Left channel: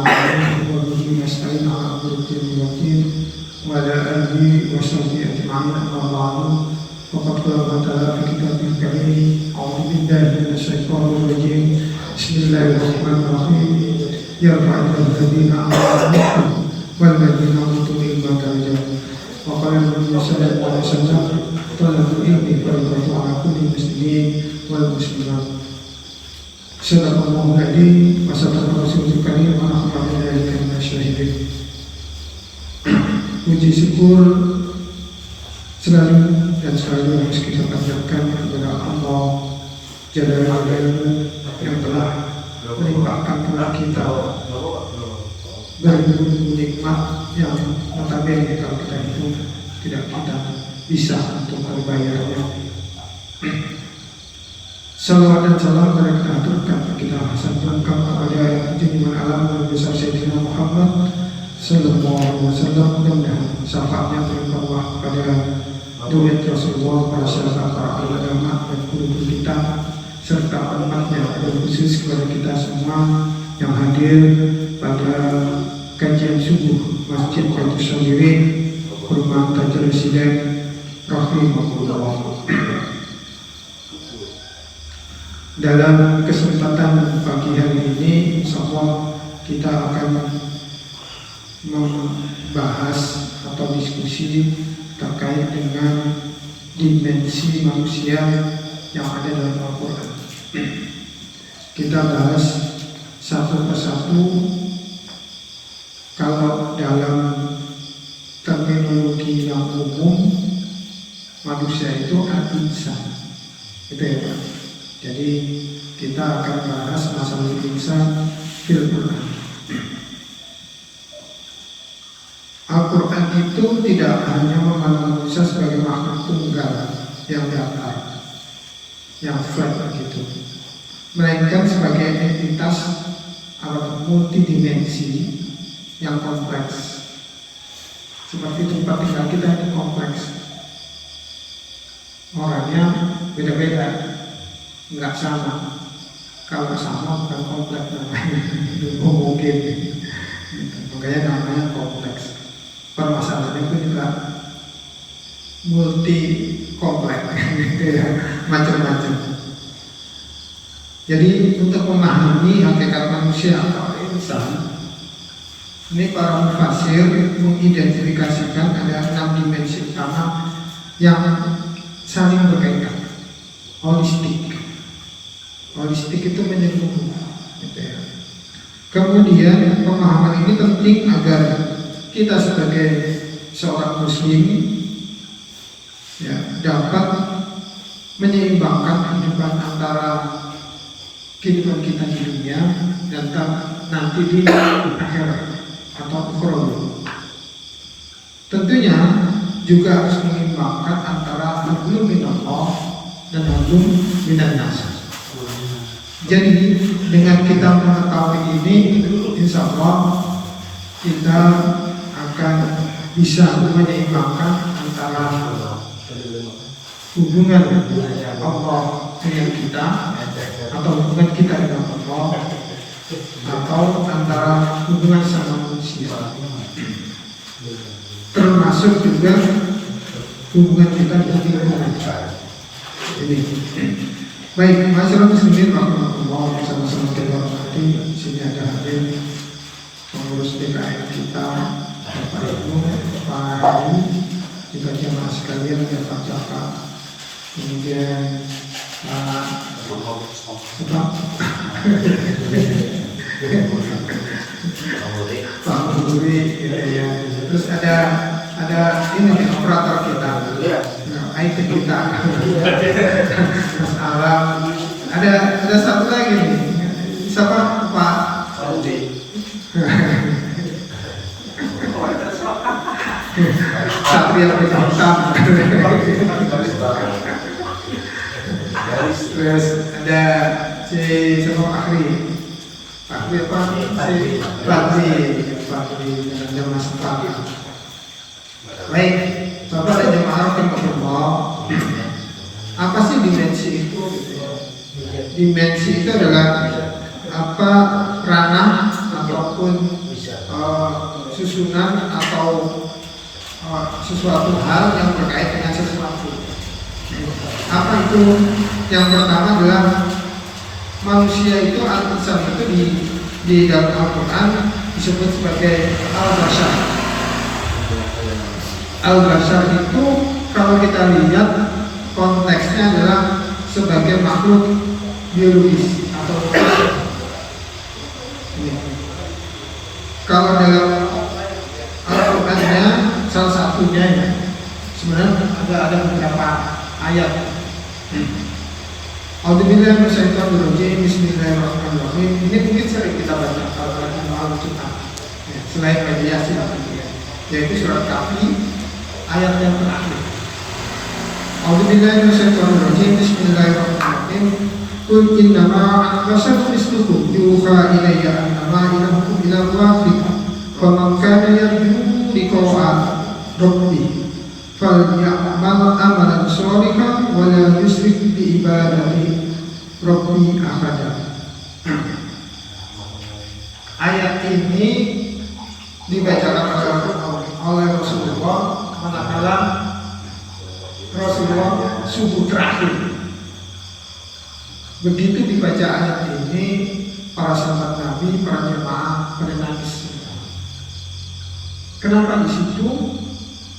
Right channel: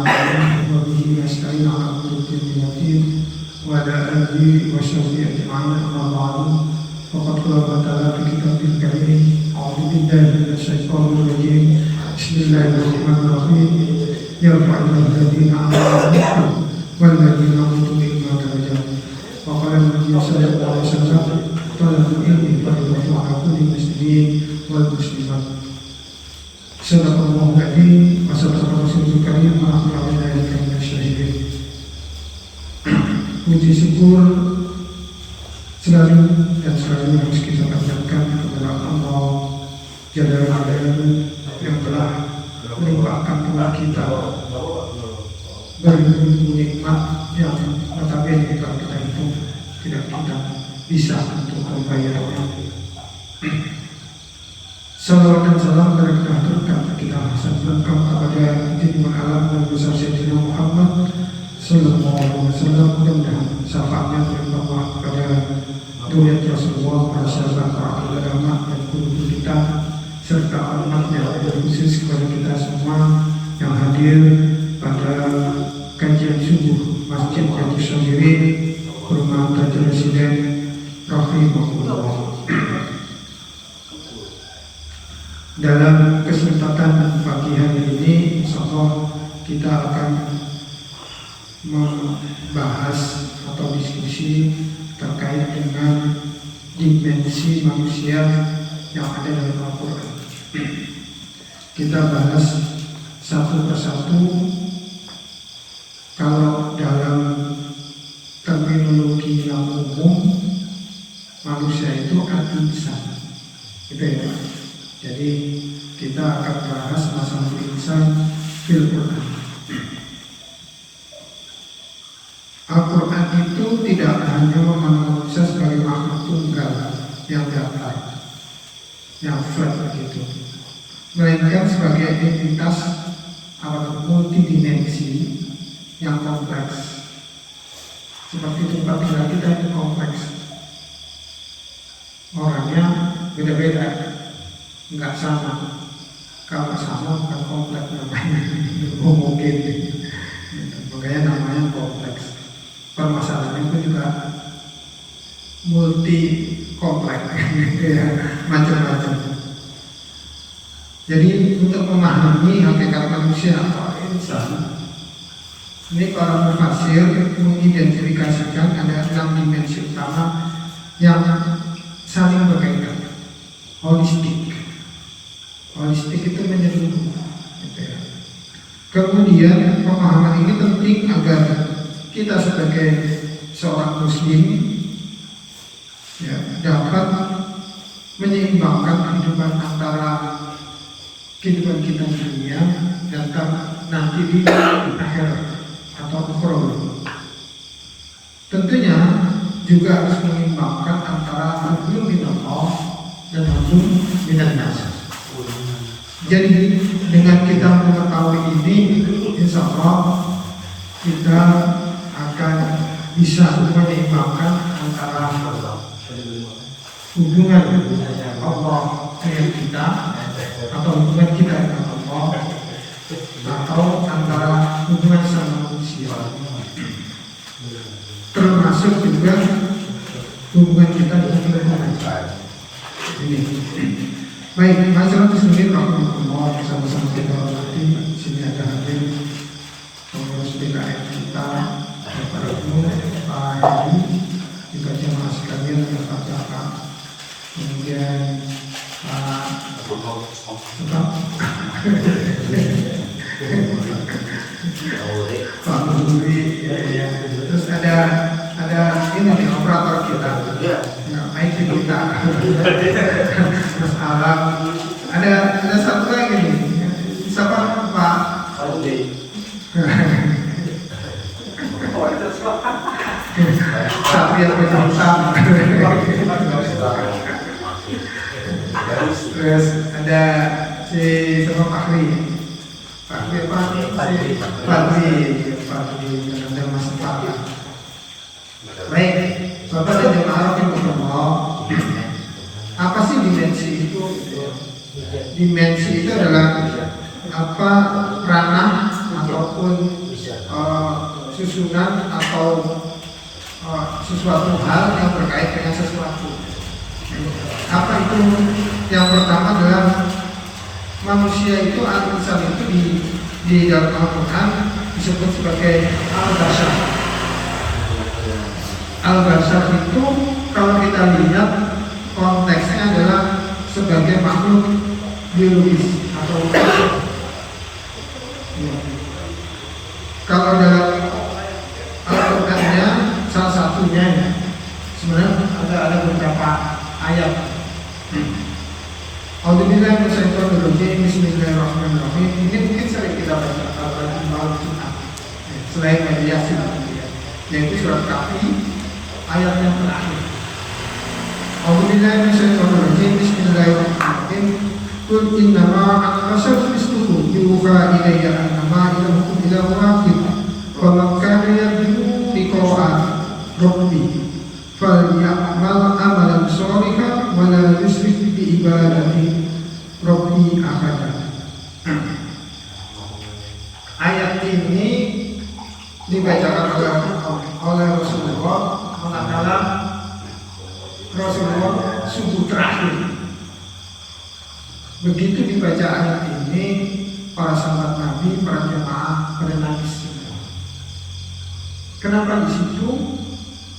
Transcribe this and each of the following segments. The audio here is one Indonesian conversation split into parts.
نستعين وبه نستعين على أمر الدين وعلى آله وصحبه أجمعين أما بعد فقد قال تعالى في كتابه الكريم أعوذ بالله من الشيطان الرجيم بسم الله الرحمن الرحيم يرفع الله الذين آمنوا والذين أوتوا العلم درجات وقال النبي صلى الله عليه وسلم طلب العلم فريضة على كل مسلم والمسلمات Sallallahu alaihi wasallam Rasulul Karim Alhamdulillah syahidin. Puji syukur selalu dan selalu harus kita panjatkan kepada Allah Jalla wa'ala yang telah melimpahkan kepada kita berbagai nikmat yang notabene kalau kita itu tidak kita bisa untuk membayarnya. Salawat dan salam berkah kita sampaikan kepada junjungan alam Nabi besar Sayyidina Muhammad Sallallahu Alaihi Wasallam dan syafaatnya berimbang kepada dunia Rasulullah, para sahabat, para ulama dan guru kita serta umatnya, berkhusus kepada kita semua yang hadir pada kajian subuh Masjid Baitul Sadirin Perumahan Tajul Sidek rahimahullah. Dalam kesempatan pagi hari ini, insyaallah kita akan membahas atau diskusi terkait dengan dimensi manusia yang ada dalam Al-Quran. Kita bahas satu persatu. Kalau dalam terminologi yang umum, manusia itu al-insan, gitu ya. Jadi kita akan bahas masalah insan fil Quran. Al-Quran itu tidak hanya memandang manusia sebagai makhluk tunggal yang datar, yang flat begitu, melainkan sebagai entitas atau multidimensi yang kompleks. Seperti tempat tinggal kita itu kompleks, orangnya beda-beda, nggak sama. Kalau sama bukan kompleks namanya, mungkin. Makanya namanya kompleks. Permasalahan itu juga multi kompleks, ya, macam-macam. Jadi untuk memahami hakikat manusia atau insan, ini para mufasir mengidentifikasikan ada 6 dimensi utama yang saling berkaitan, holistik. Holistik itu menyeluruh. Kemudian pemahaman ini penting agar kita sebagai seorang muslim ya, dapat menyeimbangkan kehidupan antara kehidupan kita di dunia dan nanti di akhirat atau ukhrawi. Tentunya juga harus menyeimbangkan antara hablum minallah dan hablum minannas. Jadi dengan kita mengetahui ini, insya Allah kita akan bisa menyeimbangkan antara hubungan Allah dengan kita atau hubungan kita dengan Allah atau antara hubungan sama manusia, termasuk juga hubungan kita dengan Tuhan. Baik, masyarakat muslimin rahimahullah, bersama-sama kita berarti di sini ada hadir pengurus PKN kita, Bapak Ibu, Pak Haji, juga jemaah sekalian yang tercatat. Kemudian Pak Muduri, ya. Terus ada ini operator kita, IT kita, Mas Alam. Ada satu lagi nih, siapa Pak Aldi? Satria Pertama. Terus ada si siapa Fakri apa? Fakri ada Mas Fakri. Baik, Bapak dan jemaah rahimahullah. Apa sih dimensi itu? Dimensi itu adalah apa ranah ataupun susunan atau sesuatu hal yang berkait dengan sesuatu. Apa itu? Yang pertama adalah manusia itu, al-insan itu di dalam Al-Quran disebut sebagai al-bashar. Al-bashar itu kalau kita lihat konteksnya adalah sebagai makhluk biologis atau kalau dalam Al-Qurannya salah satunya ya, sebenarnya ada beberapa ayat. Alhamdulillah Bismillahirrahmanirrahim. Bismillahirrahmanirrahim. Ini mungkin sering kita baca pada malam Jumat. Selain mediasi, yaitu surat Kahfi ayat yang terakhir. Alhamdulillah Bismillahirrahmanirrahim. Bismillahirrahmanirrahim. Qul innama ana-basharun mislukum yuha ilayya annama ilahukum ilahun wahid. Faman kana yarju liqa'a rabbih falyamal amalan shalihan wa la yusyrik bi ibadati rabbi ahada. Ayat ini dibacakan oleh Rasulullah manakala Rasulullah subuh terakhir. Begitu dibaca ayat ini, para sahabat Nabi, para jemaah pada nangis. Kenapa di situ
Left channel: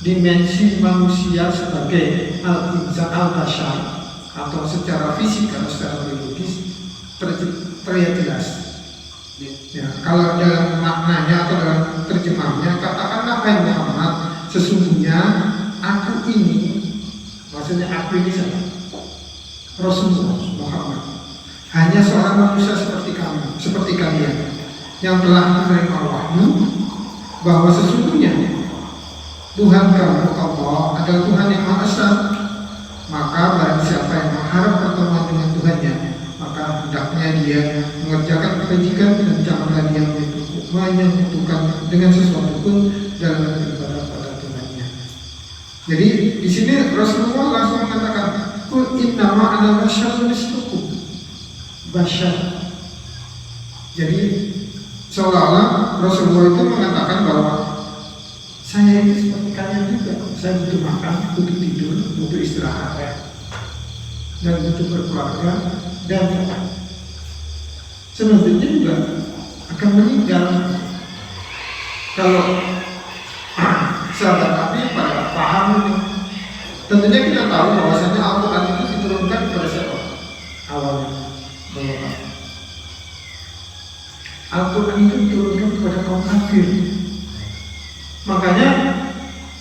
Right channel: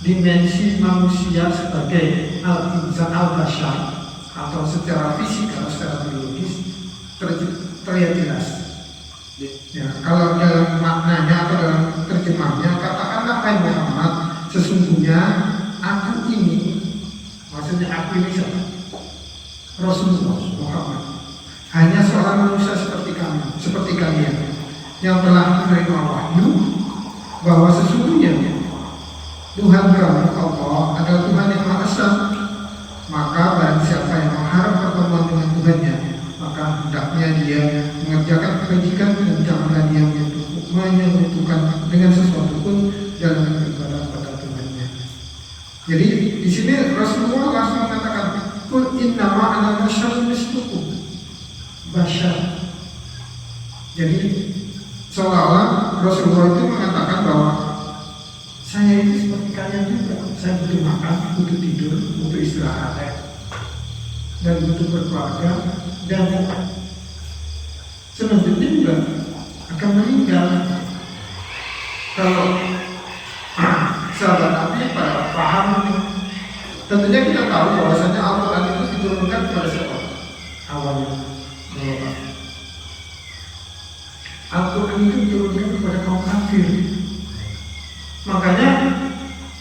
dimensi manusia sebagai al-insan al-bashar atau secara fisik atau secara biologis terlihat jelas. Ya, kalau dalam maknanya atau dalam terjemahnya, katakanlah wahai Muhammad, sesungguhnya aku ini, maksudnya aku ini siapa? Rasulullah Muhammad, hanya seorang manusia seperti kamu, seperti kalian, yang telah menerima wahyu bahwa sesungguhnya Tuhan kamu Allah adalah Tuhan yang Maha Esa. Maka barang siapa yang mengharap pertemuan dengan Tuhannya, maka hendaknya dia mengerjakan kebajikan dan janganlah dia menyekutukan dengan sesuatu pun dalam beribadah pada Tuhannya. Jadi di sini Rasulullah langsung mengatakan, Qul innama ana basyarun mislukum. Bashar. Jadi seolah-olah Rasulullah itu mengatakan bahwa saya itu seperti kalian juga. Saya butuh makan, butuh tidur, butuh istirahat, dan butuh berkeluarga, dan sebenarnya juga akan meninggal. Kalau sahabat Nabi pada paham, tentunya kita tahu bahwasanya Al-Quran itu diturunkan kepada siapa? Awalnya Al-Quran itu diturunkan kepada kaum kafir. Makanya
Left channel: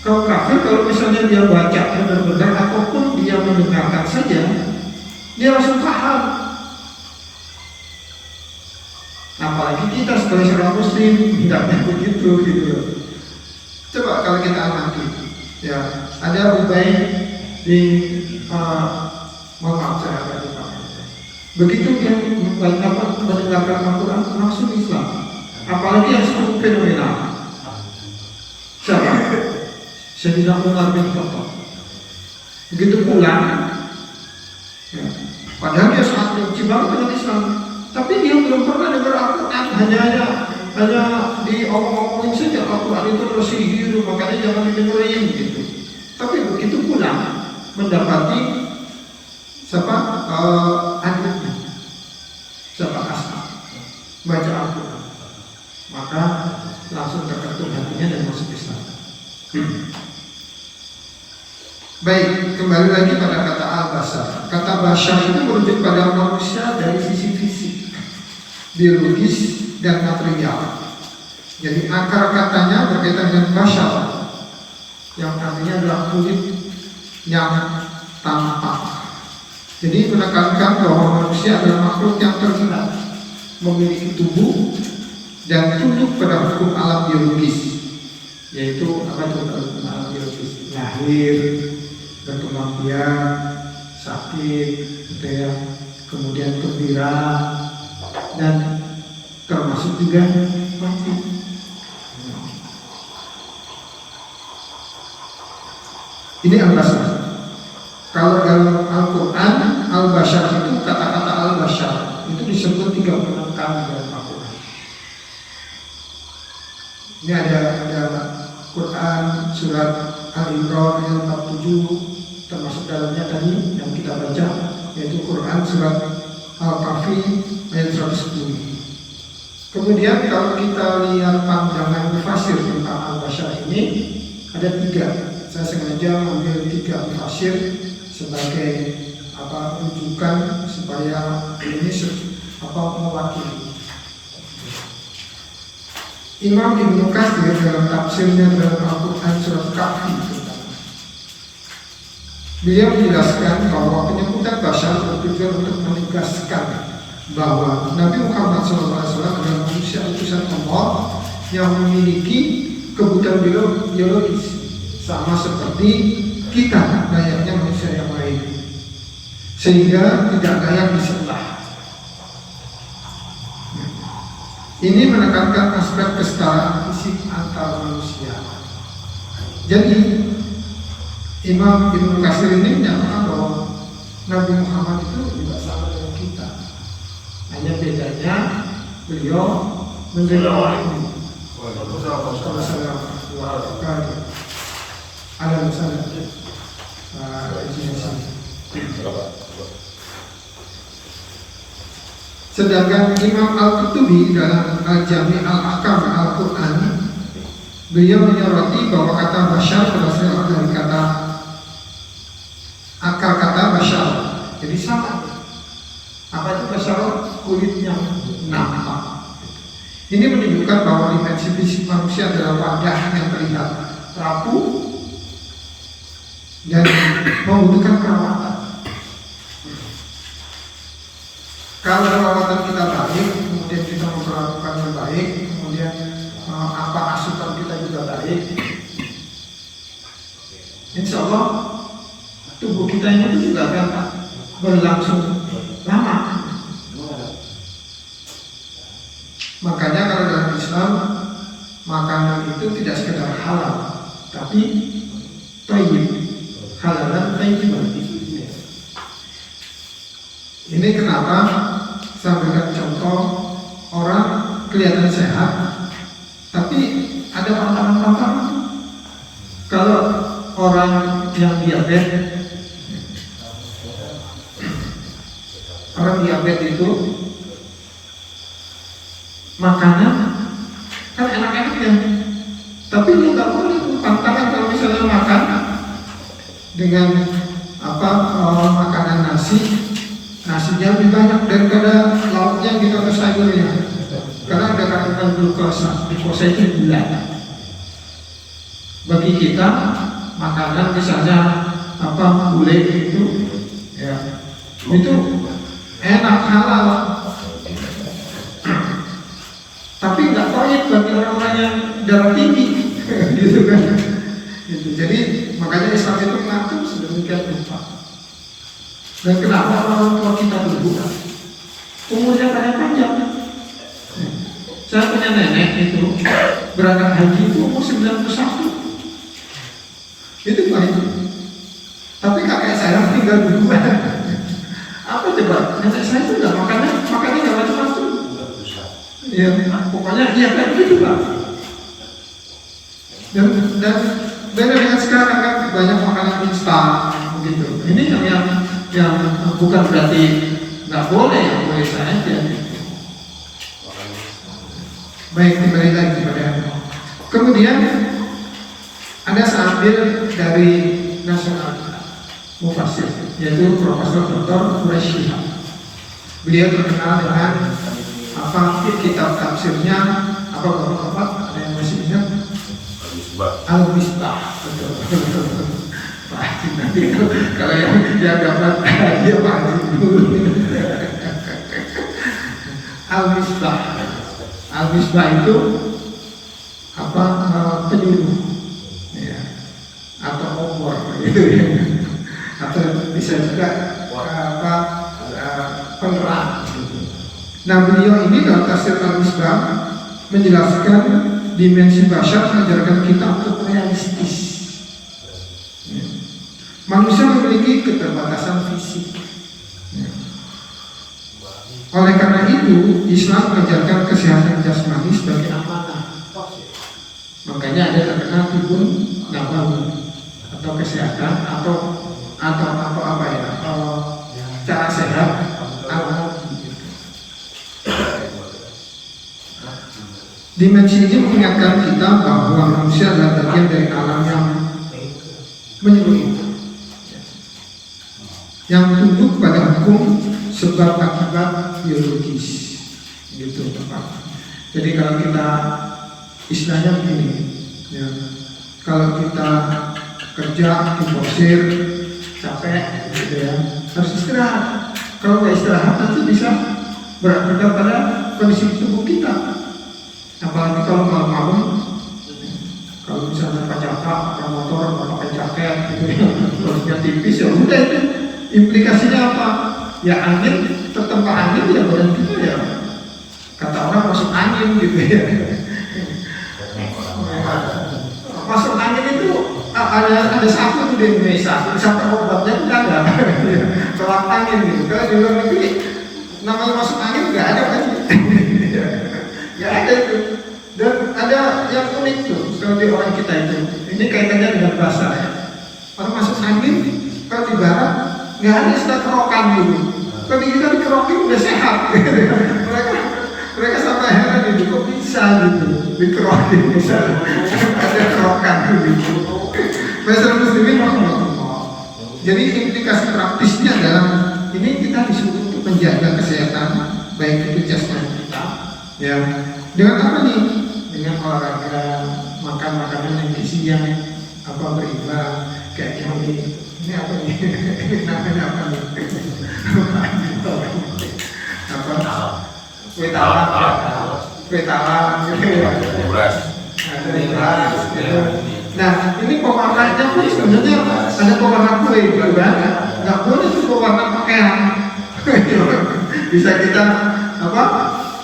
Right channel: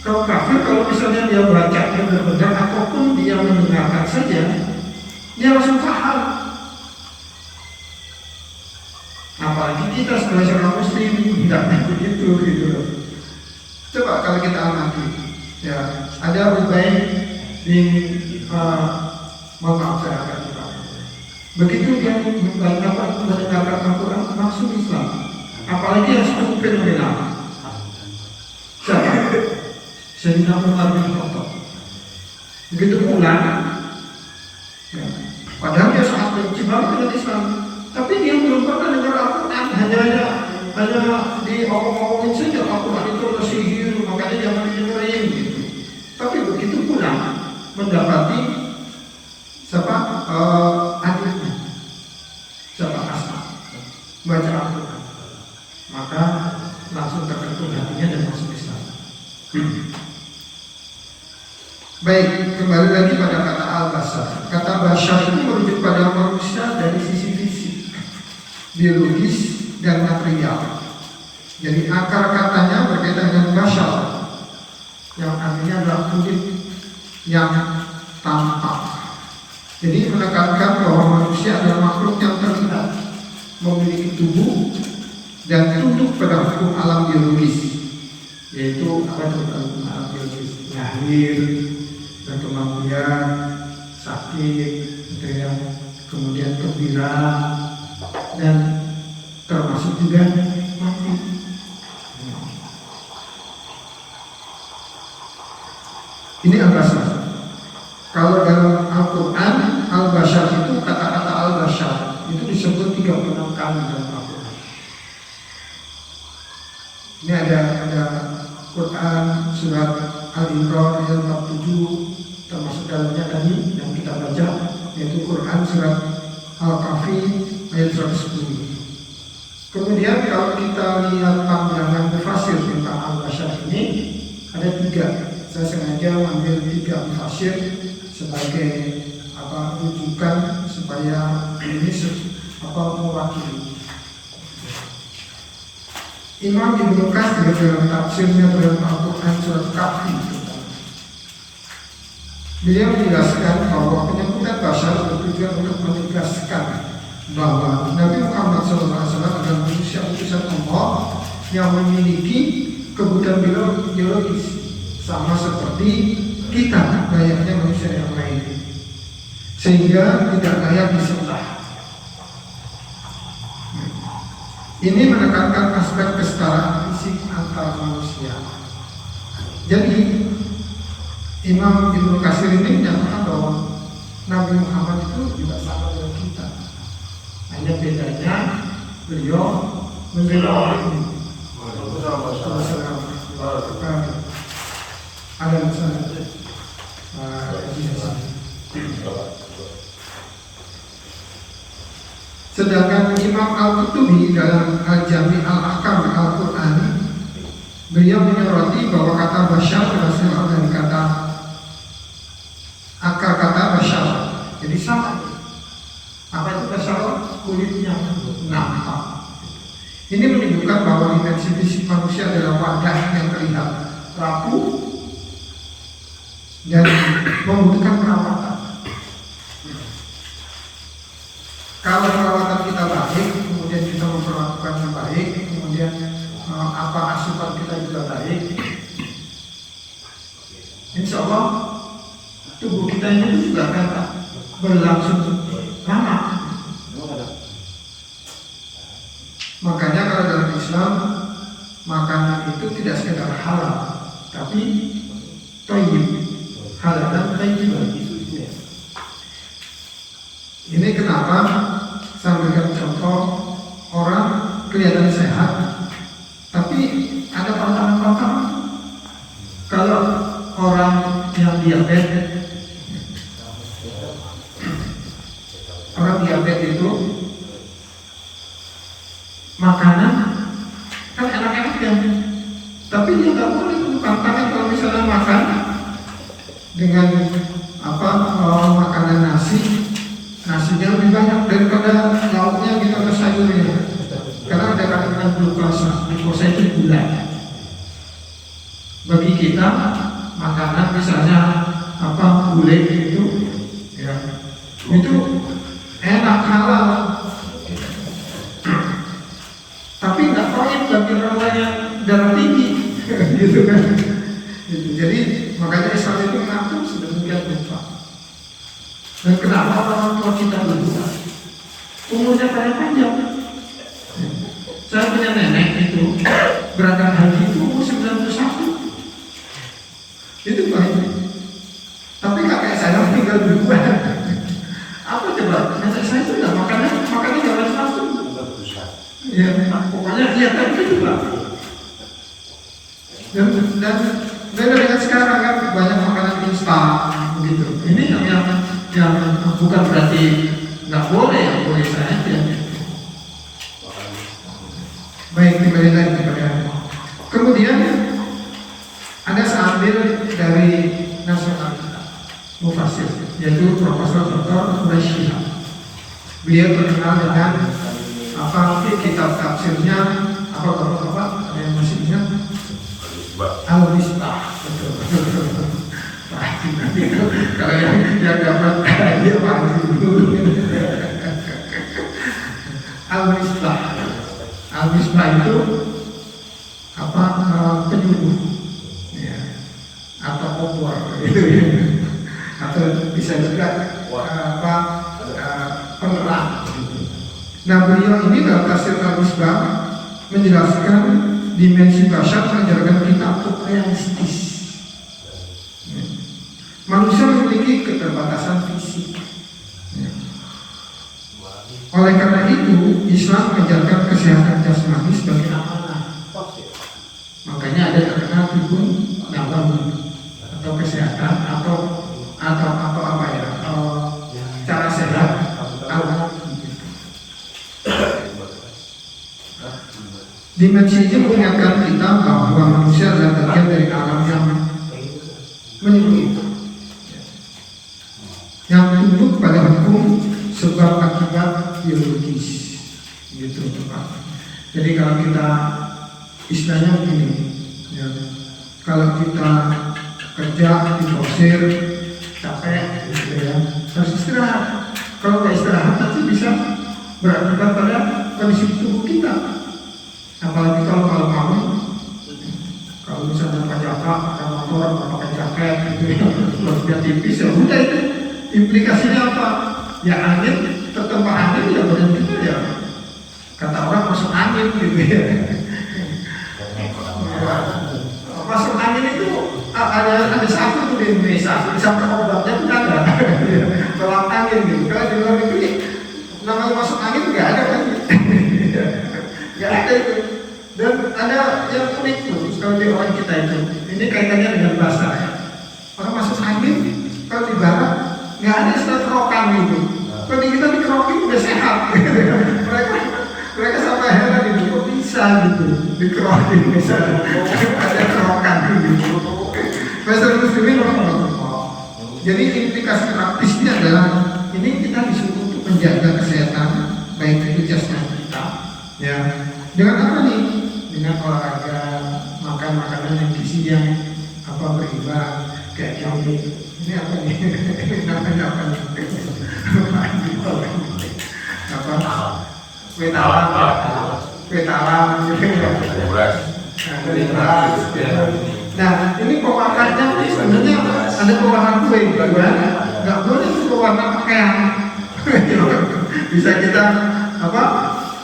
kaum kafir kalau misalnya dia baca benar-benar ataupun dia mendengarkan saja, dia langsung paham. Apalagi kita sebagai seorang muslim hendaknya begitu gitu. Coba kalau kita amati, ya ada Ubay bin begitu dia mendengarkan Al-Quran langsung Islam. Apalagi yang cukup fenomenal. Siapa? Sayyidina Umar bin Khattab. Begitu pula, ya, padahal dia sangat benci banget dengan Islam, tapi dia belum pernah dengar Al-Quran. Hanya diomong-omongin saja Al-Quran itu bersihir, makanya jangan didengerin gitu. Tapi begitu pula mendapati siapa adiknya, siapa Asma, baca Al-Quran, maka langsung terketuk hatinya dan masuk Islam. Baik, kembali lagi pada kata al-bashar. Kata bashar itu merujuk pada manusia dari sisi fisik, biologis dan material. Jadi akar katanya berkaitan dengan bashar, yang artinya adalah kulit yang tampak. Jadi menekankan bahwa manusia adalah makhluk yang terlihat, memiliki tubuh dan tunduk pada hukum alam biologis, yaitu apa itu hukum alam biologis? Lahir, berkembang biak, sakit, gitu ya, kemudian gembira, dan termasuk juga mati. Ini al-bashar. Kalau dalam Al-Quran, al-bashar itu kata-kata al-bashar itu disebut 36 kali dalam Al-Quran. Ini ada Quran surat Al-Imran ayat 47, termasuk dalamnya tadi yang kita baca, yaitu Quran surat Al-Kahfi ayat 110. Kemudian kalau kita lihat pandangan mufasir tentang al-basyar ini, ada 3. Saya sengaja ambil 3 mufasir sebagai rujukan supaya ini mewakili. Imam Ibnu Katsir dalam tafsirnya dalam Al-Quran surat Kahfi, beliau menjelaskan bahwa penyebutan basyar bertujuan untuk menegaskan bahwa Nabi Muhammad SAW adalah manusia utusan Allah yang memiliki kebutuhan biologis sama seperti kita, layaknya manusia yang lain, sehingga tidak layak disembah. Ini menekankan aspek kesetaraan fisik antar manusia. Jadi Imam Ibnu Katsir ini menyatakan bahwa Nabi Muhammad itu tidak sama dengan kita. Hanya bedanya beliau menjelaskan ada masalah Sedangkan Imam Al-Qurtubi dalam Al-Jami' Al-Ahkam Al-Quran, beliau menyoroti bahwa kata basyar berasal dari kata akar kata basyar, jadi sama. Apa itu basyar? Kulitnya nampak. Ini menunjukkan bahwa dimensi fisik manusia adalah wadah yang terlihat rapuh dan membutuhkan perawatan. Kalau perawatan kita baik, kemudian kita memperlakukannya baik, kemudian asupan kita juga baik, insya Allah tubuh kita ini juga akan berlangsung lama. Makanya kalau dalam Islam makanan itu tidak sekedar halal, tapi thayyib, halal dan thayyib. Ini kenapa saya berikan contoh, orang kelihatan sehat, tapi ada pantangan-pantangan. Kalau orang yang diabetes, itu makanan kan enak-enak ya, tapi dia nggak boleh pantangan kalau misalnya makan dengan makanan nasinya lebih banyak daripada lauknya gitu atau sayurnya, karena ada kandungan glukosa itu gula. Bagi kita makanan misalnya gulai itu ya, itu enak halal, tapi nggak toib bagi orang-orang yang darah tinggi gitu kan. Gitu. Jadi makanya Islam itu mengatur sedemikian rupa. Dan kenapa orang tua kita berdua umurnya pada panjang? Saya punya nenek itu berangkat haji itu umur 91. Itu baik. Tapi kakek saya tinggal berdua. Apa coba? Nenek saya itu nggak makannya nggak macam-macam. Ya, pokoknya dia kayak gitu Pak. Dan beda dengan sekarang kan banyak makanan instan begitu. Ini yang bukan berarti nggak boleh, boleh saja. Baik, kembali kepada kemudian ada seambil dari nasional kita, mufasir, yaitu Profesor Dr. Quraisy. Beliau terkenal dengan kitab tafsirnya ada yang masih ingat? Al-Misbah. Kalau yang dapat dia panggil dulu. Al-Misbah itu penyuluh ya, atau obor gitu ya. Atau bisa juga penerang. Nah, beliau ini dalam tafsir Al-Misbah menjelaskan dimensi basyar, mengajarkan kita untuk realistis. Manusia memiliki keterbatasan fisik. Oleh karena itu, Islam mengajarkan kesehatan jasmani sebagai amanah. ada tibun nabawi atau kesehatan atau apa ya, cara sehat dimensi ini mengingatkan kita bahwa manusia adalah bagian dari alam yang menyeluruh, yang tunduk pada hukum sebab akibat biologis, gitu Pak. Jadi kalau kita istilahnya begini, ya, kalau kita kerja diforsir capek, gitu ya, harus istirahat. Kalau nggak istirahat nanti bisa berakibat pada kondisi tubuh kita. Apalagi kalau malam-malam, kalau misalnya Pak Jaka ada motor pakai jaket, gitu, perutnya tipis, ya udah itu implikasinya apa? Ya angin, tertempa angin ya badan kita ya. Kata orang masuk angin gitu ya. Masuk angin itu ada satu tuh di Indonesia, sampai obatnya pun ada. Tolak angin gitu. Kalau di luar negeri nama masuk angin nggak ada lagi. Nggak ada itu. Dan ada yang unik tuh kalau di orang kita itu. Ini kaitannya dengan bahasa. Kalau masuk angin, kalau di barat nggak ada istilah kerokan gitu. Kalau di kita dikerokin udah sehat. Mereka sampai heran gitu, kok bisa gitu dikerokin bisa ada kerokan gitu. Bahasa muslimin rahimahullah. Jadi implikasi praktisnya adalah ini kita disuruh untuk menjaga kesehatan baik itu jasmani kita, ya. Dengan apa nih? Dengan olahraga, makan makanan yang gizinya berimbang, kayak yang ini apa nih? Namanya apa nih? Kue talam, ya. Nah, ini pewarnanya ini sebenarnya ada pewarna kue, gitu kan? Nggak boleh itu pewarna pakaian. Bisa kita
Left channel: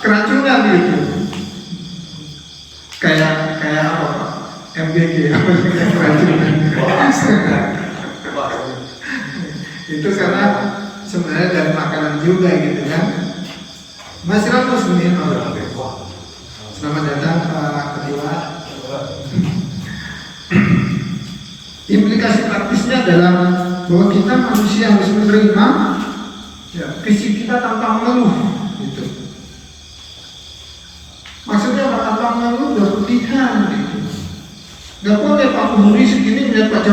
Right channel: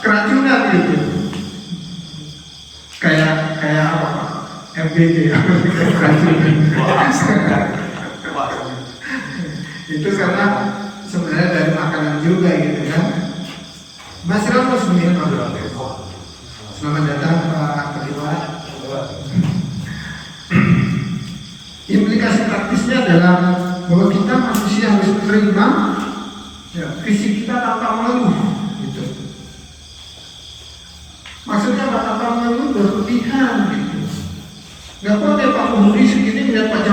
keracunan gitu. Kayak apa? MBG keracunan. Itu karena sebenarnya dari makanan juga gitu kan. Masyarakat muslimin, selamat datang Pak Ketua. Implikasi praktisnya adalah bahwa kita manusia harus menerima fisik kita tanpa mengeluh, gitu. Maksudnya tanpa mengeluh berlebihan, gitu. Gak boleh Pak Budi segini lihat Pak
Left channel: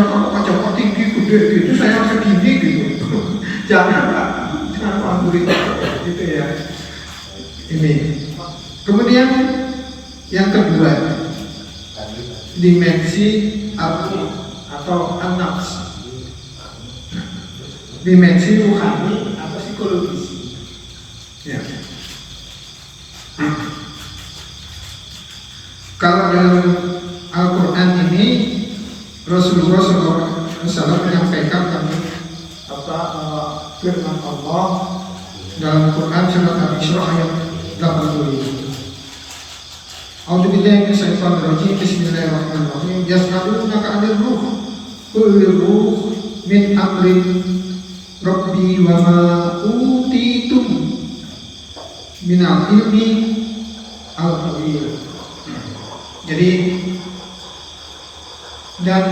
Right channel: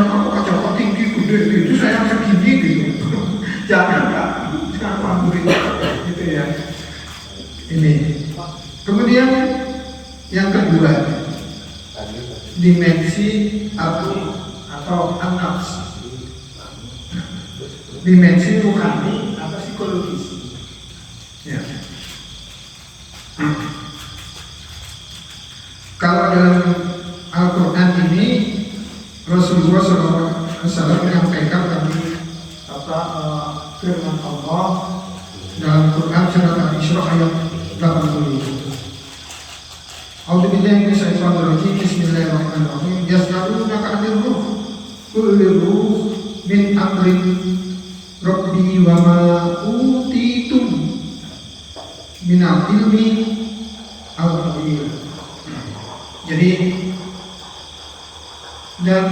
Joko tinggi gede gitu, saya segini gitu. Jangan Pak Budi gitu ya. Ini. Kemudian yang kedua, dimensi atau an-nafs, dimensi rohani atau psikologis. Ya. Kalau dalam Al-Quran ini Rasulullah SAW menyampaikan tentang firman Allah dalam Quran surat Al-Isra ayat 80. A'udzubillahi minasyaitonir rajim. Bismillahirrahmanirrahim. Yas'alunaka 'anil ruh. Qul ruh min amri rabbi wa ma utitum minal ilmi al-qadir. Jadi dan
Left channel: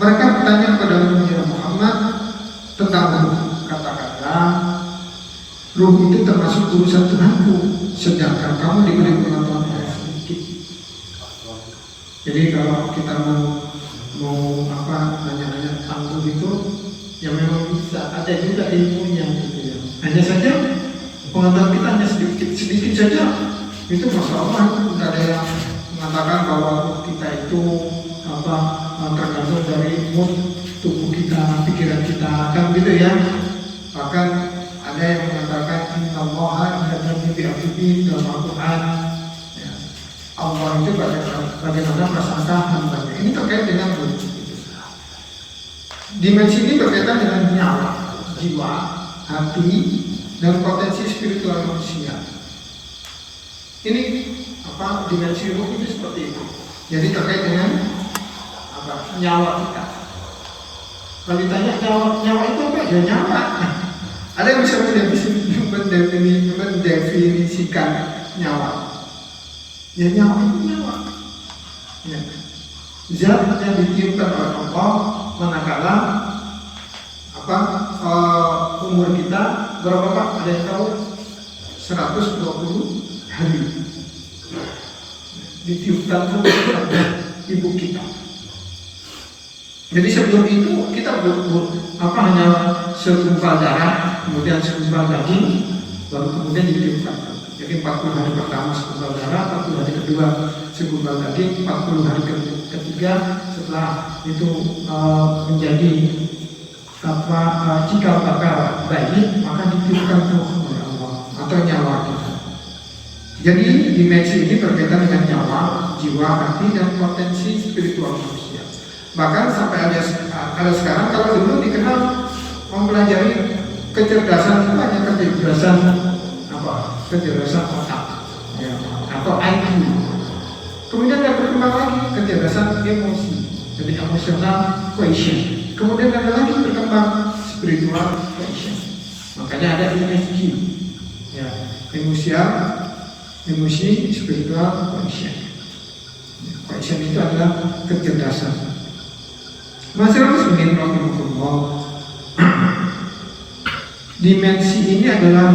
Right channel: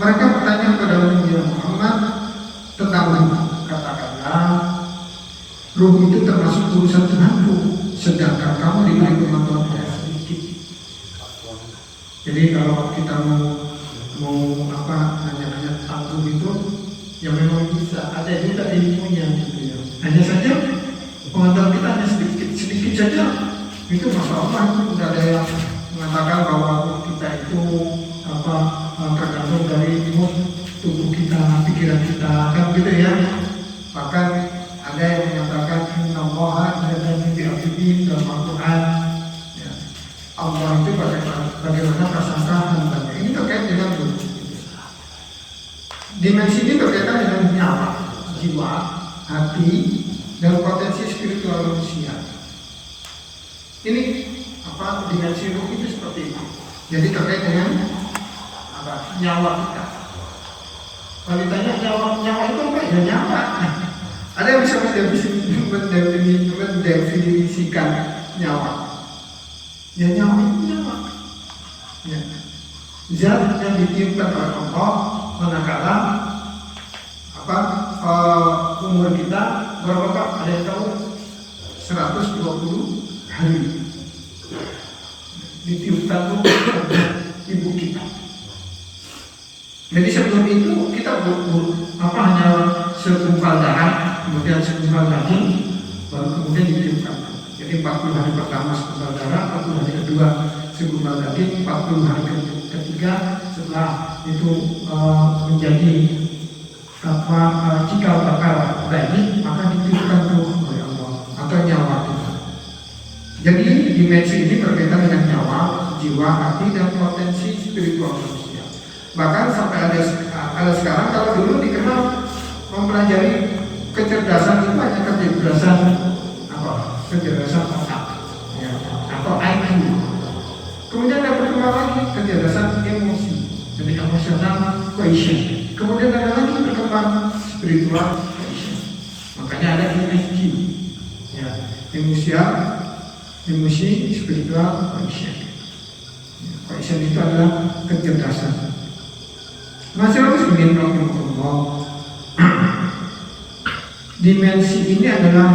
mereka bertanya kepada Nabi Muhammad tentang ruh. Katakanlah, ruh itu termasuk urusan Tuhanku, sedangkan kamu diberi pengetahuan yang sedikit. Jadi kalau kita mau nanya tentang ruh itu, yang memang bisa ada juga ilmunya. Hanya saja pengetahuan kita hanya sedikit saja. Itu masalah itu tidak ada yang mengatakan bahwa kita itu tergantung dari mood tubuh kita, pikiran kita, kan gitu ya. Bahkan ada yang mengatakan innallaha ya'lamu bi afdhi dalam Al-Quran. Ya. Allah itu bagaimana prasangka hambanya. Ini terkait dengan tubuh. Dimensi ini berkaitan dengan nyawa, jiwa, hati, dan potensi spiritual manusia. Ini dimensi ruh itu seperti itu. Jadi terkait dengan nyawa kita. Kalau ditanya nyawa itu apa? Ya nyawa. Ada yang bisa mendefinisikan nyawa. Ya nyawa itu nyawa. Ya. Zat yang ditiupkan oleh Allah manakala umur kita berapa Pak? Ada yang tahu? 120 hari ditiupkan oleh ibu kita. Jadi sebelum itu kita hanya segumpal darah, kemudian segumpal daging, baru kemudian ditiupkan. Jadi 40 hari pertama segumpal darah, 40 hari kedua segumpal daging, 40 hari ketiga setelah itu menjadi cikal bakal bayi, maka ditiupkan ruh oleh Allah atau nyawa kita. Jadi dimensi ini berkaitan dengan nyawa, jiwa, hati, dan potensi spiritual manusia. Bahkan sampai ada sekarang, kalau dulu dikenal mempelajari kecerdasan itu hanya kecerdasan otak, ya, atau IQ. Kemudian ada berkembang lagi kecerdasan emosi, jadi emotional quotient. Kemudian ada lagi berkembang spiritual quotient. Makanya ada ESQ, ya, emosi spiritual quotient. Quotient itu adalah kecerdasan. Masyarakat sendiri Allah. Dimensi ini adalah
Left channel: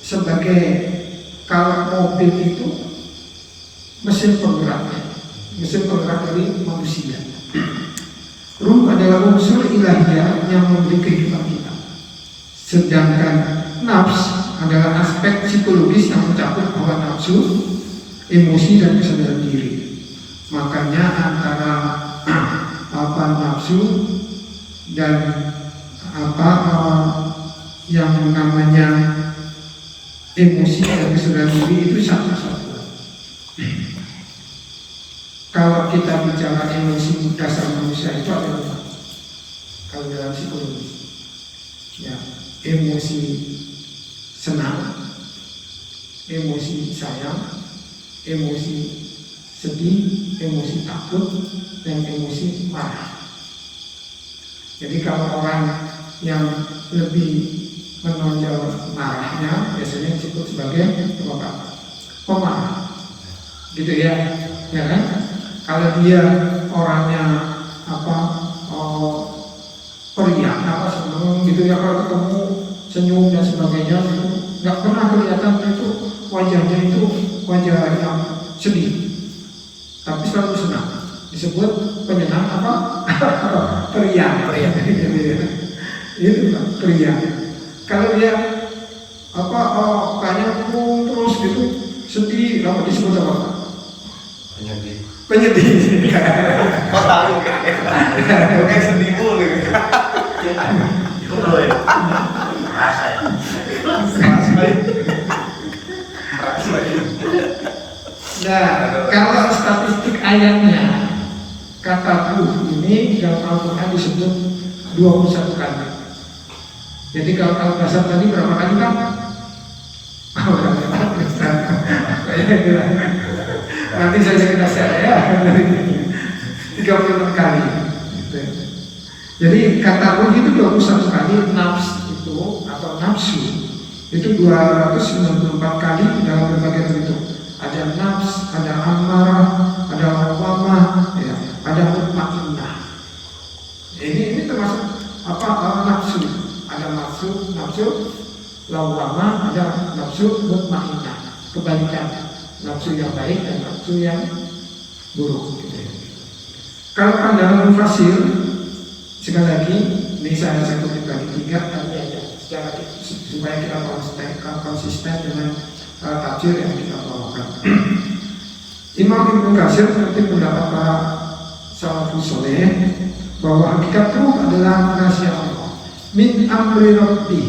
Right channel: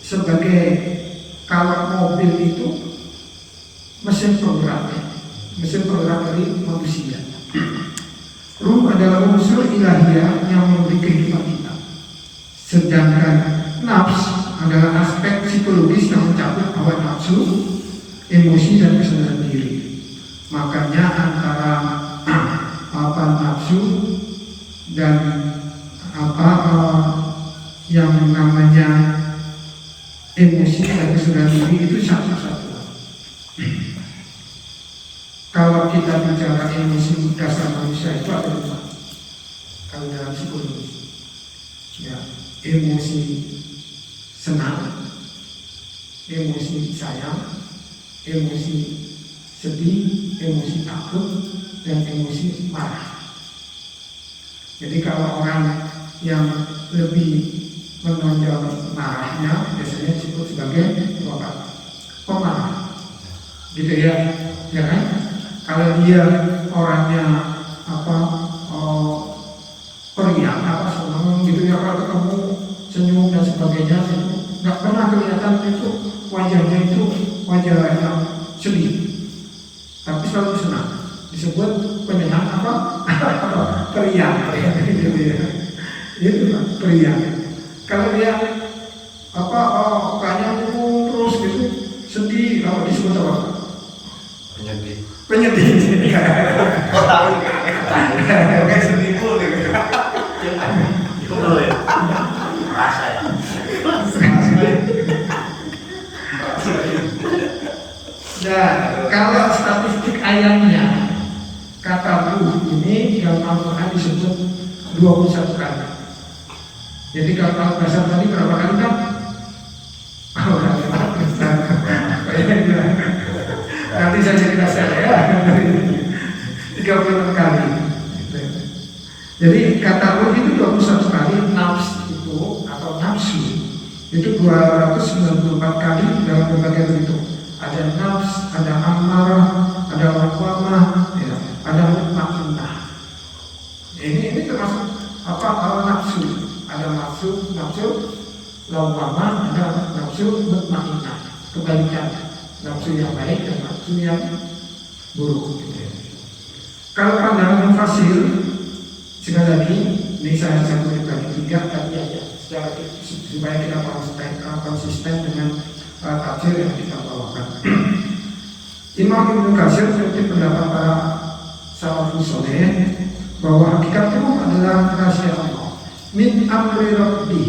sebagai kalau mobil itu mesin penggerak dari manusia. Ruh adalah unsur ilahiyah yang memberi kehidupan kita. Sedangkan nafs adalah aspek psikologis yang mencakup hawa nafsu, emosi, dan kesadaran diri. Makanya antara nafsu dan yang namanya emosi dan kesadaran diri itu satu-satu. Kalau kita bicara emosi dasar manusia itu ada apa? Kalau dalam psikologi, ya, emosi senang, emosi sayang, emosi sedih, emosi takut, dan emosi marah. Jadi kalau orang yang lebih menonjol marahnya biasanya disebut sebagai pemarah, gitu ya, ya kan? Kalau dia orangnya periang, senang gitu ya, kalau ketemu senyum dan sebagainya, nggak pernah kelihatan itu wajahnya itu wajah yang sedih, tapi selalu senang. Disebut penyenang periang. Itu kan periang. Kalau dia kayaknya terus gitu sedih, apa disebut apa? Penyedih. Kok tahu nggak? Kayak sedih mulu. Nah, kalau statistik ayatnya, kata ruh ini dalam Al-Quran disebut 21 kali. Jadi kalau Al-Quran tadi berapa kali Pak? Nanti saya cerita saya 36 kali. Jadi kata ruh itu 21 kali, nafs itu atau nafsu itu 294 kali dalam berbagai bentuk. Ada nafs, ada amarah, ada lawamah, ya, ada mutmainnah. Ini termasuk nafsu. Ada nafsu lawamah, ada nafsu mutmainnah. Kebalikan, nafsu yang baik dan nafsu yang buruk. Kalau pandangan mufasir, sekali lagi ini saya kutip bagi 3 tadi aja secara supaya kita konsisten dengan tafsir yang kita bawakan. Imam Ibnu Katsir mungkin pendapat para salafus saleh bahwa hakikat ruh adalah rahasia Allah min amri rabbi.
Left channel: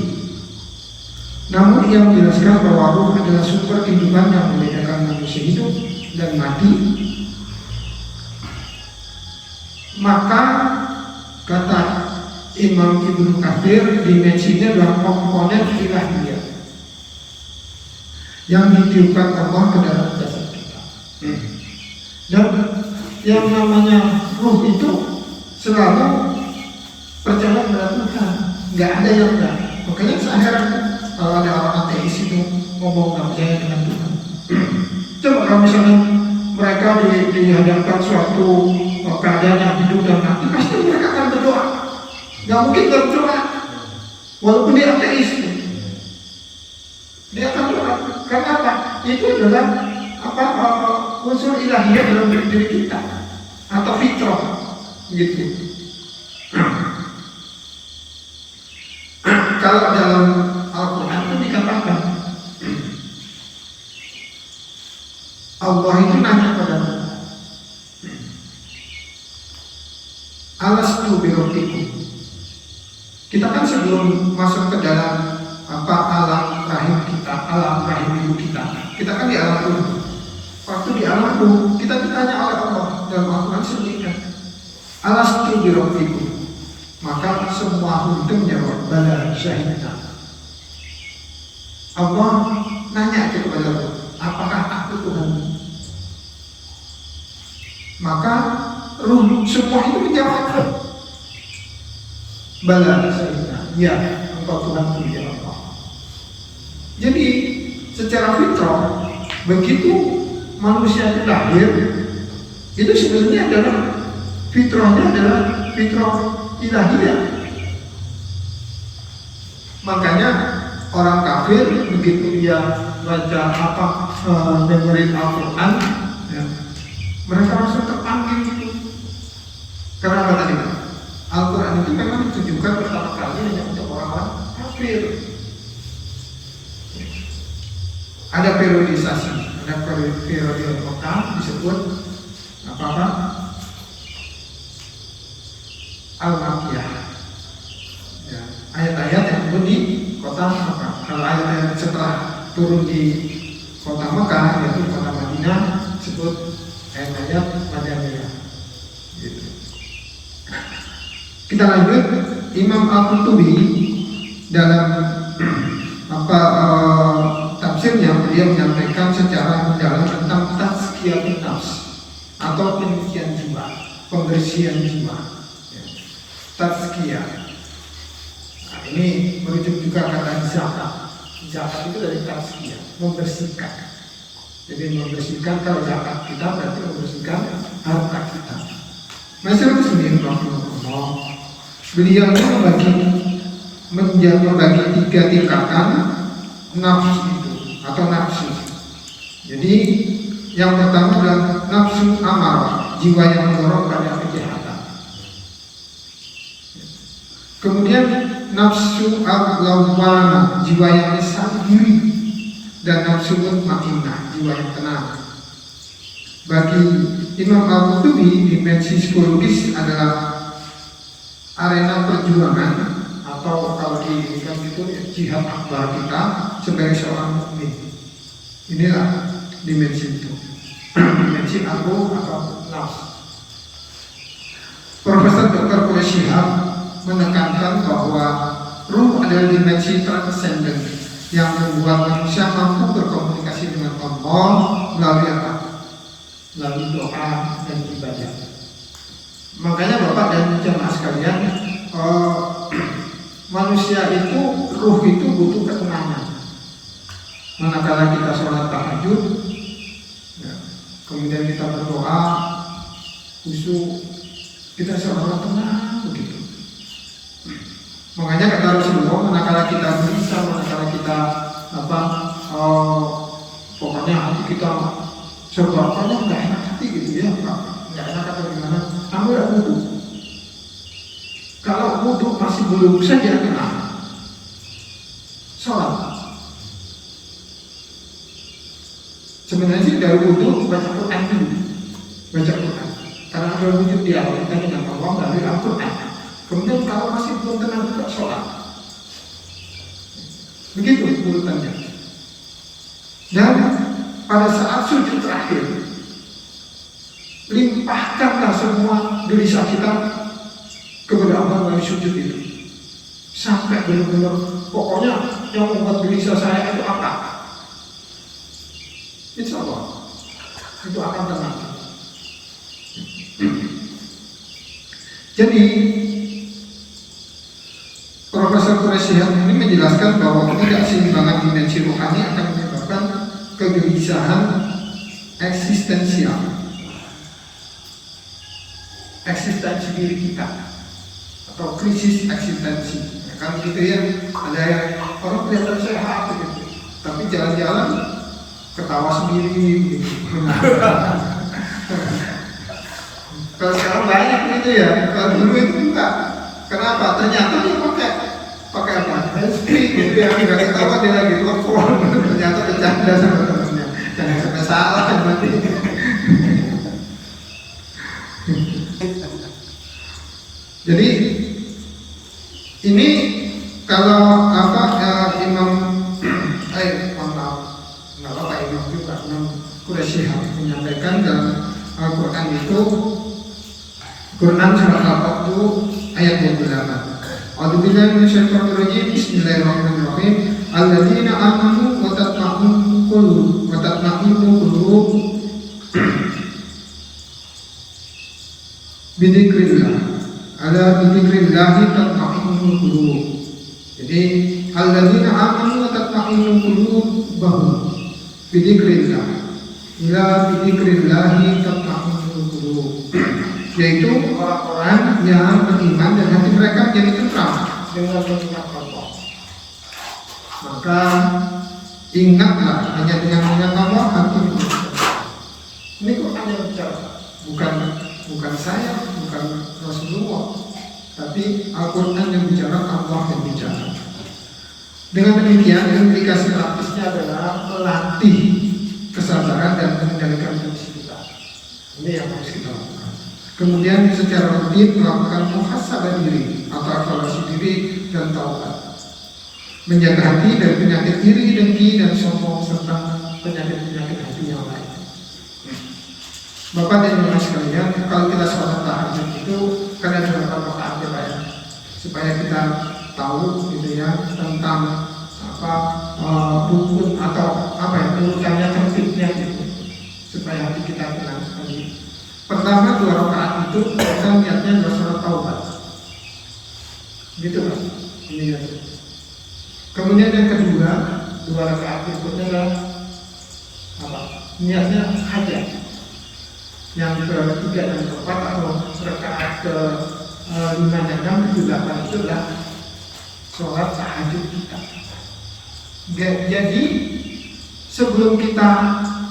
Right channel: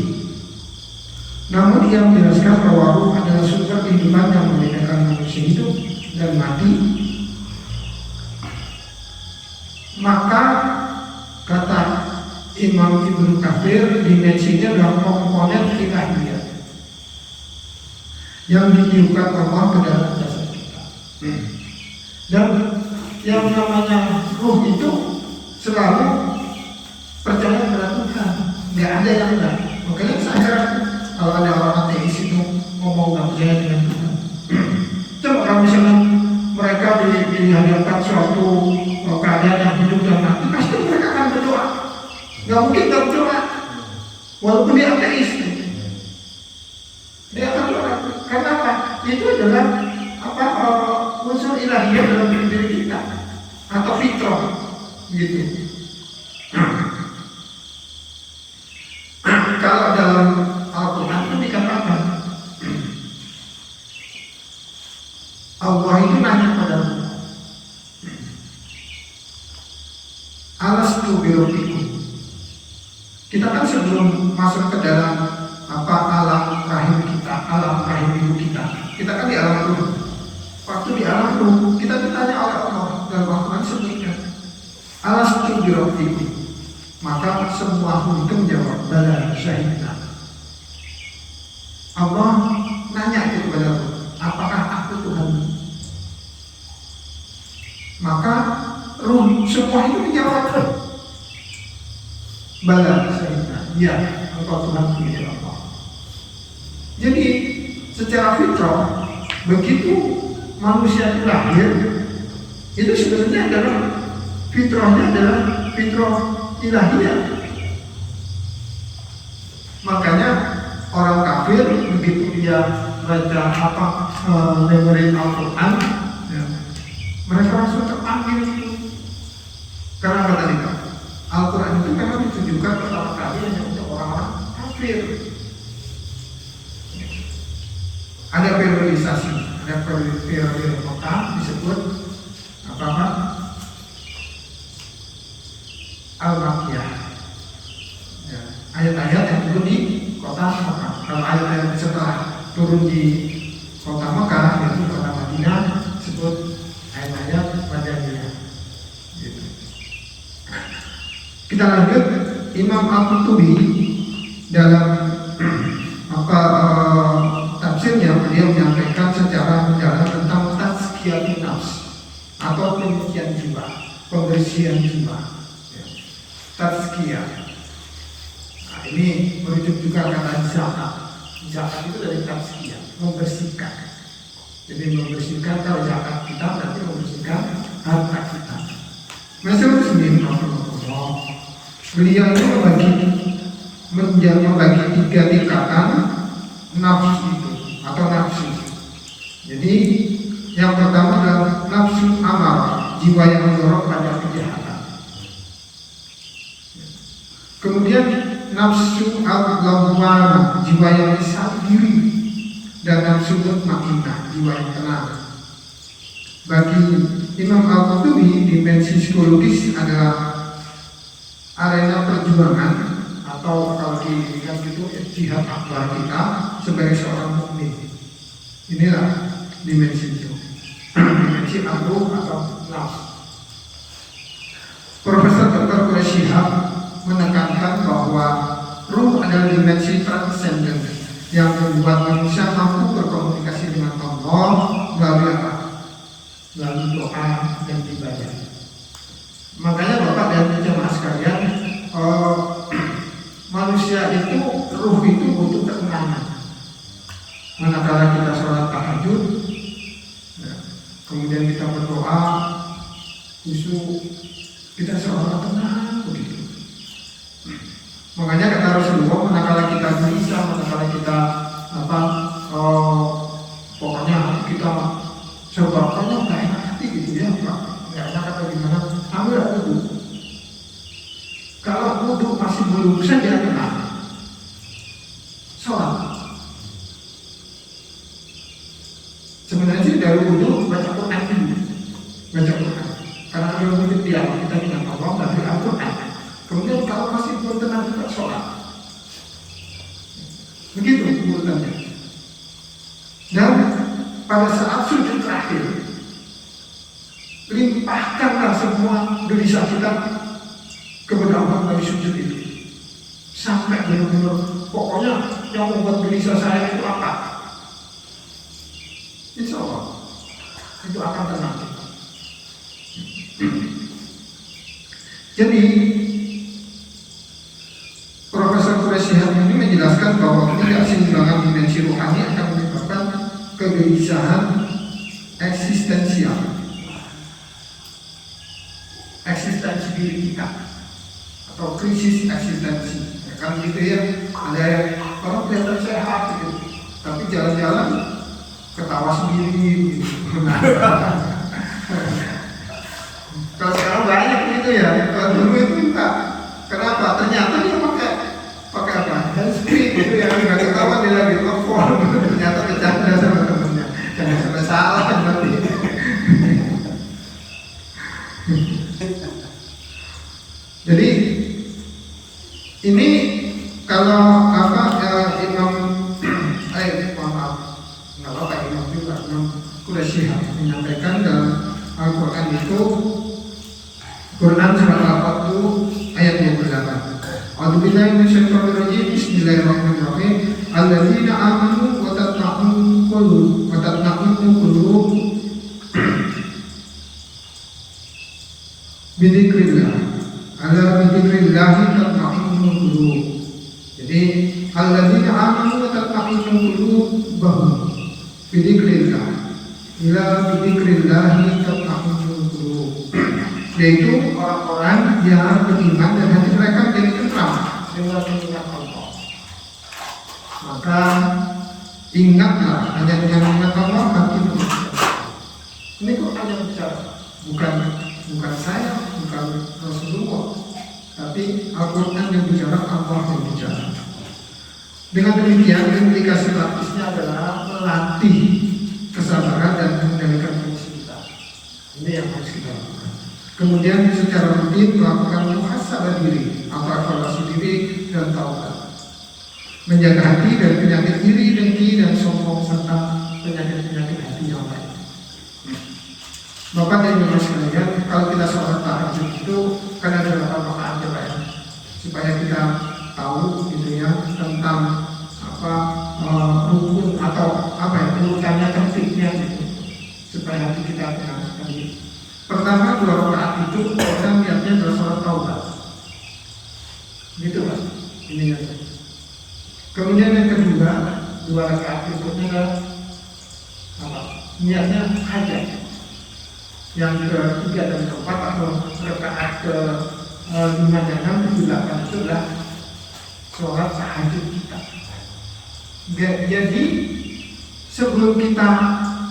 Namun yang menjelaskan bahwa ruh adalah sumber kehidupan yang membedakan manusia hidup dan mati, maka kata Imam Ibnu Katsir dimensinya adalah komponen ilahiyah yang ditiupkan Allah ke dalam jasad kita. Dan yang namanya ruh itu selalu percaya pada Tuhan, nggak ada yang enggak. Makanya saya kalau ada orang ateis itu ngomong nggak percaya dengan Tuhan. Coba kalau misalnya mereka di dihadapkan suatu keadaan yang hidup dan mati, pasti mereka akan berdoa. Nggak mungkin nggak berdoa, walaupun dia ateis. Dia akan berdoa. Karena apa? Itu adalah unsur ilahiyah dalam diri kita atau fitrah, gitu. Kalau dalam Al-Quran itu dikatakan Allah itu nanya pada alastu birabbikum. Kita kan sebelum masuk ke dalam alam rahim kita, alam rahim ibu kita kan di alam Tuhan. Waktu di alam Tuhan kita ditanya oleh Allah dalam Al-Quran sebutkan alastu birabbikum. Maka semua itu menjawab bala syahidna. Allah nanya itu kepada Allah, apakah aku Tuhan? Maka ruh semua itu menjawab bala syahidna, ya engkau Tuhan ya Allah. Jadi secara fitrah begitu manusia itu lahir, itu sebenarnya adalah fitrahnya adalah fitrah ilahiyah. Makanya orang kafir begitu dia baca dengerin Al-Quran, ya, mereka langsung terpanggil. Karena apa tadi? Al-Quran itu memang ditujukan pertama kali hanya untuk orang-orang kafir. Ada periodisasi, ada periode lokal disebut apa? Al-Makiyah, ya, ayat-ayat yang turun di kota Mekah. Kalau ayat-ayat setelah turun di kota Mekah, yaitu kota Madinah, disebut ayat-ayat Madaniyah. Gitu. Kita lanjut, Imam Al-Qurtubi dalam tafsirnya dia menyampaikan secara mendalam tentang tazkiyatun nafs atau penyucian jiwa, pembersihan jiwa. Tazkiyah. Nah, ini merujuk juga kata zakat. Zakat itu dari tazkiyah, membersihkan. Jadi membersihkan, kalau zakat kita berarti membersihkan harta kita. Masyaallah Muslimin rahimahullah. Beliau membagi 3 tingkatan nafsu itu atau nafsu. Jadi yang pertama adalah nafsu amarah, jiwa yang mendorong pada kejahatan. Kemudian nafsu al-lawwamah, jiwa yang menyesal diri, dan nafsu mutmainnah, jiwa yang tenang. Bagi Imam Al-Qurtubi, dimensi psikologis adalah arena perjuangan atau kalau dibilang itu jihad akbar kita sebagai seorang mukmin. Inilah dimensi itu. Dimensi aku atau nafsu. Profesor Dr. Quraish menekankan bahwa ruh adalah dimensi transenden yang membuat manusia mampu berkomunikasi dengan Allah melalui doa dan ibadah. Makanya Bapak dan jamaah sekalian, manusia itu, ruh itu butuh ketenangan. Manakala kita sholat tahajud, ya, kemudian kita berdoa, khusyuk, kita seolah tenang begitu. Makanya kata Rasulullah, manakala kita gelisah, manakala kita pokoknya kita sebabnya nggak enak hati gitu ya, Pak, nggak enak atau gimana, ambil wudhu. Kalau wudhu masih belum saja kena sholat. Sebenarnya sih dari wudhu baca Quran dulu, baca Quran. Karena ada wudhu dia kita dengan Allah dari Al-Quran. Kemudian kalau masih belum tenang juga sholat. Begitu urutannya. Dan pada saat sujud terakhir, limpahkanlah semua gelisah kita kepada Allah melalui sujud itu. Sampai benar-benar pokoknya yang membuat gelisah saya itu apa? Insya Allah itu akan tenang. Jadi Profesor Quraish ini menjelaskan bahwa ketidakseimbangan dimensi rohani akan menyebabkan kegelisahan eksistensial. diri kita atau krisis eksistensi. Ya kan gitu ya. Ada yang kalau kelihatan sehat gitu, tapi jalan-jalan ketawa sendiri gitu. Kalau sekarang banyak gitu ya. Kalau dulu itu enggak. Kenapa? Ternyata dia pakai apa? Handsfree gitu ya. Enggak ketawa dia lagi telepon. Ternyata bercanda sama temennya. Jangan sampai salah nanti. Jadi ini kalau Imam Quraisy menyampaikan dalam Al-Quran itu, Quran surat Al-Fatih ayat 28. A'udzubillahi minasyaitonirrajim. Bismillahirrahmanirrahim. Alladzina amanu wa tatma'innu qulub bidzikrillah. Ala bidzikrillah tatma'innul qulub. Jadi alladzina amanu wa tatma'innu qulubuhum bidzikrillah. Ila bidzikrillah tatma'innul qulub. Yaitu orang-orang yang beriman dan hati mereka menjadi tentram dengan mengingat Allah. Maka ingatlah, hanya dengan mengingat Allah hati berubah. Ini Quran yang bicara, bukan saya, bukan Rasulullah, tapi Al-Quran yang bicara, Allah yang bicara. Dengan demikian, implikasi praktisnya adalah melatih kesabaran dan mengendalikan emosi kita. Ini yang harus kita lakukan. Kemudian secara rutin melakukan muhasabah diri atau evaluasi diri dan taubat. Menjaga hati dari penyakit iri, dengki, dan sombong serta penyakit-penyakit hati yang lain. Bapak dan Ibu sekalian, kalau kita sholat tahajud itu kan ada 8 rakaat ya, supaya kita tahu gitu ya tentang rukun atau urutannya tertibnya gitu, supaya hati kita tenang sekali. Pertama 2 rakaat itu kita niatnya adalah sholat taubat, gitu kan? Iya. Kemudian yang kedua 2 rakaat berikutnya adalah apa? Niatnya hajat. Yang ketiga dan keempat atau rakaat ke-5 dan 6 ke-8 itu adalah sholat tahajud kita. Jadi sebelum kita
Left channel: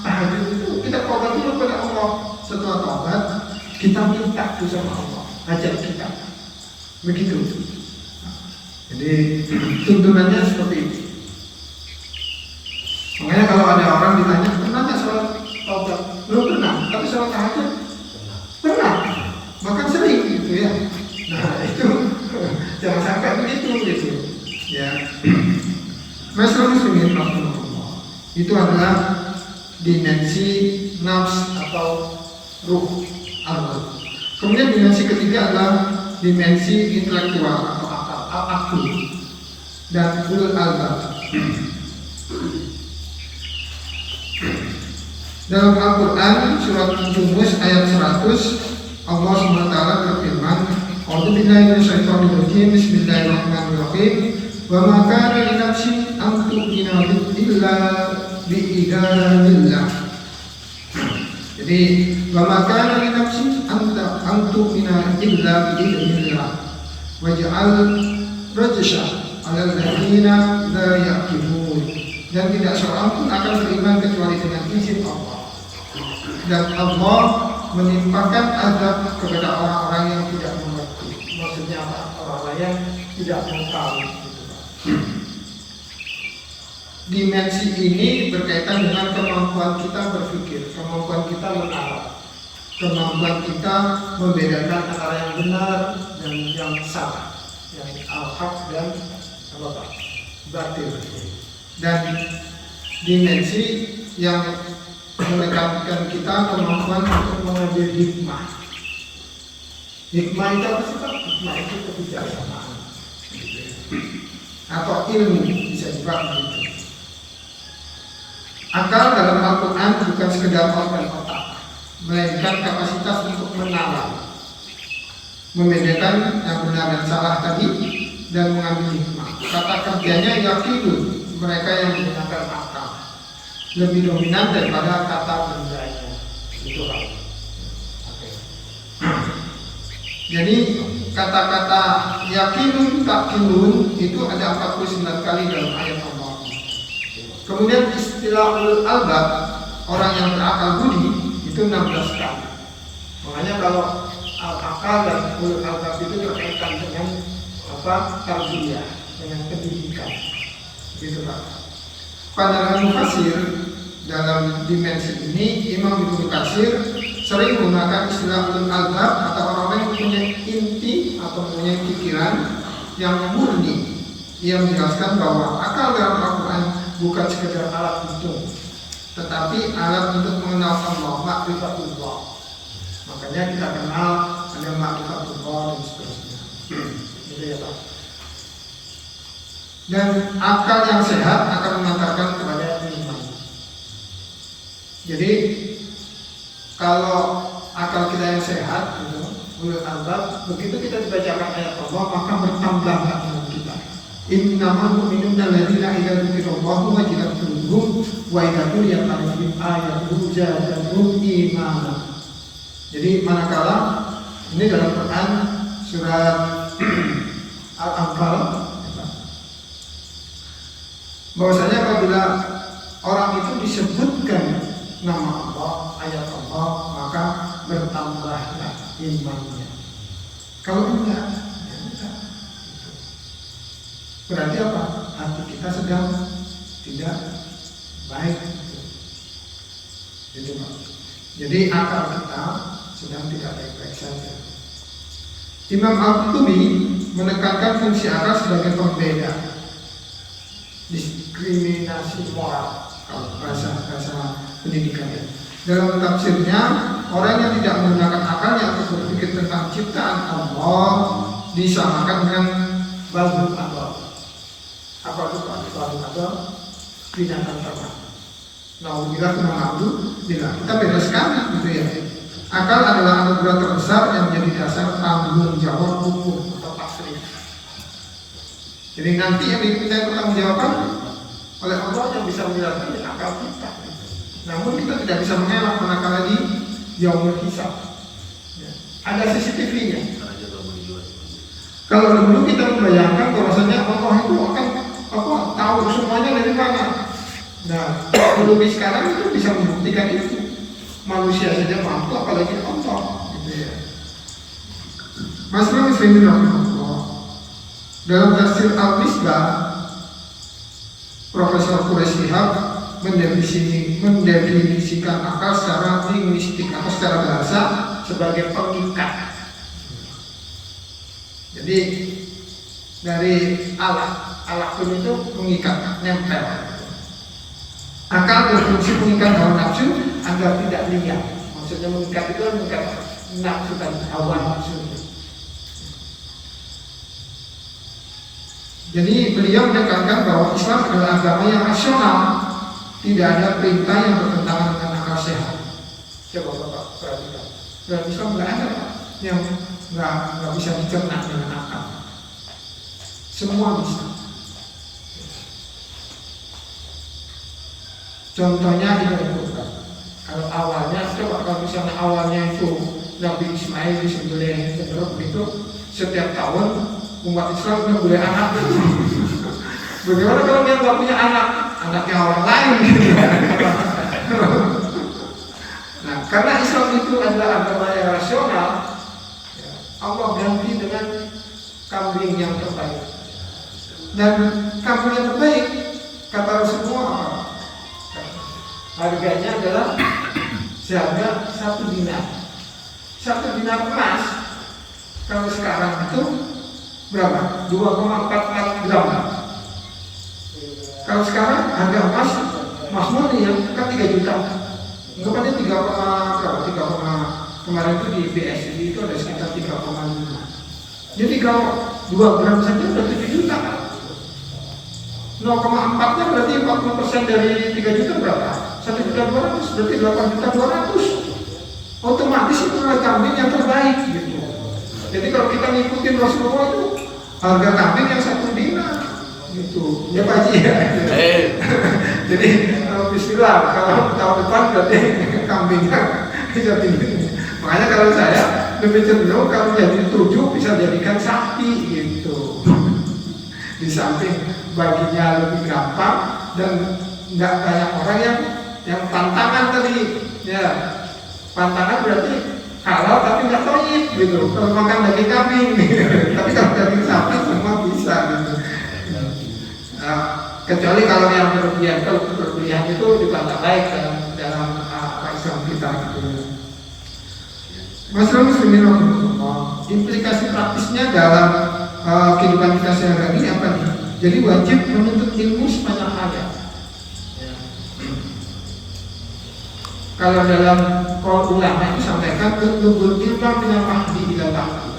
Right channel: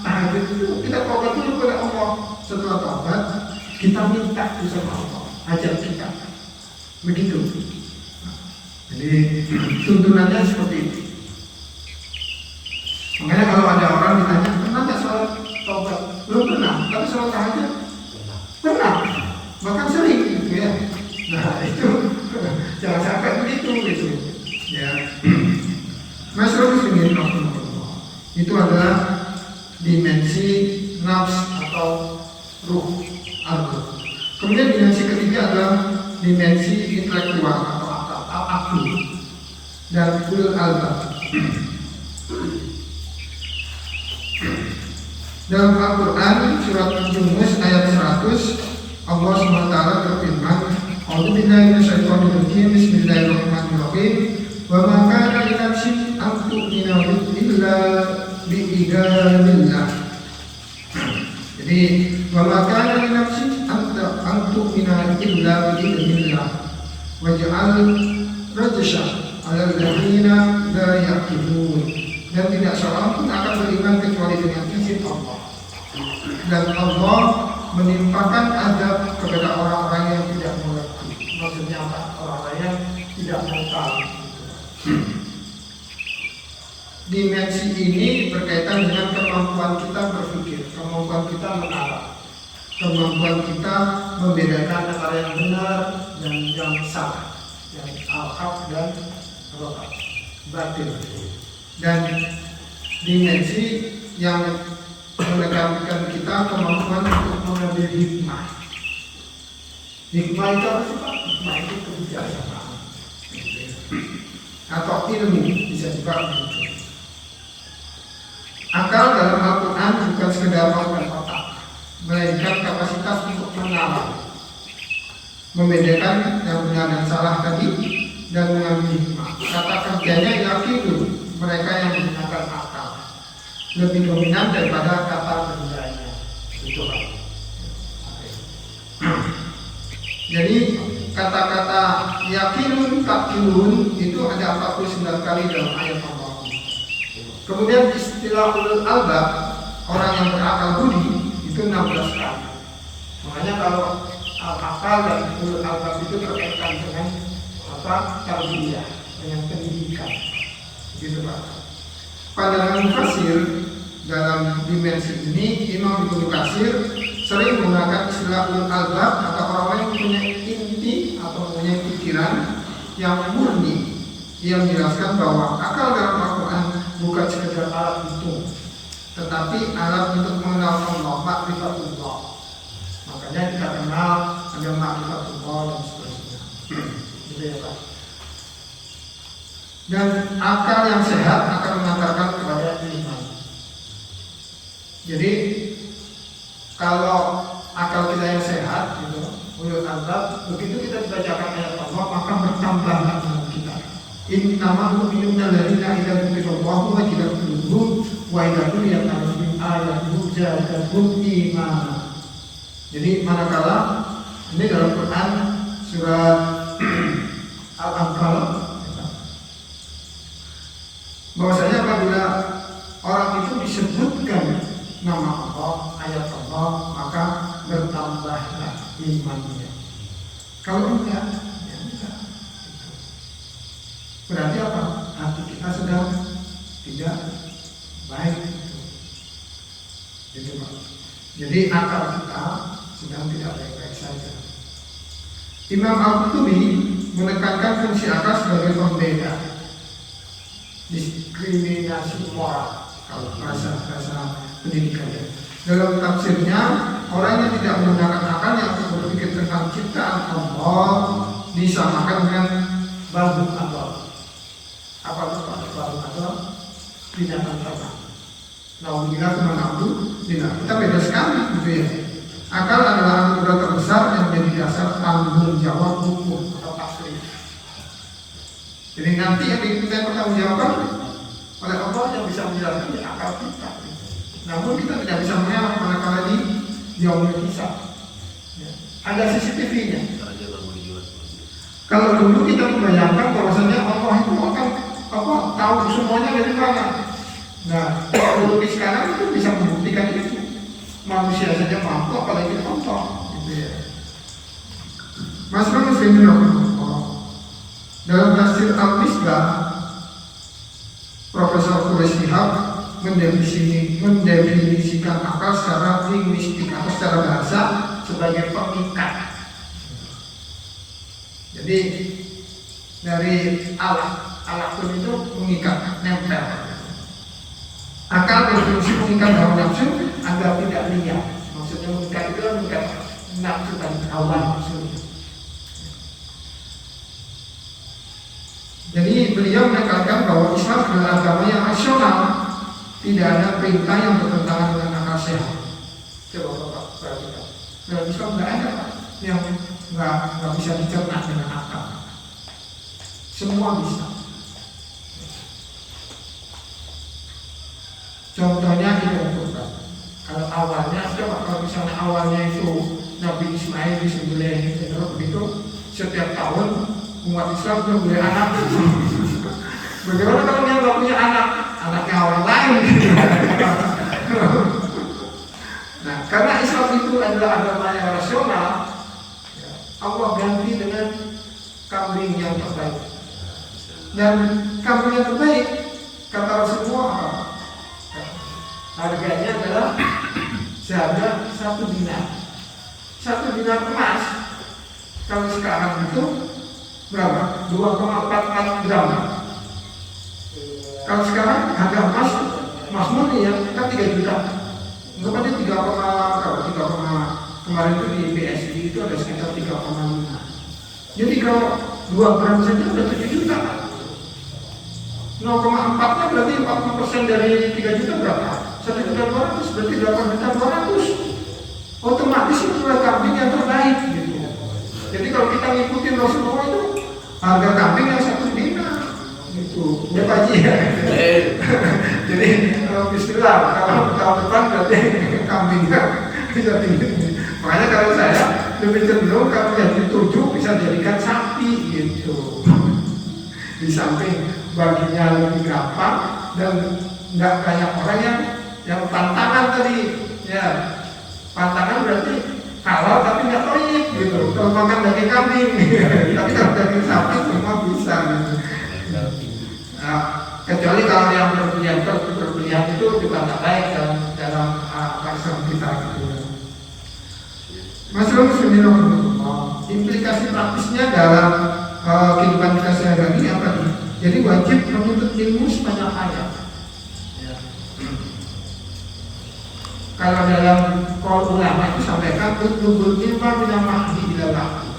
tahajud itu kita taubat dulu kepada Allah. Setelah taubat kita minta sama Allah, ajak kita. Begitu. Jadi tuntunannya seperti itu. Makanya kalau ada orang ditanya pernah nggak sholat taubat? Belum pernah. Tapi sholat tahajud pernah. Bahkan sering gitu ya. Nah itu jangan sampai begitu gitu. Ya. Masyaallah muslimin rahimahullah. Itu adalah dimensi nafs atau ruh al-ruh. Kemudian dimensi ketiga adalah dimensi intelektual atau akal dan ulul albab. Dalam Al-Quran surat Yunus ayat 100 Allah SWT berfirman, A'udzubillahi minasyaitonirrajim. Bismillahirrahmanirrahim. Wa ma kana li nafsin an tu'mina illa bi'idzanillah. Jadi wa ma kana li nafsin an tu'mina illa bi'idzanillah. Waj'al rajsha 'alal ladzina la yaqilun. Dan tidak seorang pun akan beriman kecuali dengan izin Allah. Dan Allah menimpakan azab kepada orang-orang yang tidak mengerti. Maksudnya orang-orang yang tidak mengetahui. Dimensi ini berkaitan dengan kemampuan kita berpikir, kemampuan kita menalar, kemampuan kita membedakan antara yang benar dan yang salah, yang al-haq dan batil. Dan dimensi yang menekankan kita kemampuan untuk mengambil hikmah. Hikmah itu apa sih Pak? Hikmah itu kebijaksanaan atau ilmu, bisa juga begitu. Akal dalam Al-Quran bukan sekedar otak, melainkan kapasitas untuk menalar, membedakan yang benar dan salah tadi, dan mengambil hikmah. Kata kerjanya yakidun, mereka yang menggunakan akal lebih dominan daripada kata bendanya. Itu Jadi kata-kata yakinun takinun itu ada 49 kali dalam ayat Allah. Kemudian istilah ulul albab, orang yang berakal budi, itu 16 kali. Makanya kalau akal dan ulul albab itu terkaitan dengan tarbiyah, dengan pendidikan. Gitu Pak. Pandangan mufassir dalam dimensi ini, Imam Ibnu Katsir sering menggunakan istilah ulul albab atau orang-orang yang punya inti atau punya pikiran yang murni, yang menjelaskan bahwa akal dalam Al-Quran bukan sekedar alat hitung, tetapi alat untuk mengenal Allah, ma'rifatullah. Makanya kita kenal ada ma'rifatullah dan seterusnya. Gitu ya Pak. Dan akal yang sehat akan mengantarkan kepada iman. Jadi kalau akal kita yang sehat, gitu, ulul albab, begitu kita dibacakan ayat Allah maka bertambah iman kita. Innamal mu'minuna alladzina idza dzukirallahu wajilat qulubuhum wa idza tuliyat 'alaihim ayatuhu zadatuhum imanan. Jadi manakala ini dalam Quran surat Al-Anfal, bahwasanya apabila orang itu disebutkan nama Allah, ayat Allah, maka bertambahlah imannya. Kalau enggak, ya enggak. Berarti apa? Hati kita sedang tidak baik. Gitu Pak. Jadi akal kita sedang tidak baik-baik saja. Imam Al-Qurtubi menekankan fungsi akal sebagai pembeda, diskriminasi moral, kalau bahasa pendidikan. Dalam tafsirnya, orang yang tidak menggunakan akalnya untuk berpikir tentang ciptaan Allah disamakan dengan balbun adwal. Apa itu balbun adwal? Binatang ternak. Nauzubillah min dzalik. Kita beda sekali, gitu ya. Akal adalah anugerah terbesar yang menjadi dasar tanggung jawab hukum atau tasrif. Jadi nanti yang diminta pertanggungjawaban oleh Allah yang bisa menjelaskan akal kita. Namun kita tidak bisa mengelak manakala di yaumul hisab. Ada CCTV-nya. Kalau dulu kita membayangkan bahwasanya Allah itu akan tahu semuanya dari mana. Nah, teknologi sekarang itu bisa membuktikan itu. Manusia saja mampu, apalagi Allah. Gitu ya. Masalah muslimin Allah. Dalam tafsir Al-Misbah, Profesor Quraish Shihab mendefinisikan akal secara linguistik atau secara bahasa sebagai pengikat. Jadi dari alat pun itu mengikat, nempel. Akal berfungsi mengikat hawa nafsu agar tidak liar. Maksudnya mengikat itu mengikat nafsu dan hawa nafsu. Jadi beliau menekankan bahwa Islam adalah agama yang rasional, tidak ada perintah yang bertentangan dengan akal sehat. Coba Bapak perhatikan. Dalam Islam nggak ada Pak yang nggak bisa dicerna dengan akal. Semua bisa. Contohnya ibadah kurban. Kalau awalnya, coba kalau misalnya awalnya itu Nabi Ismail disembelih begitu, setiap tahun umat Islam punya boleh anak. Bagaimana kalau dia nggak punya anak, anaknya orang lain? Nah, karena Islam itu adalah agama yang rasional, Allah ganti dengan kambing yang terbaik. Dan kambing yang terbaik, kata Rasulullah apa? Harganya adalah seharga 1 dinar. 1 dinar emas kalau sekarang itu berapa? 2,44 gram. Kalau sekarang harga emas murni ya kan 3 juta. Enggak ada 3, kemarin itu di BSI itu ada sekitar 3,5. Jadi kalau 2 gram saja udah 7 juta. 0,4-nya berarti 40% dari 3 juta berapa? 1.200.000 berarti 8.200.000. Otomatis itu adalah kambing yang terbaik gitu. Jadi kalau kita ngikutin Rasulullah itu harga kambing yang 1 dinar gitu. Ya Pak Haji ya. Jadi bismillah kalau tahun depan berarti kambingnya jadi Makanya kalau saya lebih cenderung kalau jadi 7 bisa jadikan sapi gitu. Di samping baginya lebih gampang dan nggak banyak orang yang pantangan tadi ya. Pantangan berarti halal tapi nggak toyib gitu. Kalau makan daging kambing, tapi kalau daging sapi semua bisa gitu. Kecuali kalau yang berlebihan, kalau berlebihan itu juga nggak baik dalam Islam kita. Masalah Bismillahirrahmanirrahim. Implikasi praktisnya dalam kehidupan kita sehari-hari ini apa nih? Jadi wajib menuntut ilmu sepanjang hayat. Ya. Kalau dalam qaul ulama itu sampaikan tuntubul ilma minal mahdi ilal lahdi.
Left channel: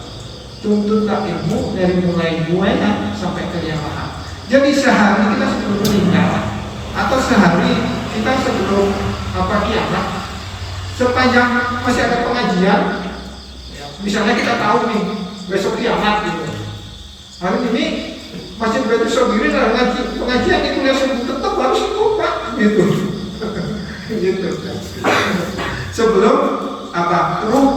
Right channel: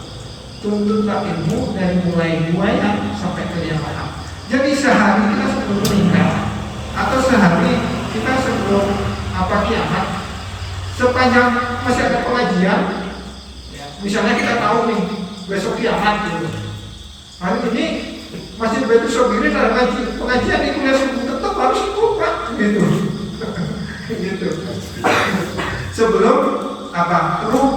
Tuntutlah ilmu dari mulai buaya sampai kelihatan. Jadi sehari kita sebelum meninggal atau sehari kita sebelum kiamat, sepanjang masih ada pengajian, misalnya kita tahu nih besok kiamat gitu. Hari ini masih Baitul Sodiri ada pengajian di kuliah subuh tetap harus ikut Pak gitu. Gitu. Sebelum ruh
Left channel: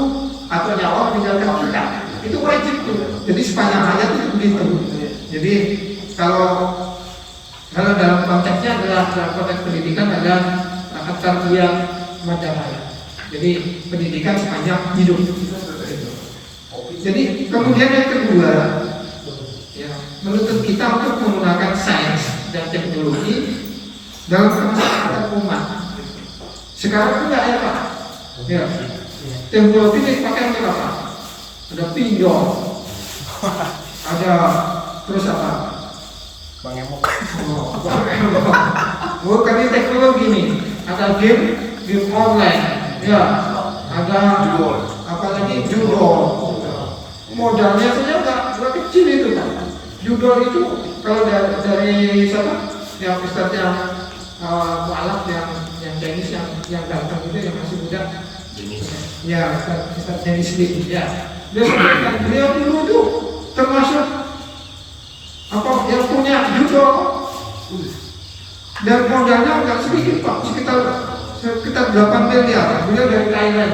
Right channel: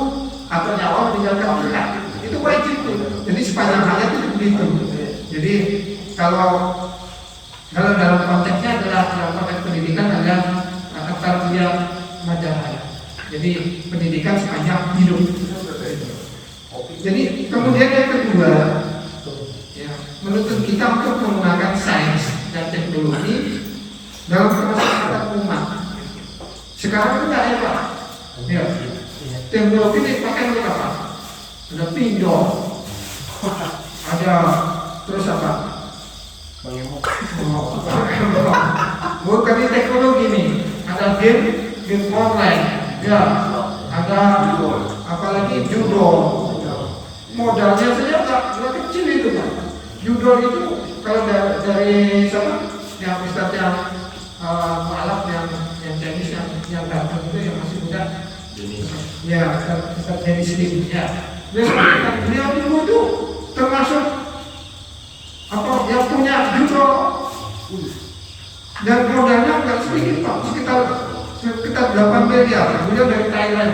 atau nyawa meninggalkan kita, itu wajib tuh. Jadi sepanjang hayat itu begitu. Jadi kalau dalam konteksnya adalah dalam konteks pendidikan adalah tarbiyah madrasah. Jadi pendidikan sepanjang hidup. Jadi kemudian yang kedua, ya, menuntut kita untuk menggunakan sains dan teknologi dalam kemaslahatan umat. Sekarang tidak ya Pak. Ya. Teknologi ini pakai apa? Ada pinjol, ada terus apa? Mengemuk. Bukan ini teknologi nih. Ada game online, ya. Ada apalagi judol. Modalnya saja nggak kecil itu Pak. Judol itu kalau dari siapa? Yang Ustaz yang mualaf yang Chinese yang datang itu yang masih muda. Ya, Ustaz Chinese Lim, ya. Dia dulu itu termasuk yang punya judol dan modalnya nggak sedikit Pak, sekitar 8 miliar. Beliau dari Thailand.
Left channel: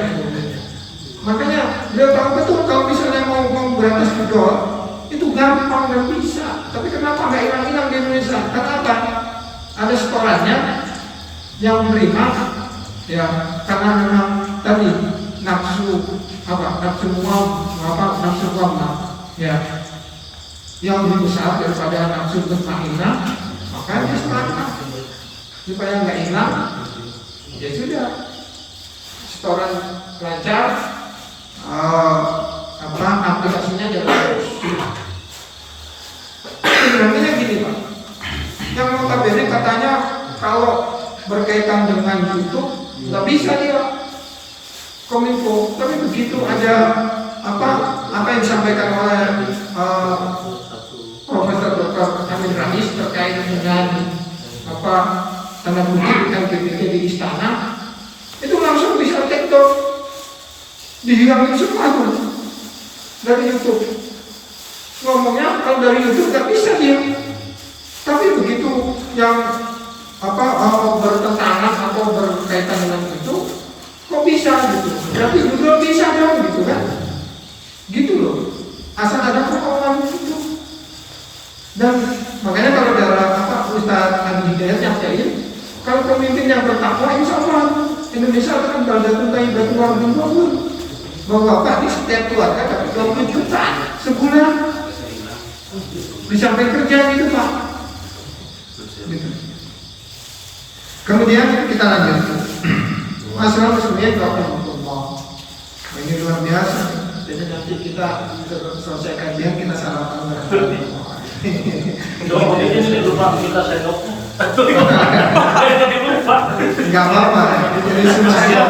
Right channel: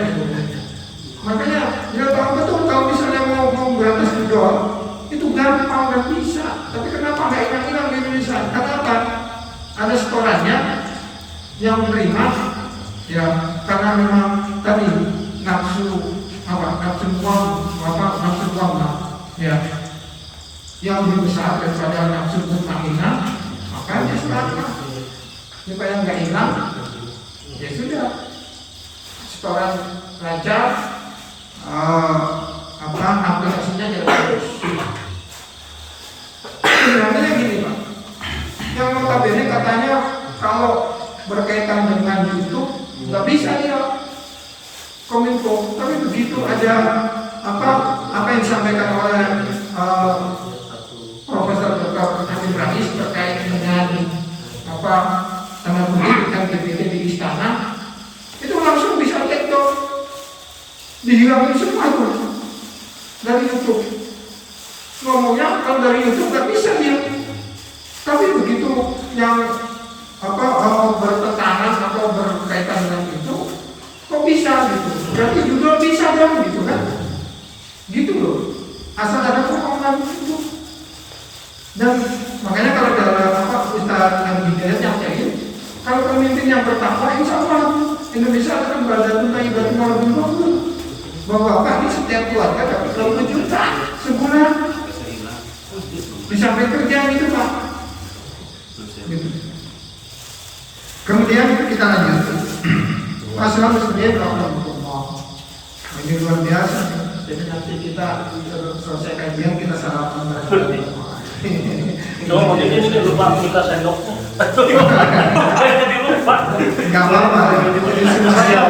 Makanya beliau tahu betul kalau misalnya mau berantas judol itu gampang dan bisa. Tapi kenapa nggak hilang-hilang di Indonesia? Kenapa? Ada setorannya yang menerima, ya karena memang tadi nafsu uang, ya yang lebih besar daripada nafsu bermainah, maka dia sepakat supaya nggak hilang. Ya sudah, setoran lancar, aplikasinya jadi bagus. Sebenarnya gini Pak, yang notabene katanya kalau berkaitan dengan YouTube nggak bisa dia kominfo, tapi begitu ada apa yang disampaikan oleh Profesor Dr. Amin Rais terkait dengan tanda kutip dengan GPT di istana, itu langsung bisa take down, dihilangin semua tuh dari YouTube. Ngomongnya kalau dari YouTube nggak bisa dia, tapi begitu yang bertentangan atau berkaitan dengan itu, kok bisa gitu? Berarti judul bisa dong gitu kan? Gitu loh. Asal ada kemauan itu. Dan makanya kalau ada Ustaz Andi Hidayat nyampein, kalau pemimpin yang bertakwa, insya Allah Indonesia akan berada tuntai batu warna bahwa Bapak ini setiap keluarga dapat 20 juta sebulan. Bisa sampai kerja gitu Pak. Gitu. Kemudian kita lanjut. Masalah ini luar biasa. Jadi nanti kita selesai kajian kita sarapan bareng. Ini lupa kita sendoknya. Enggak apa-apa. Ini sudah siap.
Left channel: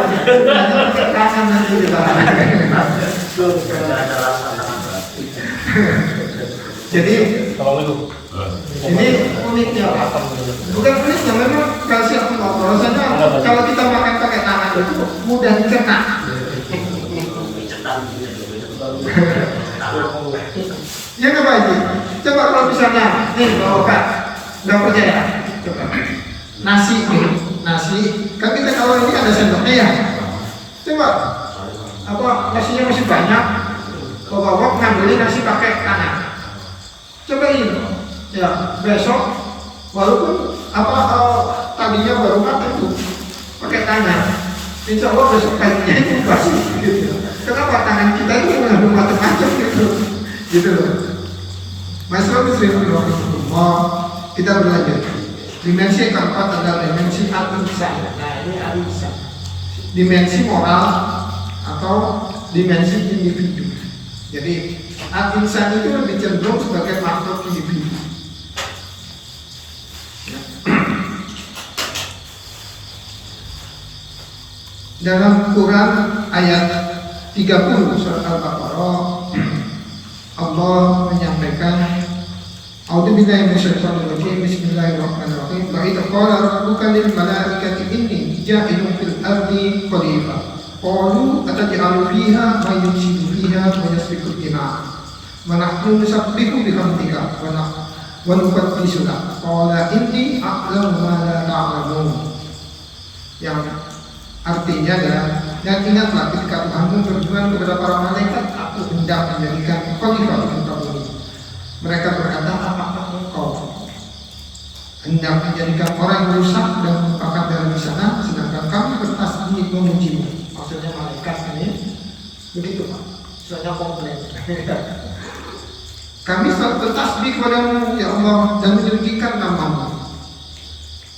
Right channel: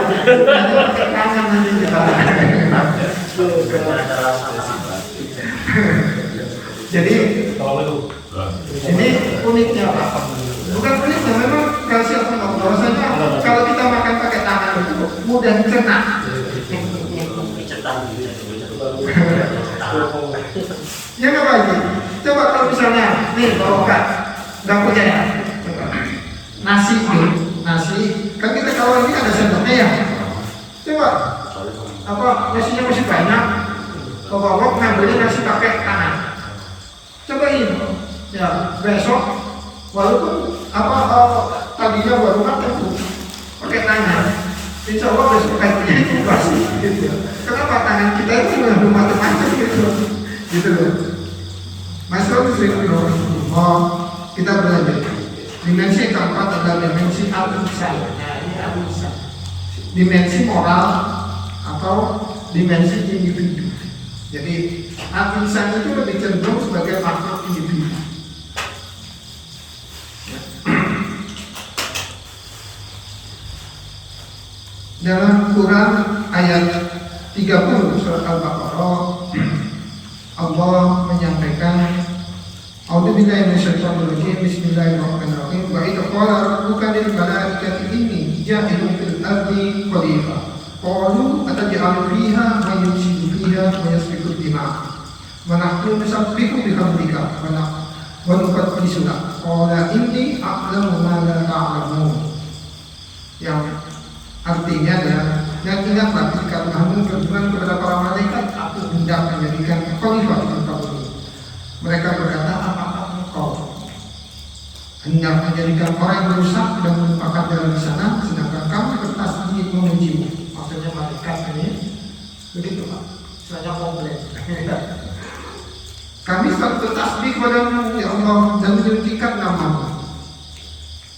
Kanan nanti kita. Jadi ini uniknya Pak. Bukan uniknya, memang hasil pengobrolan. Kalau kita makan pakai tangan itu mudah dicerna. Ya nggak Pak Haji? Coba kalau misalnya nih bawa Pak, nggak percaya? Coba nasi kan kita kalau ini ada sendoknya ya. Coba nasinya masih banyak, bawa ngambilin nasi pakai tangan. Cobain, ya besok walaupun tadinya baru makan tuh pakai tangan, insya Allah besok paginya itu basi. Gitu. Kenapa tangan kita itu nggak macam-macam gitu loh. Masalah kita berlanjut. Dimensi keempat adalah dimensi al-insan. Nah, ini al-insan. Dimensi moral atau dimensi individu. Jadi al-insan itu lebih cenderung sebagai makhluk individu. Dalam Quran ayat 30 surat Al-Baqarah, Allah menyampaikan, A'udzubillahi minasyaitonir rajim. Bismillahirrahmanirrahim. Wa idza qala rabbuka lil malaikati inni ja'ilun fil ardi khalifah. Qalu ataj'alu fiha man yufsidu fiha wa yasfiku dima'. Wa nahnu nusabbihu bihamdika wa nuqaddisu lak. Qala inni a'lamu ma la ta'lamun. Yang artinya adalah, dan ingatlah ketika Tuhanmu berfirman kepada para malaikat, aku hendak menjadikan khalifah di muka bumi. Mereka berkata, apakah engkau hendak menjadikan orang yang rusak dan menumpahkan darah di sana, sedangkan kami bertasbih memujimu. Maksudnya malaikat ini begitu Pak, soalnya komplain. Kami selalu bertasbih kepadamu ya Allah dan meninggikan namamu.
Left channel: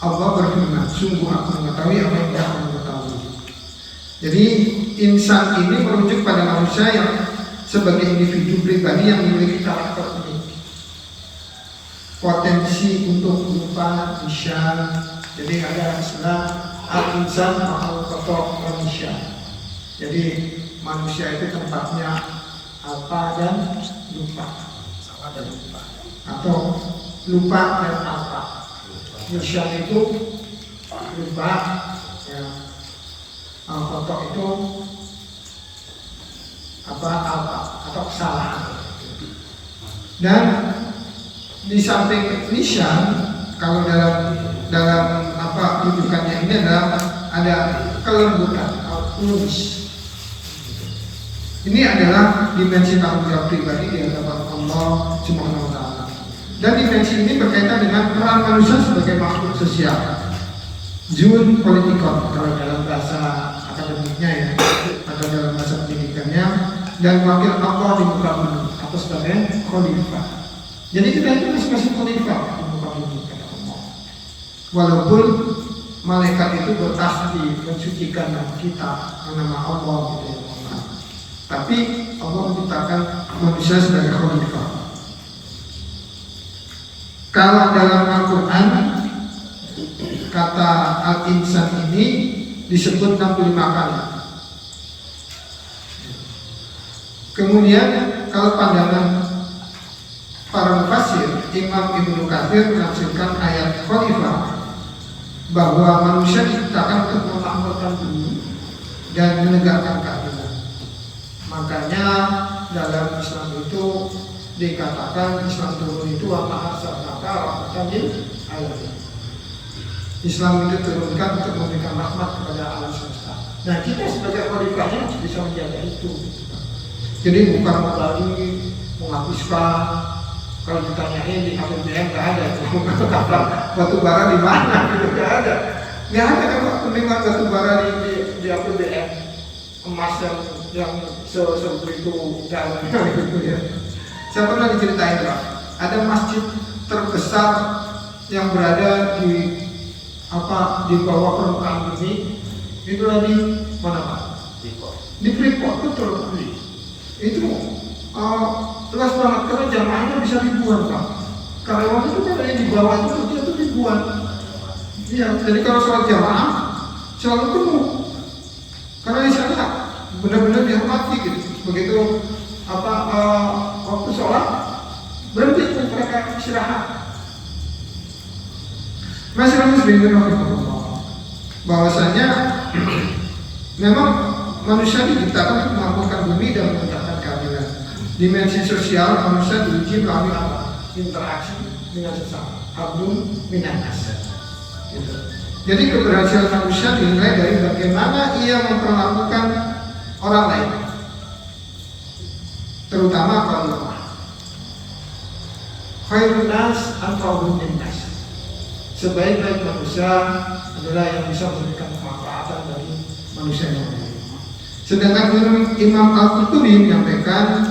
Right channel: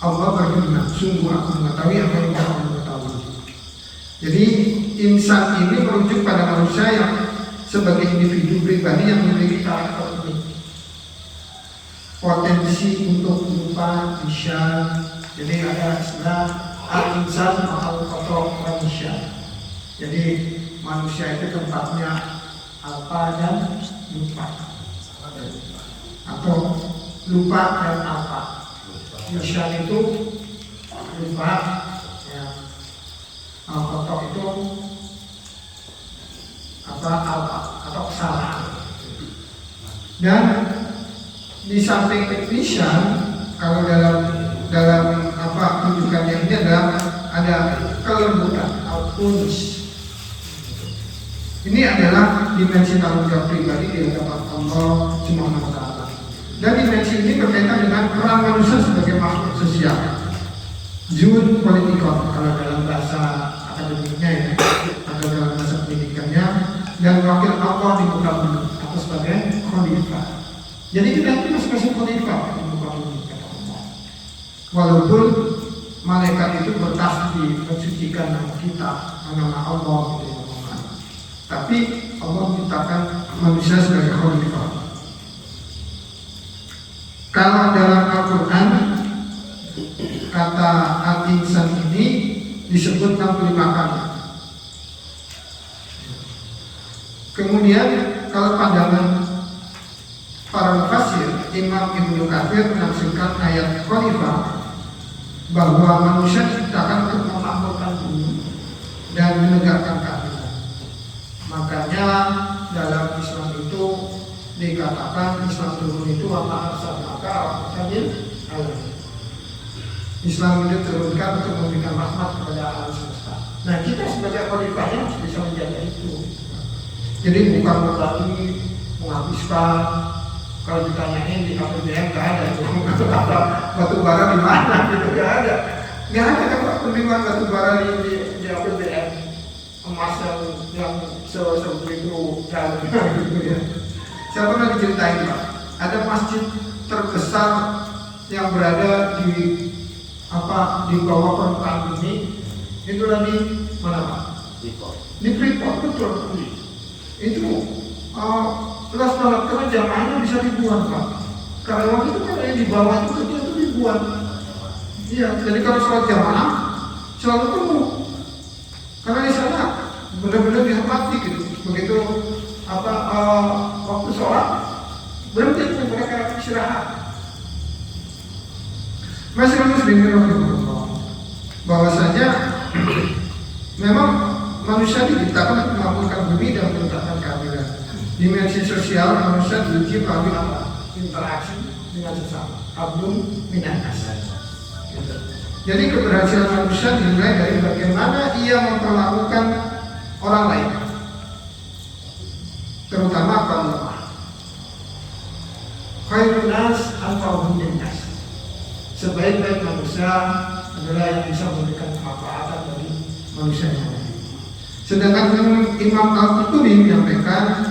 Allah berfirman, sungguh aku mengetahui apa yang kamu mengetahui. Jadi insan ini merujuk pada manusia yang sebagai individu pribadi yang memiliki karakter ini, potensi untuk lupa, bisa. Jadi ada istilah al-insan atau kotor manusia. Jadi manusia itu tempatnya apa dan lupa, atau lupa dan apa. Bisa itu lupa, ya. Kotor itu apa atau kesalahan. Dan di samping nisan, kalau dalam rujukannya ini adalah ada kelembutan atau unis. Ini adalah dimensi tanggung jawab pribadi di hadapan Allah Subhanahu wa Ta'ala. Dan dimensi ini berkaitan dengan peran manusia sebagai makhluk sosial. Jun politikon kalau dalam bahasa akademiknya ya, atau dalam bahasa pendidikannya, dan wakil Allah di muka bumi atau sebagai khalifah. Jadi kita itu masing-masing khalifah di muka bumi. Walaupun malaikat itu bertasbih mensucikan nama kita, nama Allah gitu ya, tapi Allah menciptakan manusia sebagai khalifah. Kalau dalam Al-Quran kata al-insan ini disebut 65 kali. Kemudian kalau pandangan para mufassir, Imam Ibnu Katsir menafsirkan ayat khalifah bahwa manusia diciptakan untuk memakmurkan bumi dan menegakkan keadilan. Makanya dalam Islam itu dikatakan Islam turun itu apa arsalnaka rahmatan alamin. Islam itu turunkan untuk memberikan rahmat kepada alam semesta. Nah, kita sebagai khalifahnya bisa menjaga itu. Jadi bukan lagi menghapuskan. Kalau ditanyain di APBN nggak ada itu kata batu bara di mana gitu, nggak ada kan penerimaan batu bara di APBN, emas yang sebegitu dalam gitu ya. Saya pernah diceritain Pak, ada masjid terbesar yang berada di bawah permukaan bumi, itu di mana Pak? Di Freeport, betul. Itu luas banget karena jamaahnya bisa ribuan Pak. Karyawan itu kan yang di bawah itu ribuan. Iya, jadi kalau soal jamaah selalu penuh. Karena di sana benar-benar dihormati gitu. Begitu waktu sholat berhenti mereka istirahat. Masih bahwasanya memang manusia diciptakan untuk melakukan bumi dan menegakkan keadilan. Dimensi sosial manusia diuji melalui interaksi dengan sesama. Abdul minanas. Jadi keberhasilan manusia dinilai dari bagaimana ia memperlakukan orang lain, terutama kaum lemah. Khairun nas anfa'uhum linnas. Sebaik-baik manusia adalah yang bisa memberikan kemanfaatan bagi manusia yang lain. Sedangkan Imam Al-Qurtubi menyampaikan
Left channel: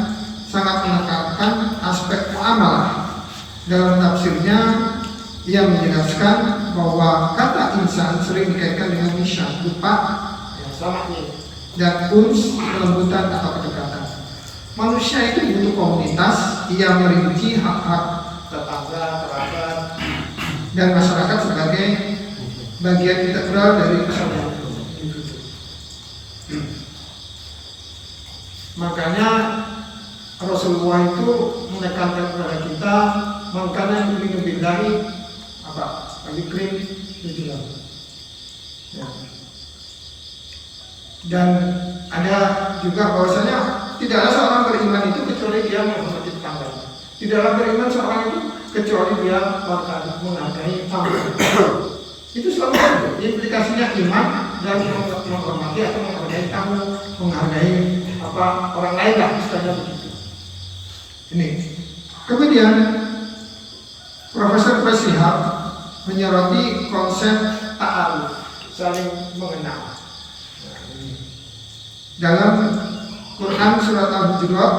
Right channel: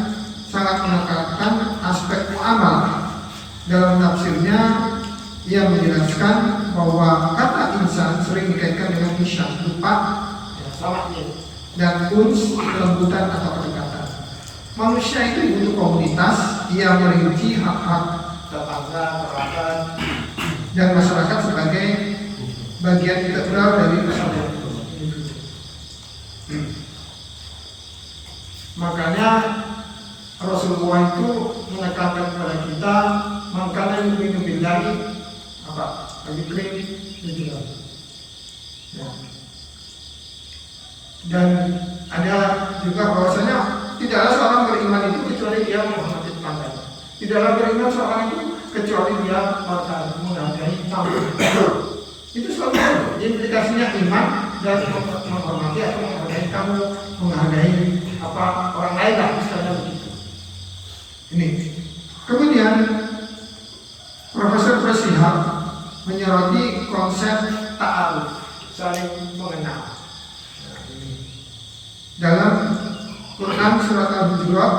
sangat menekankan aspek muamalah. Dalam tafsirnya ia menjelaskan bahwa kata insan sering dikaitkan dengan ihsan, lupa yang sama ini, dan uns, kelembutan atau kedekatan. Manusia itu butuh komunitas, ia merinci hak-hak tetangga, kerabat, dan masyarakat sebagai bagian integral dari persaudaraan individu. Makanya Rasulullah itu menekankan kepada kita, makanya yu'minu billahi apa? Ayukrim itu. Ya. Dan ada juga bahwasanya tidaklah seorang beriman itu kecuali dia menghormati tetangganya. Tidaklah beriman seorang itu kecuali dia menghargai tamu. Itu selalu ada. Implikasinya iman dan menghormati atau menghargai tamu, menghargai apa orang lain lah, istilahnya begitu. Ini. Kemudian Profesor Presihab menyoroti konsep ta'aruf, saling mengenal. Nah, ini. Dalam Quran surat Al-Hujurat,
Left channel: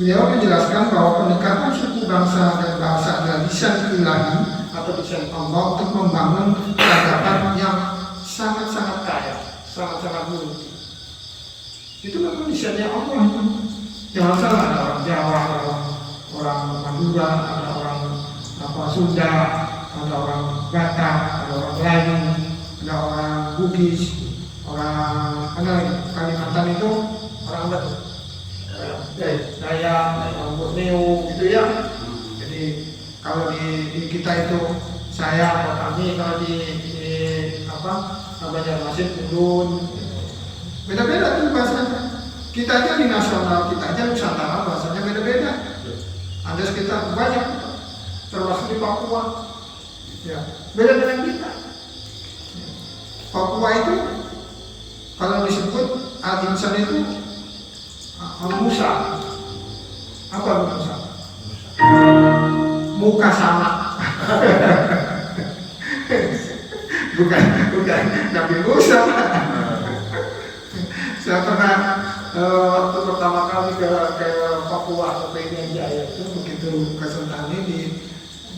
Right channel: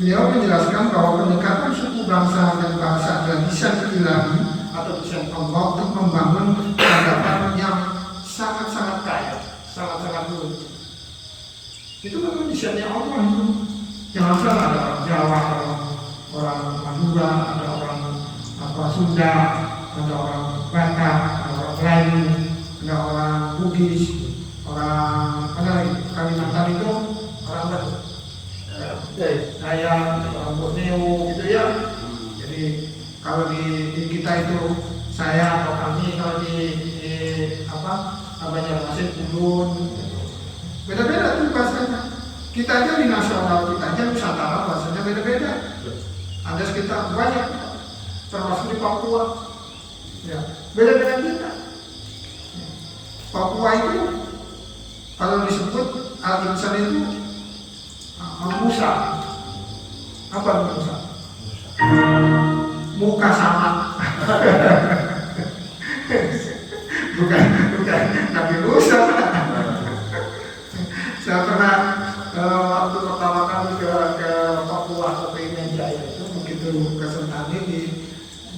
beliau menjelaskan bahwa pendekatan suku bangsa dan bahasa adalah desain ilahi atau desain Allah untuk membangun peradaban yang sangat-sangat kaya, sangat-sangat luas. Itu memang desainnya Allah. Jangan salah, ada orang Jawa, ada orang Madura, ada orang Sunda, ada orang Batak, ada orang Melayu, ada orang Bugis, orang Kalimantan itu orang Dayak, orang Borneo gitu ya. Jadi kalau di kita itu saya atau kami, kalau di Banjarmasin, Kudun, beda-beda tuh bahasanya. Kita aja di nasional kita aja Nusantara bahasanya beda-beda. Ada sekitar banyak, termasuk di Papua. Ya, beda dengan kita. Papua itu kalau disebut al-insan itu al-musa. Apa musa? Muka sama. bukan Nabi Musa. Saya pernah waktu pertama kali ke Papua atau ke Jaya itu, begitu ke Sentani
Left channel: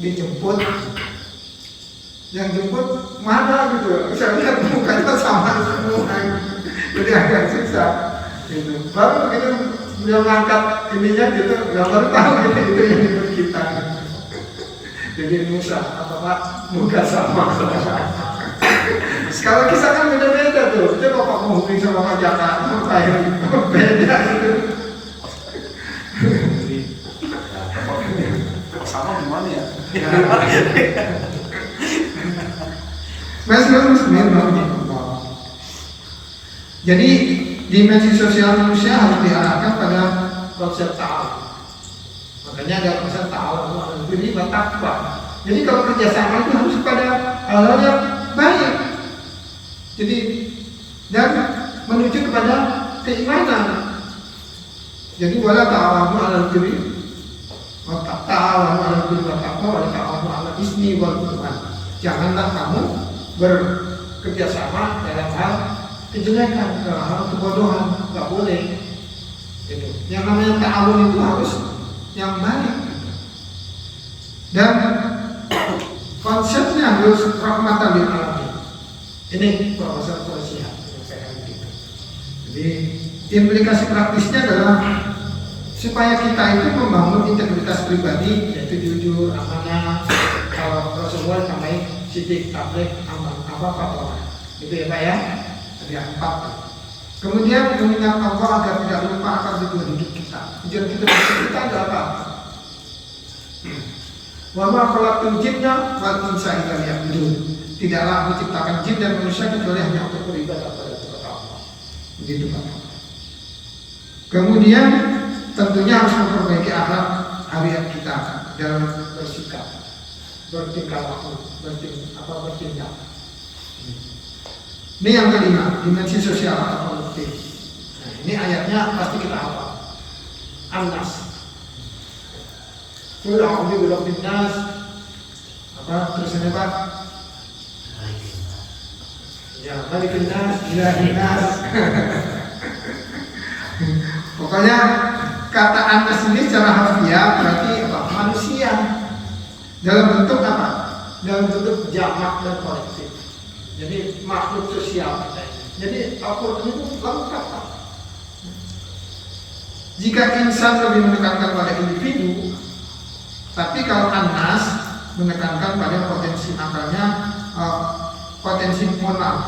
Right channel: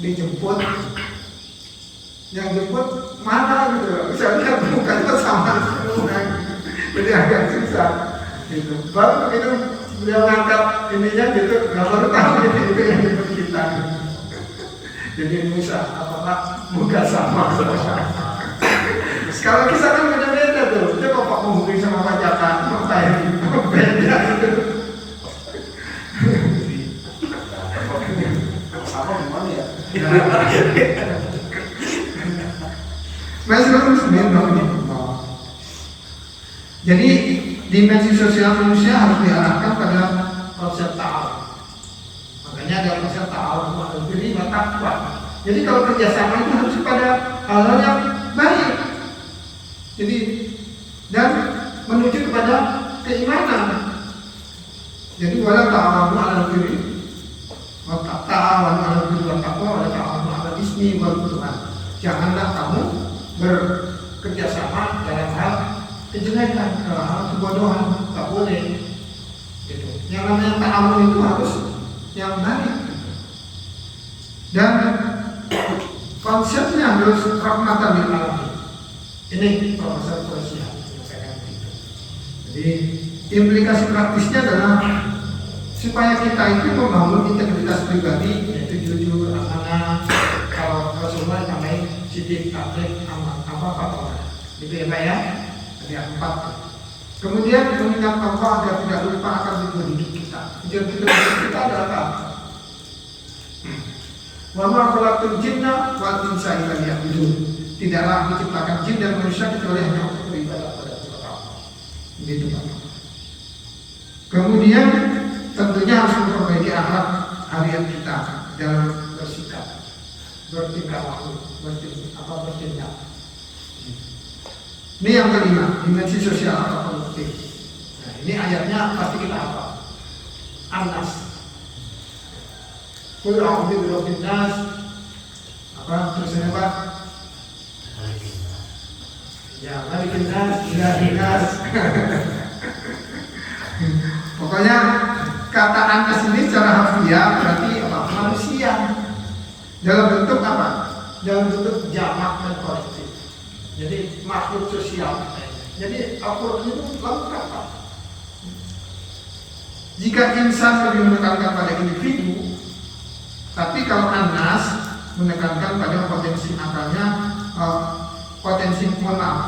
dijemput, yang jemput mana gitu, saya lihat mukanya sama semua, jadi agak susah gitu. Baru begitu dia ngangkat ininya gitu, nggak baru tahu itu yang jemput kita. Jadi Musa apakah muka sama? Kalau kisah kan beda-beda tuh, dia bapak menghubungi sama Pak Jaka, apa yang beda gitu. Sama gimana ya? Jadi dimensi sosial manusia harus diarahkan pada konsep ta'awun. Makanya ada konsep ta'awun ini bertakwa. Jadi kalau kerjasama itu harus pada hal-hal yang baik. Jadi dan menuju kepada keimanan. Jadi wala ta'awunu 'alal birri wa ta'awunu 'alal birri wa taqwa wa la ta'awunu 'alal ismi wal 'udwan. Janganlah kamu bekerjasama dalam hal kejelekan, dalam hal kebodohan, nggak boleh. Gitu. Yang namanya ta'awun itu harus yang baik. Dan konsepnya harus rahmatan lil alamin. Ini Profesor Presihab yang saya begitu. Jadi implikasi praktisnya adalah supaya kita itu membangun integritas pribadi, yaitu jujur, amanah. Kalau Rasulullah namanya sidik, tabligh, aman, apa. Gitu ya Pak ya. Ada 4. Kemudian mengingat Allah agar tidak lupa akan tujuan hidup kita. Tujuan kita ada apa? Wa ma khalaqtul jinna wal insa illa liya'budun. Tidaklah diciptakan jin dan manusia kecuali hanya untuk beribadah kepada Allah. Begitu Pak. Kemudian tentunya harus memperbaiki akhlak harian kita dalam bersikap, bertingkah laku, bertindak. Ini yang kelima, dimensi sosial atau politik. Nah, Ini ayatnya pasti kita hafal. An-Nas. Qul a'udzu birabbin nas. Apa tulisannya Pak? Ya, Malikin nas, Ilahin nas. Pokoknya kata An-Nas ini secara harfiah berarti apa? Manusia. Dalam bentuk apa? Dalam bentuk jamak dan kolektif. Jadi makhluk sosial. Jadi Al-Quran itu lengkap Pak. Jika insan lebih menekankan pada individu, tapi kalau An-Nas menekankan pada potensi akalnya,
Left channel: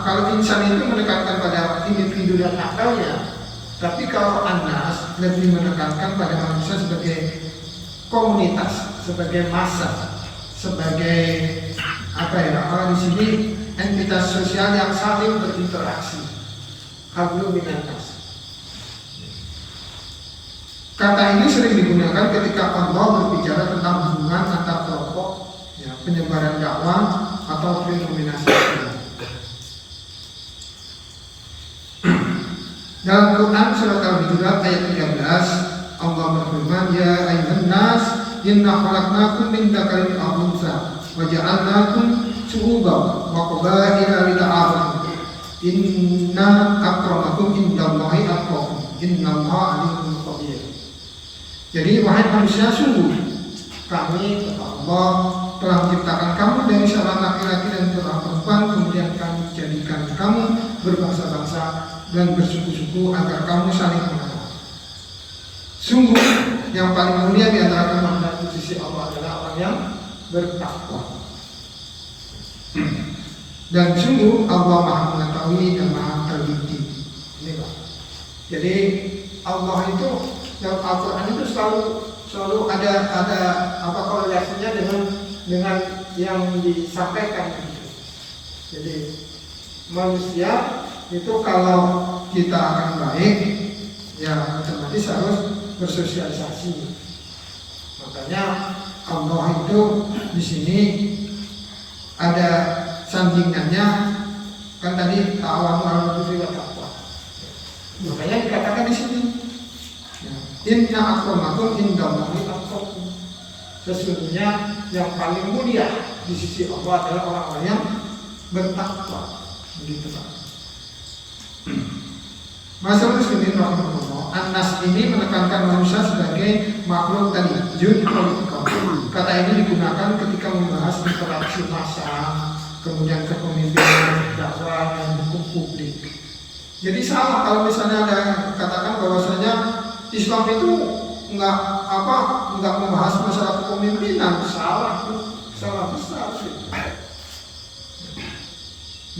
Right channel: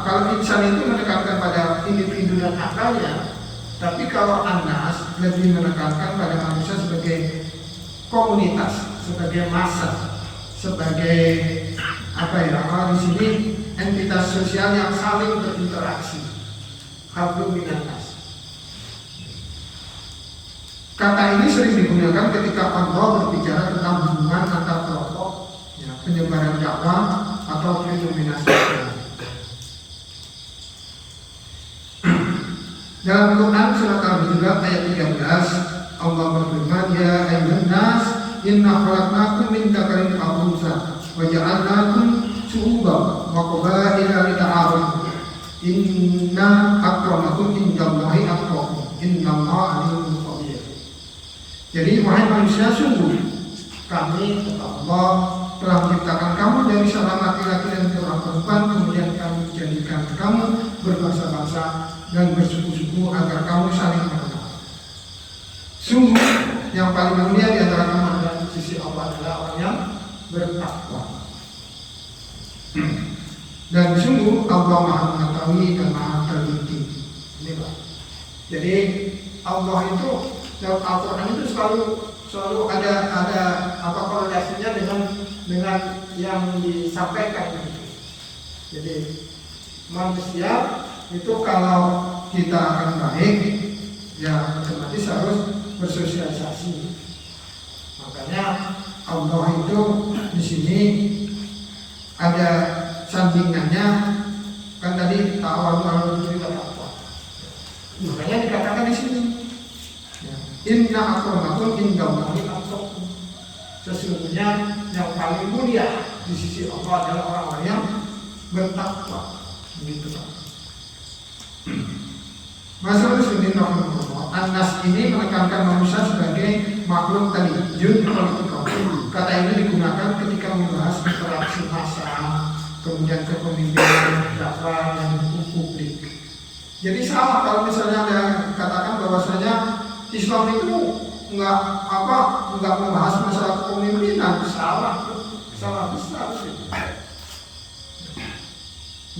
kalau insan itu menekankan pada individu dan akalnya, tapi kalau An-Nas lebih menekankan pada manusia sebagai komunitas, sebagai massa, sebagai apa ya? Kalau di sini entitas sosial yang saling berinteraksi. Hablum minan nas. Kata ini sering digunakan ketika Allah berbicara tentang hubungan antar kelompok, ya, penyebaran dakwah atau fenomena sosial. Dalam Quran surat Al-Hujurat ayat 13, Allah berfirman, "Ya ayyuhan nas, inna khalaqnakum min dzakarin wa untha, wa ja'alnakum syu'uban wa qabaila lita'arafu. Inna akramakum indallahi atqakum. Innallaha alimun khabir." Jadi wahai manusia, sungguh kami kata Allah telah menciptakan kamu dari seorang laki-laki dan seorang perempuan, kemudian kami jadikan kamu berbangsa-bangsa dan bersuku-suku agar kamu saling mengenal. Sungguh yang paling mulia di antara kamu adalah di sisi Allah adalah orang yang bertakwa. Dan sungguh Allah Maha mengetahui dan Maha teliti. Ini Pak. Jadi Allah itu dalam Al-Quran itu selalu ada apa korelasinya dengan yang disampaikan. Jadi manusia itu kalau kita akan baik, ya otomatis harus bersosialisasi. Makanya Allah itu di sini ada sandingannya, kan tadi ta'awanu 'alal birri wat taqwa. Makanya dikatakan di sini, inna akramakum indallahi atqakum. Sesungguhnya yang paling mulia di sisi Allah adalah orang-orang yang bertakwa. Begitu Pak. Masyaallah muslimin rahimahullah. An-Nas ini menekankan manusia sebagai makhluk tadi jun politikal. Kata ini digunakan ketika membahas interaksi massa, kemudian kepemimpinan, dakwah, dan hukum publik. Jadi salah kalau misalnya ada katakan bahwasanya Islam itu nggak membahas masalah kepemimpinan. Salah besar sih.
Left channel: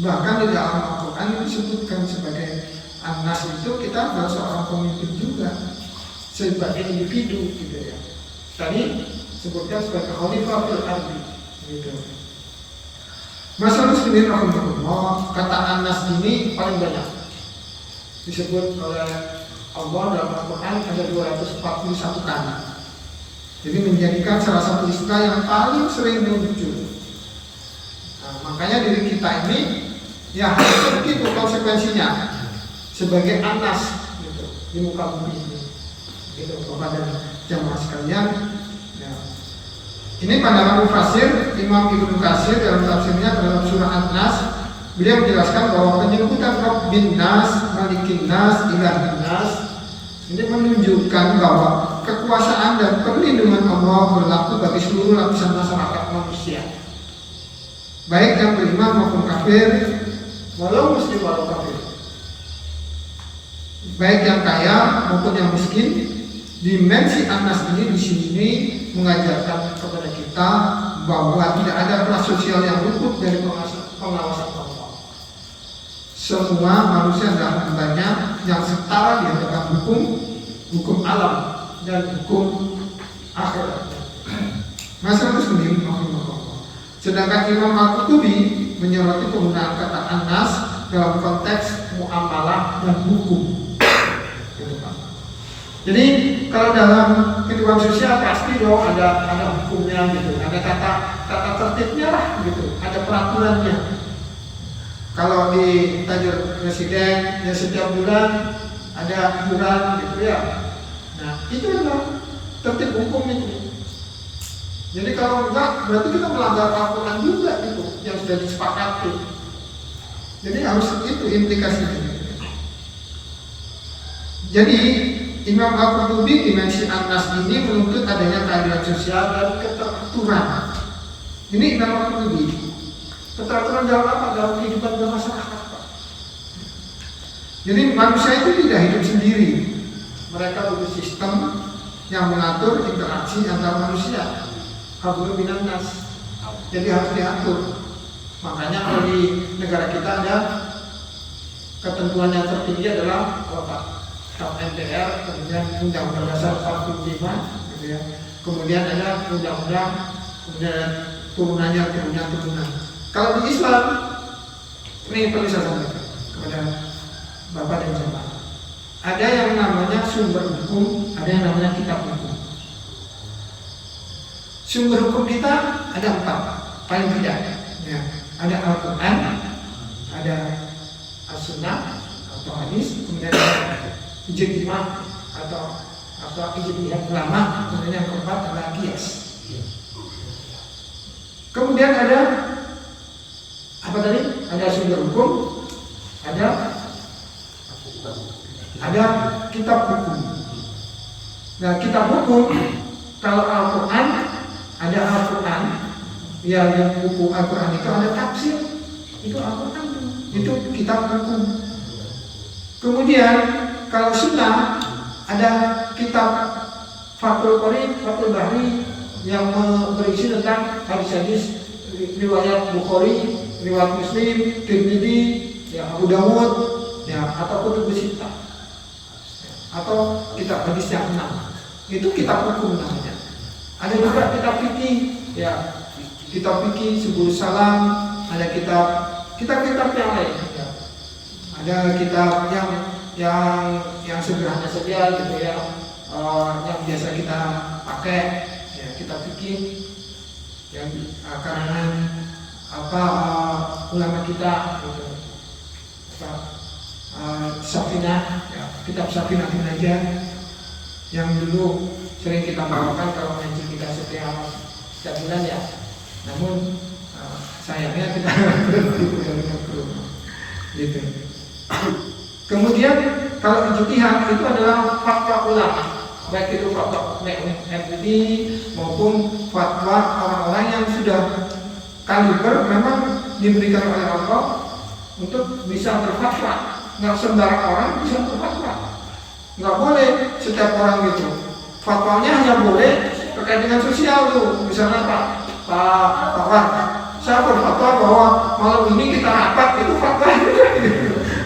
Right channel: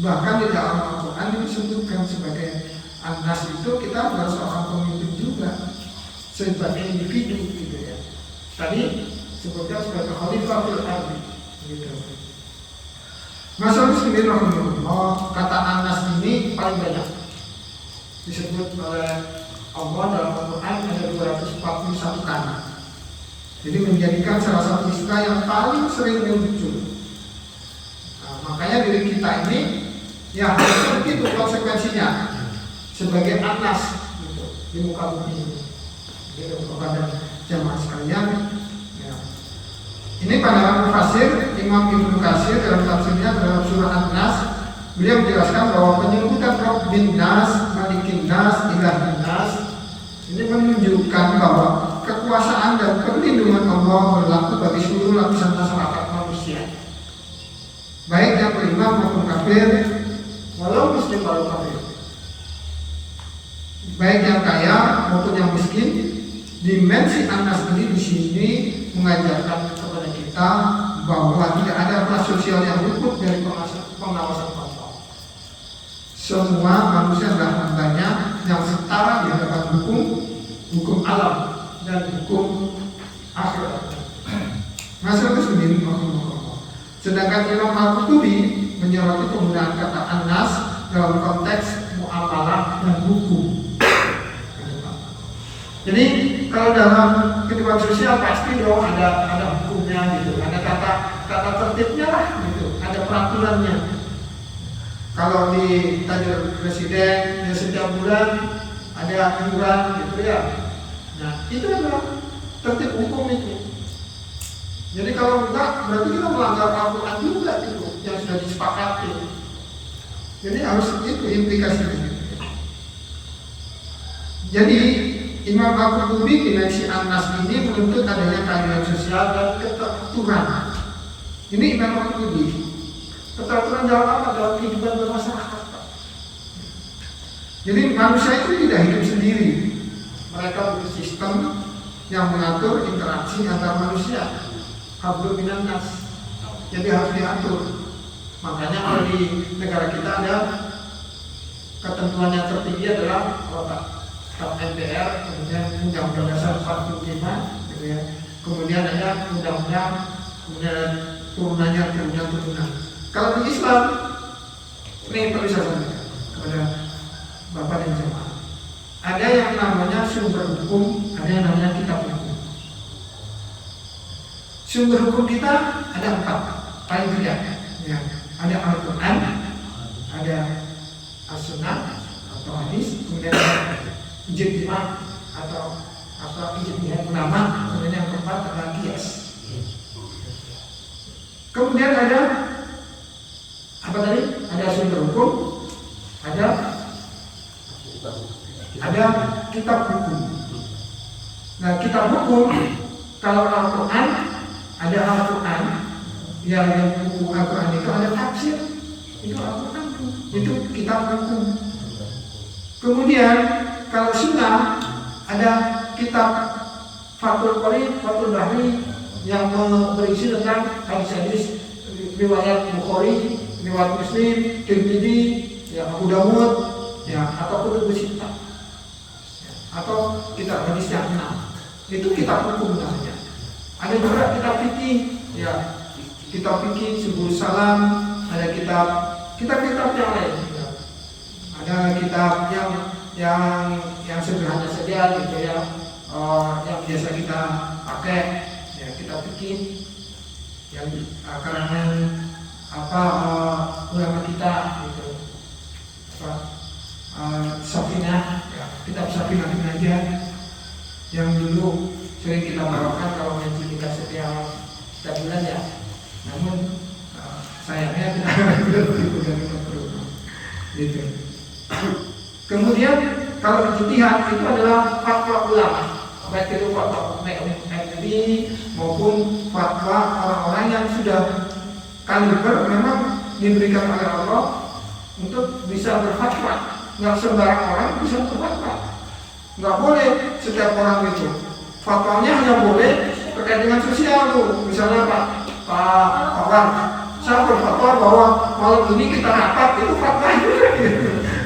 Bahkan di dalam Al-Quran disebutkan sebagai An-Nas itu kita adalah seorang pemimpin juga sebagai individu gitu ya. Tadi sebutkan sebagai khalifah fil ardi gitu. Masalah sendiri rahimahullah, kata An-Nas ini paling banyak disebut oleh Allah dalam Al-Quran ada 241 kali. Jadi menjadikan salah satu istilah yang paling sering muncul. Nah, makanya dari kita ini ya harus begitu konsekuensinya sebagai An-Nas gitu, di muka bumi ini. Gitu kepada jamaah sekalian. Ya. Ini pandangan Mufassir Imam Ibnu Katsir dalam tafsirnya terhadap surah An-Nas. Beliau menjelaskan bahwa penyebutan Rabbin Nas, Malikin Nas, Ilahin Nas ini menunjukkan bahwa kekuasaan dan perlindungan Allah berlaku bagi seluruh lapisan masyarakat manusia, baik yang beriman maupun kafir, walau muslim walau kafir, baik yang kaya maupun yang miskin. Dimensi An-Nas ini di sini mengajarkan kepada kita bahwa tidak ada kelas sosial yang luput dari pengawasan Allah. Semua manusia adalah hambanya yang setara di hadapan hukum alam dan hukum akhirat. Masalah muslim Allah. Sedangkan Imam Al-Qurtubi menyoroti penggunaan kata An-Nas dalam konteks muamalah dan hukum. Jadi kalau dalam kehidupan sosial pasti dong ada hukumnya gitu, ada tata tertibnya lah gitu, ada peraturannya. Kalau di tajur presiden ya setiap bulan ada ada iuran gitu ya. Nah itu adalah tertib hukum itu. Jadi kalau enggak berarti kita melanggar Al-Quran juga gitu yang sudah disepakati. Jadi harus itu implikasinya. Jadi Imam Al-Qurtubi dimensi An-Nas ini menuntut adanya keadilan sosial dan keteraturan. Ini Imam Al-Qurtubi. Keteraturan dalam apa? Dalam kehidupan bermasyarakat. Jadi manusia itu tidak hidup sendiri. Mereka butuh sistem yang mengatur interaksi antar manusia. Hablum minan nas. Jadi harus diatur. Makanya kalau di negara kita ada ketentuan yang tertinggi adalah Staf MPR, kemudian Undang-Undang Dasar 45, gitu ya. Kemudian ada undang-undang, kemudian turunan. Kalau di Islam, ini perlu saya sampaikan kepada Bapak dan Jemaah. Ada yang namanya sumber hukum, ada yang namanya kitab hukum. Sumber hukum kita ada 4, paling tidak. Ya, ada Al-Quran, ada As-Sunnah atau hadis, kemudian ada ijtihad atau ijtihad ulama, kemudian yang keempat adalah qiyas. Kemudian ada apa tadi? Ada sumber hukum, ada kitab hukum. Nah, kitab hukum kalau Al-Quran ada Al-Quran, ya yang buku Al-Quran itu ada tafsir, itu Al-Quran, itu kitab hukum. Kemudian kalau Sunnah ada kitab Fathul Qori, Fathul Bahri yang berisi tentang hadis-hadis riwayat Bukhari, riwayat Muslim, Tirmidzi, ya Abu Dawud, ya atau Kutubus Sittah, atau kitab hadis yang 6. Itu kitab hukum namanya. Ada juga kitab fikih, ya kitab fikih Subul Salam, ada kitab-kitab yang lain. Ya. Ada kitab yang sederhana saja gitu ya, yang biasa kita pakai, ya kitab fikih yang karangan ulama kita gitu, Safinah, ya, kitab Safinah bin Najjar yang dulu sering kita bawakan kalau ngaji kita setiap bulan ya. Namun sayangnya kita begitu dari program gitu. Kemudian kalau ijtihad itu adalah fatwa ulama, baik itu fatwa MUI maupun fatwa orang-orang yang sudah kaliber memang diberikan oleh Allah untuk bisa berfatwa. Nggak sembarang orang bisa berfatwa. Nggak boleh setiap orang itu. Fatwanya hanya boleh terkait dengan sosial tuh. Misalnya Pak Wan, saya berfatwa bahwa malam ini kita rapat, itu fatwa juga.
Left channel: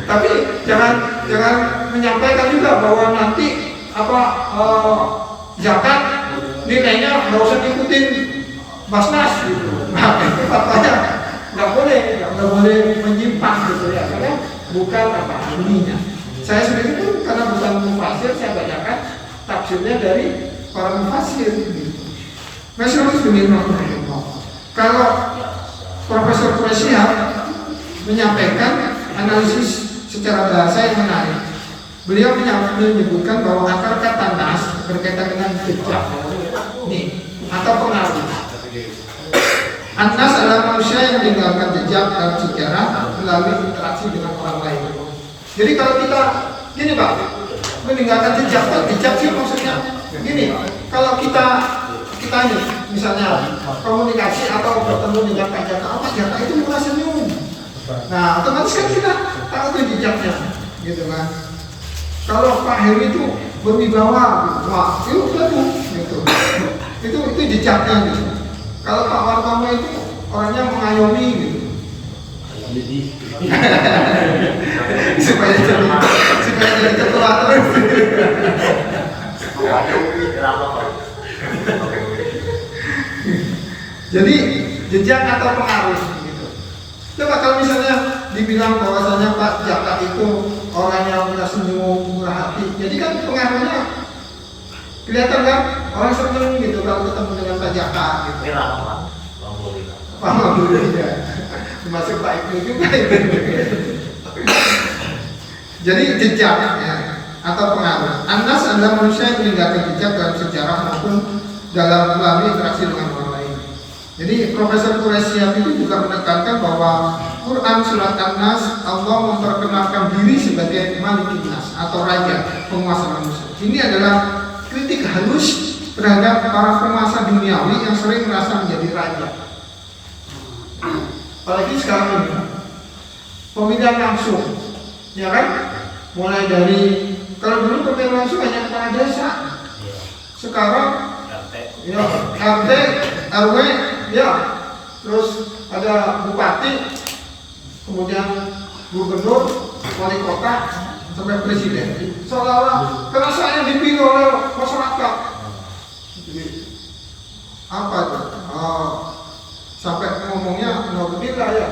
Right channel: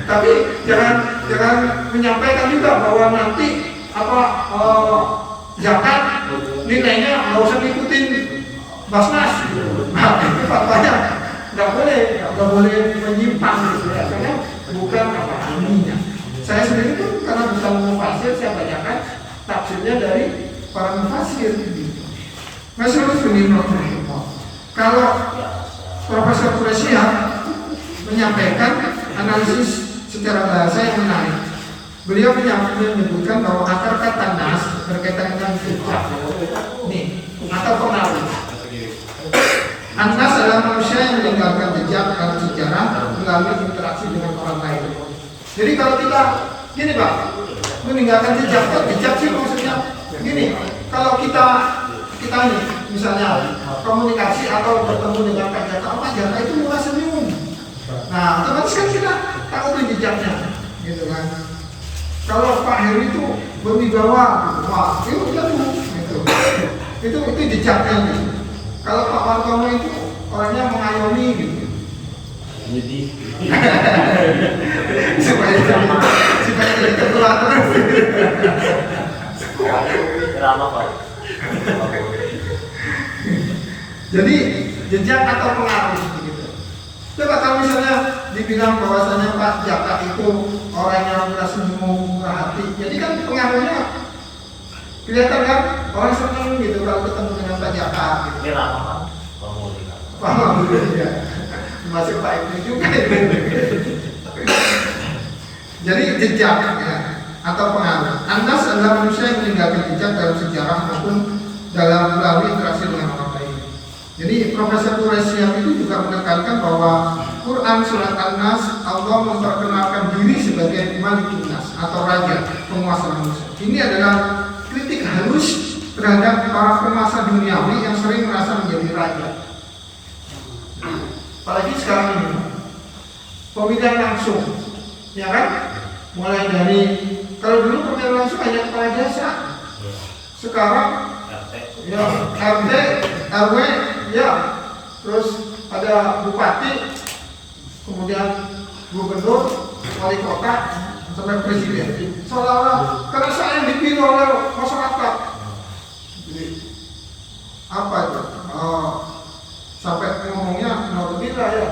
Tapi jangan menyampaikan juga bahwa nanti zakat nilainya nggak usah ikutin Basnas gitu. Nah itu fatwanya nggak boleh menyimpang gitu ya, karena bukan ahlinya. Saya sendiri pun karena bukan mufasir, saya bacakan tafsirnya dari para mufasir gitu. Masyaallah ini kalau Profesor Quraisyah menyampaikan analisis secara bahasa yang menarik. Beliau menyebutkan bahwa akar kata nas berkaitan dengan fitrah nih atau pengaruh. An-nas adalah manusia yang meninggalkan jejak dan sejarah melalui interaksi dengan orang lain. Jadi kalau kita gini Pak, meninggalkan jejak, jejak sih maksudnya gini. Kalau kita ini misalnya komunikasi atau bertemu dengan Pak Jaka itu murah senyum. Nah, otomatis kan kita tahu tuh jejaknya, gitu kan. Kalau Pak Heri itu berwibawa, wah, itu udah tuh, gitu. Itu jejaknya gitu. Kalau Pak Wartomo itu orangnya mengayomi gitu. supaya jadi ketua terus. Jadi jejak atau pengaruh gitu. Coba kalau misalnya dibilang bahwasanya Pak Jaka itu orang yang murah senyum, murah hati, jadi kan pengaruhnya kelihatan kan, orang seneng gitu kalau ketemu dengan Pak Jaka gitu. Ini lama Pak. Pak Mahmudi ya, termasuk Pak Ibnu juga. Jadi jejak ya. atau pengaruh. An-nas adalah manusia yang meninggalkan jejak dalam sejarah maupun dalam melalui interaksi dengan orang lain. Jadi Profesor Quraisyah itu juga menekankan bahwa Quran surat An-Nas Allah memperkenalkan diri sebagai Malikin Nas atau raja penguasa manusia. Ini adalah kritik halus terhadap para penguasa duniawi yang sering merasa menjadi raja. Apalagi sekarang ini pemilihan langsung, ya kan? Mulai dari kalau dulu pemilihan langsung hanya kepala desa, sekarang ya RT, RW, ya, terus ada bupati, kemudian gubernur, wali kota, sampai presiden. Seolah-olah karena saya yang dipilih oleh masyarakat. Jadi, apa itu? Sampai ngomongnya naudzubillah ya.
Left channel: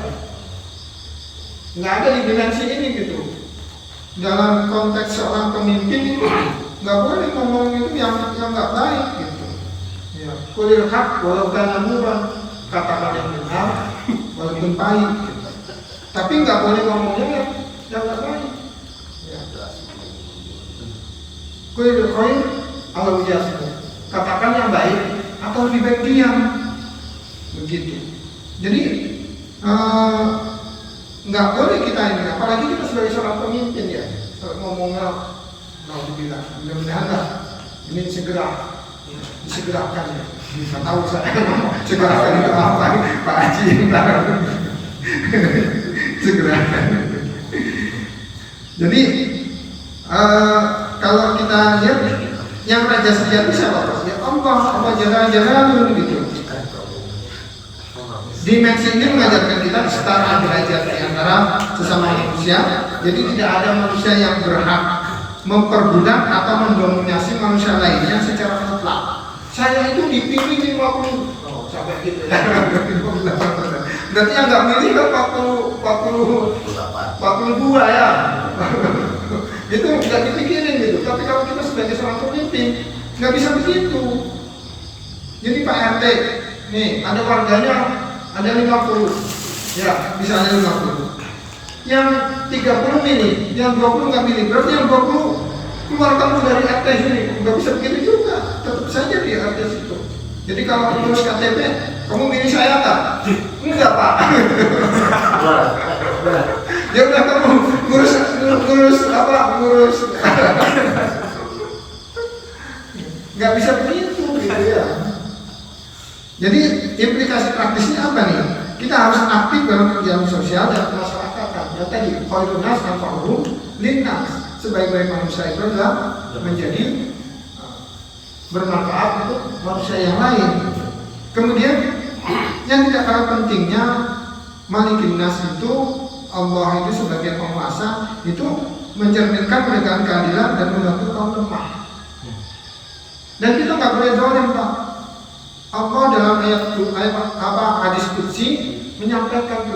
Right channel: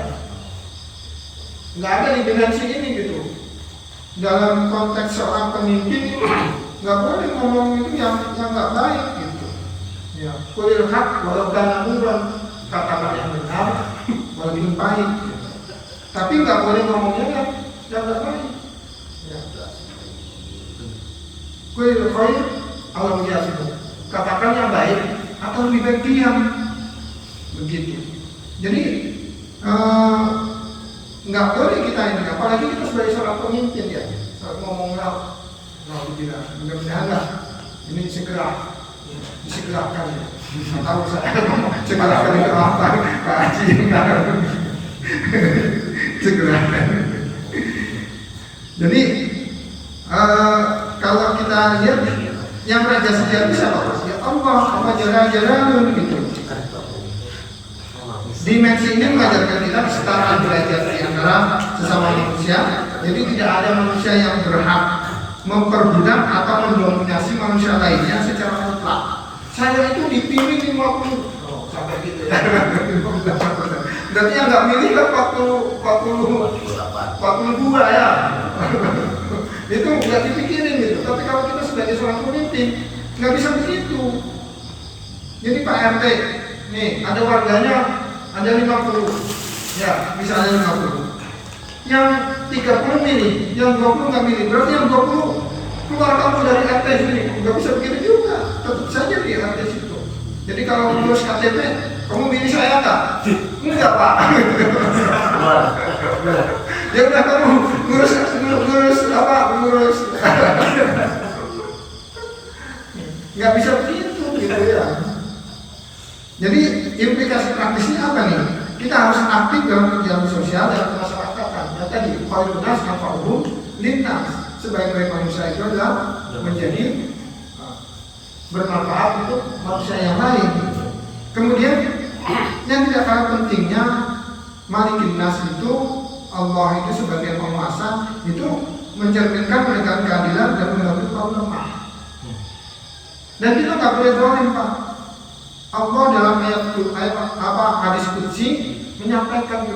Nggak ada di dimensi ini gitu. Dalam konteks seorang pemimpin nggak boleh ngomong itu yang nggak baik gitu. Ya, kulil haq walau kana murran, katakan yang benar walaupun pahit. Gitu. Tapi nggak boleh ngomongnya yang nggak baik. Ya. Kulil khair al yasmut, katakan yang baik atau lebih baik diam. Begitu. Jadi nggak boleh kita ini, apalagi kita sebagai seorang pemimpin ya, ngomongnya naudzubillah, mudah-mudahan lah ini segera disegerakan ya. Nggak tahu saya segerakan itu apa, Pak Haji yang tahu. Segerakan. Jadi kalau kita lihat yang raja sejati siapa? Ya Allah jalla gitu. Dimensi ini mengajarkan kita kesetaraan derajat di antara sesama manusia. Jadi tidak ada manusia yang berhak memperbudak atau mendominasi manusia lainnya secara mutlak. Saya itu dipilih 50, sampai gitu ya. Berarti yang nggak milih kan 42 ya. Itu nggak dipikirin gitu. Tapi kalau kita sebagai seorang pemimpin nggak bisa begitu. Jadi Pak RT, nih ada warganya ada 50, ya bisa ada 50. Yang 30 milih, yang 20 nggak milih. Berarti yang 20 keluar kamu dari RT sini, nggak bisa begitu juga. Tetap saja di RT situ. Jadi kalau ngurus KTP, kamu milih saya nggak? Enggak Pak. Ya udah kamu ngurus apa? Ngurus. Nggak bisa begitu gitu ya. Jadi implikasi praktisnya apa nih? Kita harus aktif dalam kegiatan sosial dan kemasyarakatan. Yang tadi khairun nas manfa'uhum linnas. Sebaik-baik manusia itu adalah menjadi bermanfaat untuk manusia yang lain. Kemudian yang tidak kalah pentingnya Malikin Nas itu, Allah itu sebagai penguasa itu mencerminkan menegakkan keadilan dan membantu kaum lemah. Dan kita nggak boleh zalim Pak. Allah dalam hadis qudsi menyampaikan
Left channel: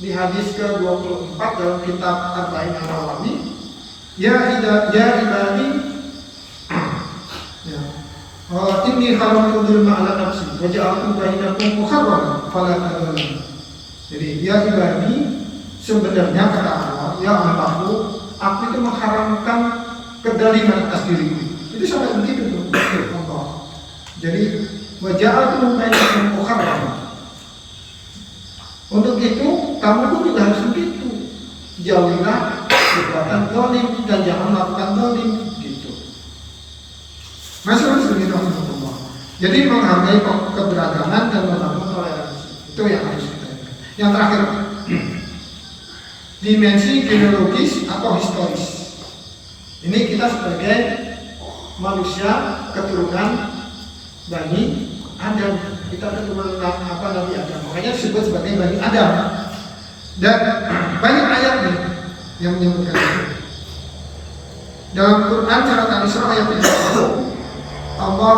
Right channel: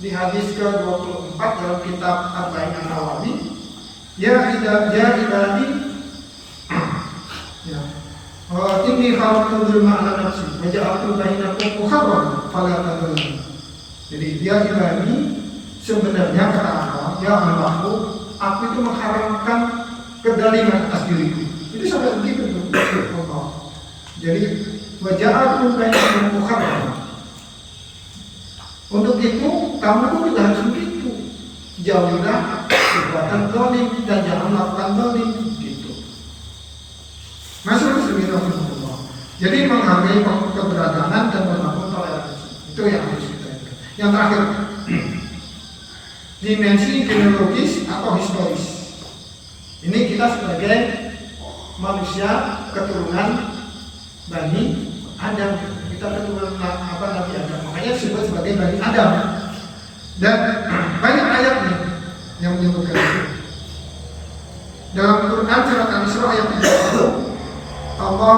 di hadis ke-24 dalam kitab Arba'in An-Nawawi, ya ibadi inni khalaqtu dzulma 'ala nafsi wa ja'altu bainakum muharraman fala tadzalimu. Jadi ya ibadi, sebenarnya kata Allah, ya Allahku, aku itu mengharamkan kedaliman atas diriku. Itu sampai begitu Allah. Jadi waja'altu bainakum muharraman. Untuk itu kamu pun juga harus begitu. Jauhilah perbuatan zalim dan jangan melakukan zalim gitu. Masuk bismillahirrahmanirrahim. Jadi menghargai keberagaman dan membangun toleransi. Itu yang harus kita ingat. Yang terakhir, dimensi genealogis atau historis. Ini kita sebagai manusia keturunan Bani Adam, kita keturunan Nabi Adam, makanya disebut sebagai Bani Adam. Dan banyak ayat nih yang menyebutkan itu. Dalam Quran surat Al-Isra ayat 70, Allah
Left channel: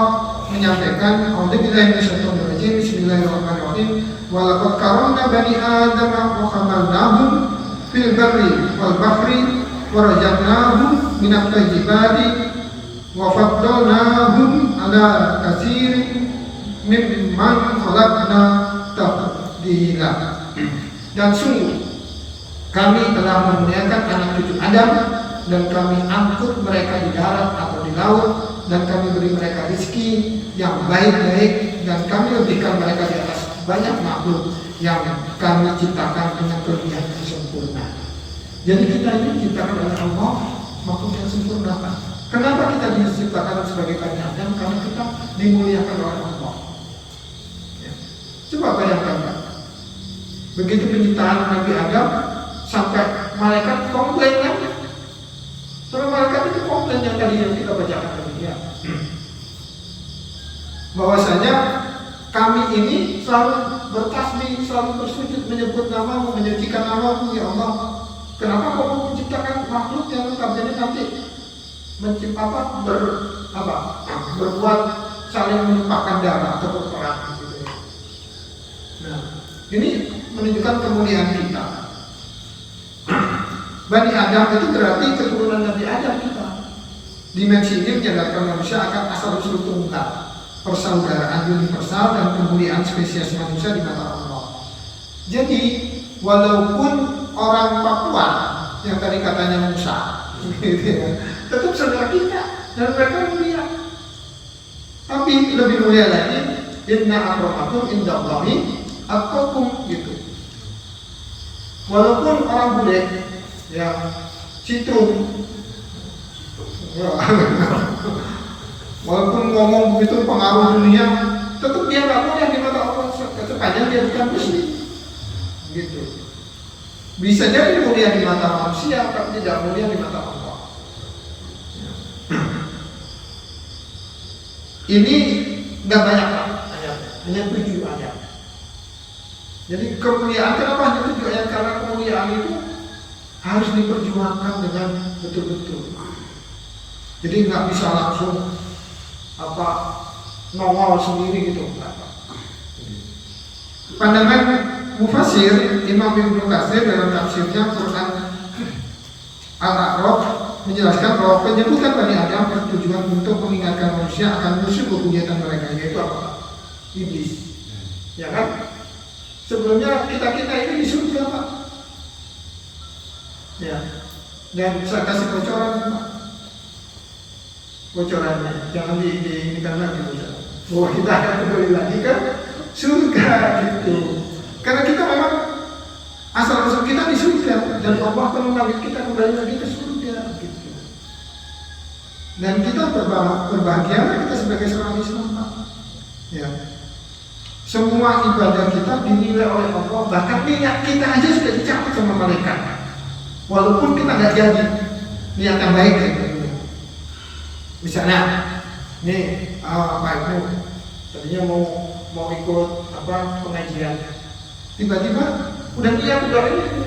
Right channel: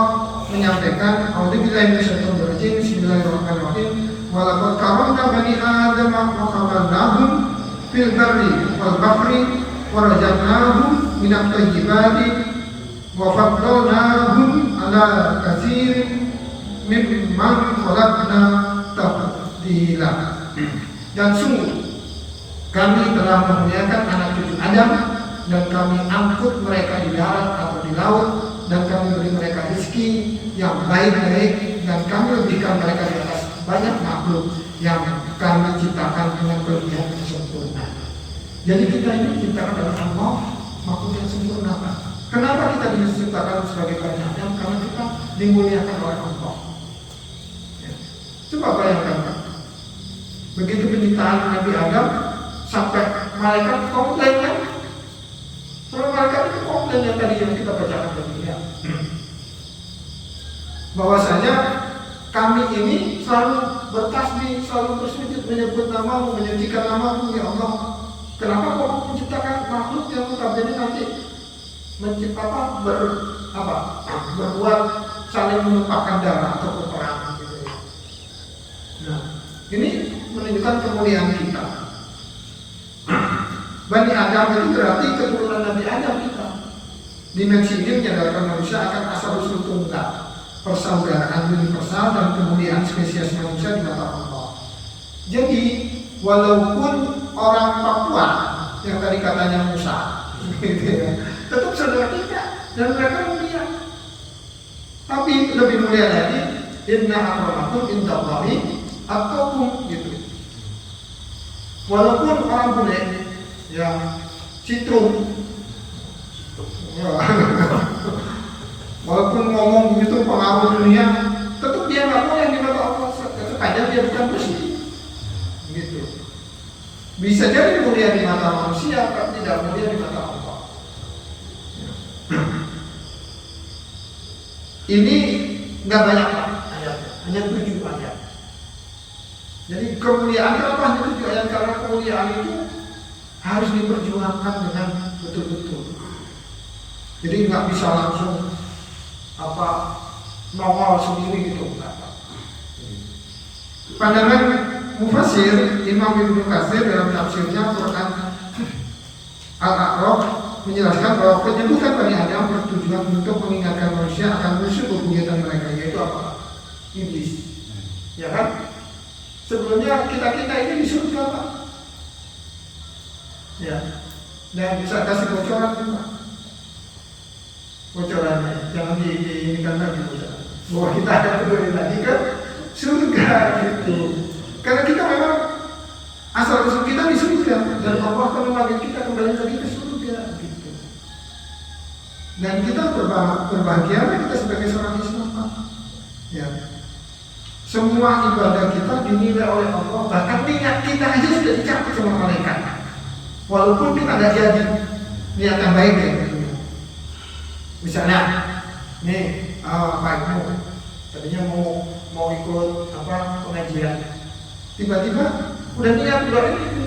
menyampaikan, A'udzubillahi minasyaitonir rajim, bismillahirrahmanirrahim, wa laqad karamna bani Adam wa hamalnahum fil barri wal bahri wa razaqnahum minat thayyibati wa faddalnahum ala katsirin mimman khalaqna tafdila. Dan sungguh kami telah memuliakan anak cucu Adam dan kami angkut mereka di darat atau di laut, dan kami beri mereka rezeki yang baik-baik, dan kami lebihkan mereka di atas banyak makhluk yang kami ciptakan dengan kelebihan yang sempurna. Jadi kita ini diciptakan oleh Allah makhluk yang sempurna. Kenapa kita diciptakan sebagai Bani Adam? Karena kita dimuliakan oleh Allah. Coba bayangkan, Pak. Begitu penciptaan Nabi Adam, sampai malaikat komplain kan? Sampai malaikat itu komplain yang tadi yang kita bacakan tadi ya. Bahwasanya kami ini selalu bertasbih, selalu bersujud menyebut namamu, menyucikan namamu ya Allah. Kenapa kau menciptakan makhluk yang notabene nanti berbuat saling menumpahkan darah atau berperang gitu. Nah, ini menunjukkan kemuliaan kita. Bani Adam itu berarti keturunan Nabi Adam kita. Dimensi ini menyadarkan manusia akan asal-usul tunggal, persaudaraan universal dan kemuliaan spesies manusia di mata Allah. Jadi, walaupun orang Papua yang tadi katanya Musa, gitu ya, tetap saudara kita dan mereka mulia. Tapi lebih mulia lagi, inna akramakum indallahi atqakum gitu. Walaupun orang bule ya citrum, walaupun ngomong begitu pengaruh dunia, tetap dia nggak mulia di mata Allah sepanjang dia bukan muslim. Gitu. Bisa jadi mulia di mata manusia, tapi tidak mulia di mata Allah. Ini nggak banyak Pak ayatnya, hanya 7 ayat. Jadi kemuliaan kenapa hanya 7 ayat? Karena kemuliaan itu harus diperjuangkan dengan betul-betul. Jadi nggak bisa langsung nongol sendiri gitu. Pandangan Mufassir Imam Ibnu Katsir dalam tafsirnya Quran Al-A'raf menjelaskan bahwa penyebutan Bani Adam bertujuan untuk mengingatkan manusia akan musuh bebuyutan mereka, yaitu apa? Iblis. Ya kan? Sebelumnya kita ini disuruh Pak. Ya. Dan saya kasih bocoran Pak. Bocorannya jangan diinginkan lagi bocoran. Bahwa kita akan kembali lagi ke surga gitu. Karena kita memang asal-usul kita di surga, dan Allah akan memanggil kita kembali lagi ke surga gitu. Dan kita berbahagia kita sebagai seorang Islam Pak. Ya. Semua ibadah kita dinilai oleh Allah, bahkan niat kita aja sudah dicatat sama malaikat. Walaupun kita nggak jadi niatan baik gitu. Misalnya, nih Pak Ibnu tadinya mau ikut pengajian, tiba-tiba udah niat udah ini,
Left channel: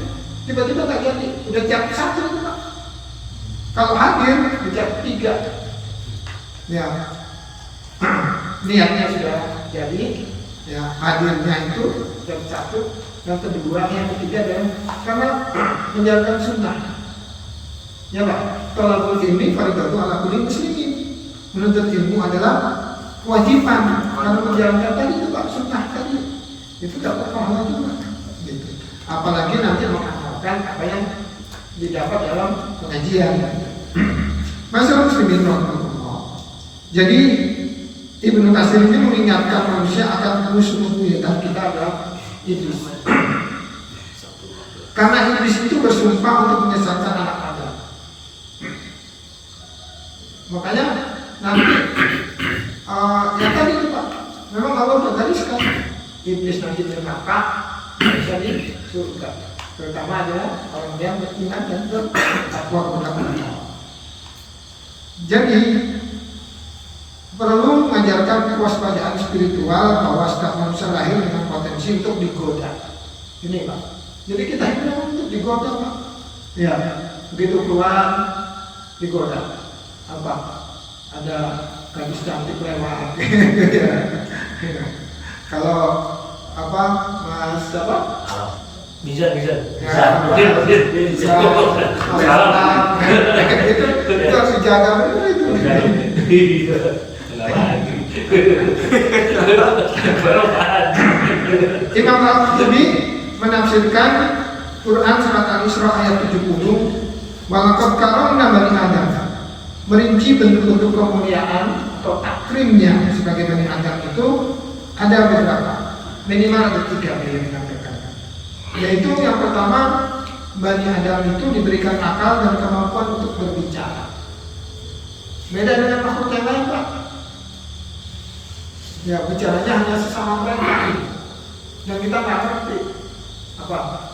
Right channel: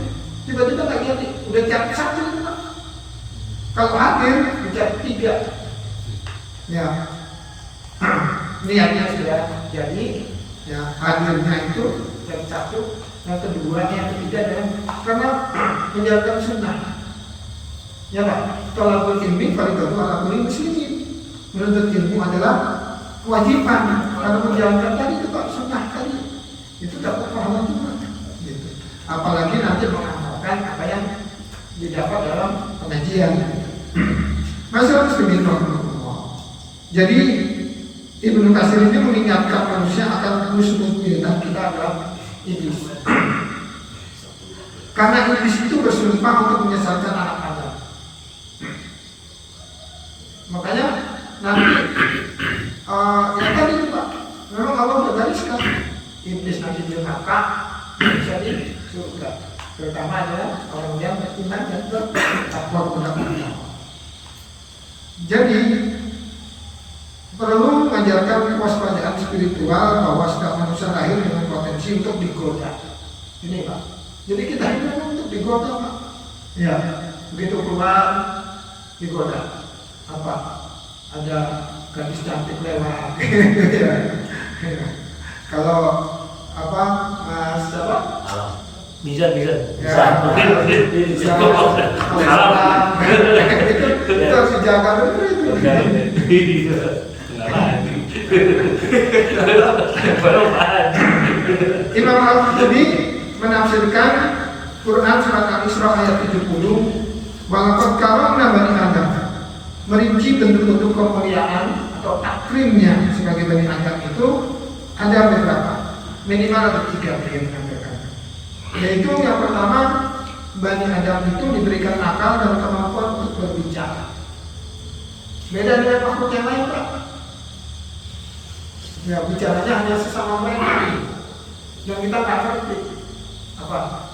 tiba-tiba nggak jadi, udah catat 1 itu Pak. Kalau hadir dicatat 3, ya niatnya sudah jadi, ya hadirnya itu catat 1, yang kedua, yang ketiga adalah karena menjalankan sunnah. Ya Pak, thalabul ilmi fardhu ala kulli muslimin. Menuntut ilmu adalah kewajiban. Kalau menjalankan tadi itu Pak sunnah tadi, itu dapat pahala juga. Gitu. Apalagi nanti mengamalkan apa yang didapat dalam pengajian. Masyaallah muslimin rahimahullah. Jadi Ibnu Katsir ini mengingatkan manusia akan musuh-musuh kita adalah iblis. Karena iblis itu bersumpah untuk menyesatkan anak Adam. Makanya nanti yang tadi itu Pak, memang Allah sudah gariskan iblis nanti di neraka, bisa di surga. Terutama adalah orang yang beriman dan bertakwa kepada Allah. Jadi perlu mengajarkan kewaspadaan spiritual bahwa setiap manusia lahir dengan potensi untuk digoda. Ini Pak. Jadi kita ini untuk digoda Pak. Ya, begitu keluar digoda. Apa? Ada gadis cantik lewat. Kalau Mas Bisa. Bisa. Salam. Itu harus dijaga benar itu. Imam Al-Qurtubi menafsirkan Quran surat Al-Isra ayat 70 Walaqad karramna bani Adam. Merinci bentuk-bentuk kemuliaan atau takrimnya sebagai Bani Adam itu ada beberapa, minimal ada 3 yang dikatakan. Yaitu yang pertama, Bani Adam itu diberikan akal dan kemampuan untuk berbicara. Beda dengan makhluk yang lain, Pak. Ya, bicaranya hanya sesama mereka yang kita nggak ngerti. Apa?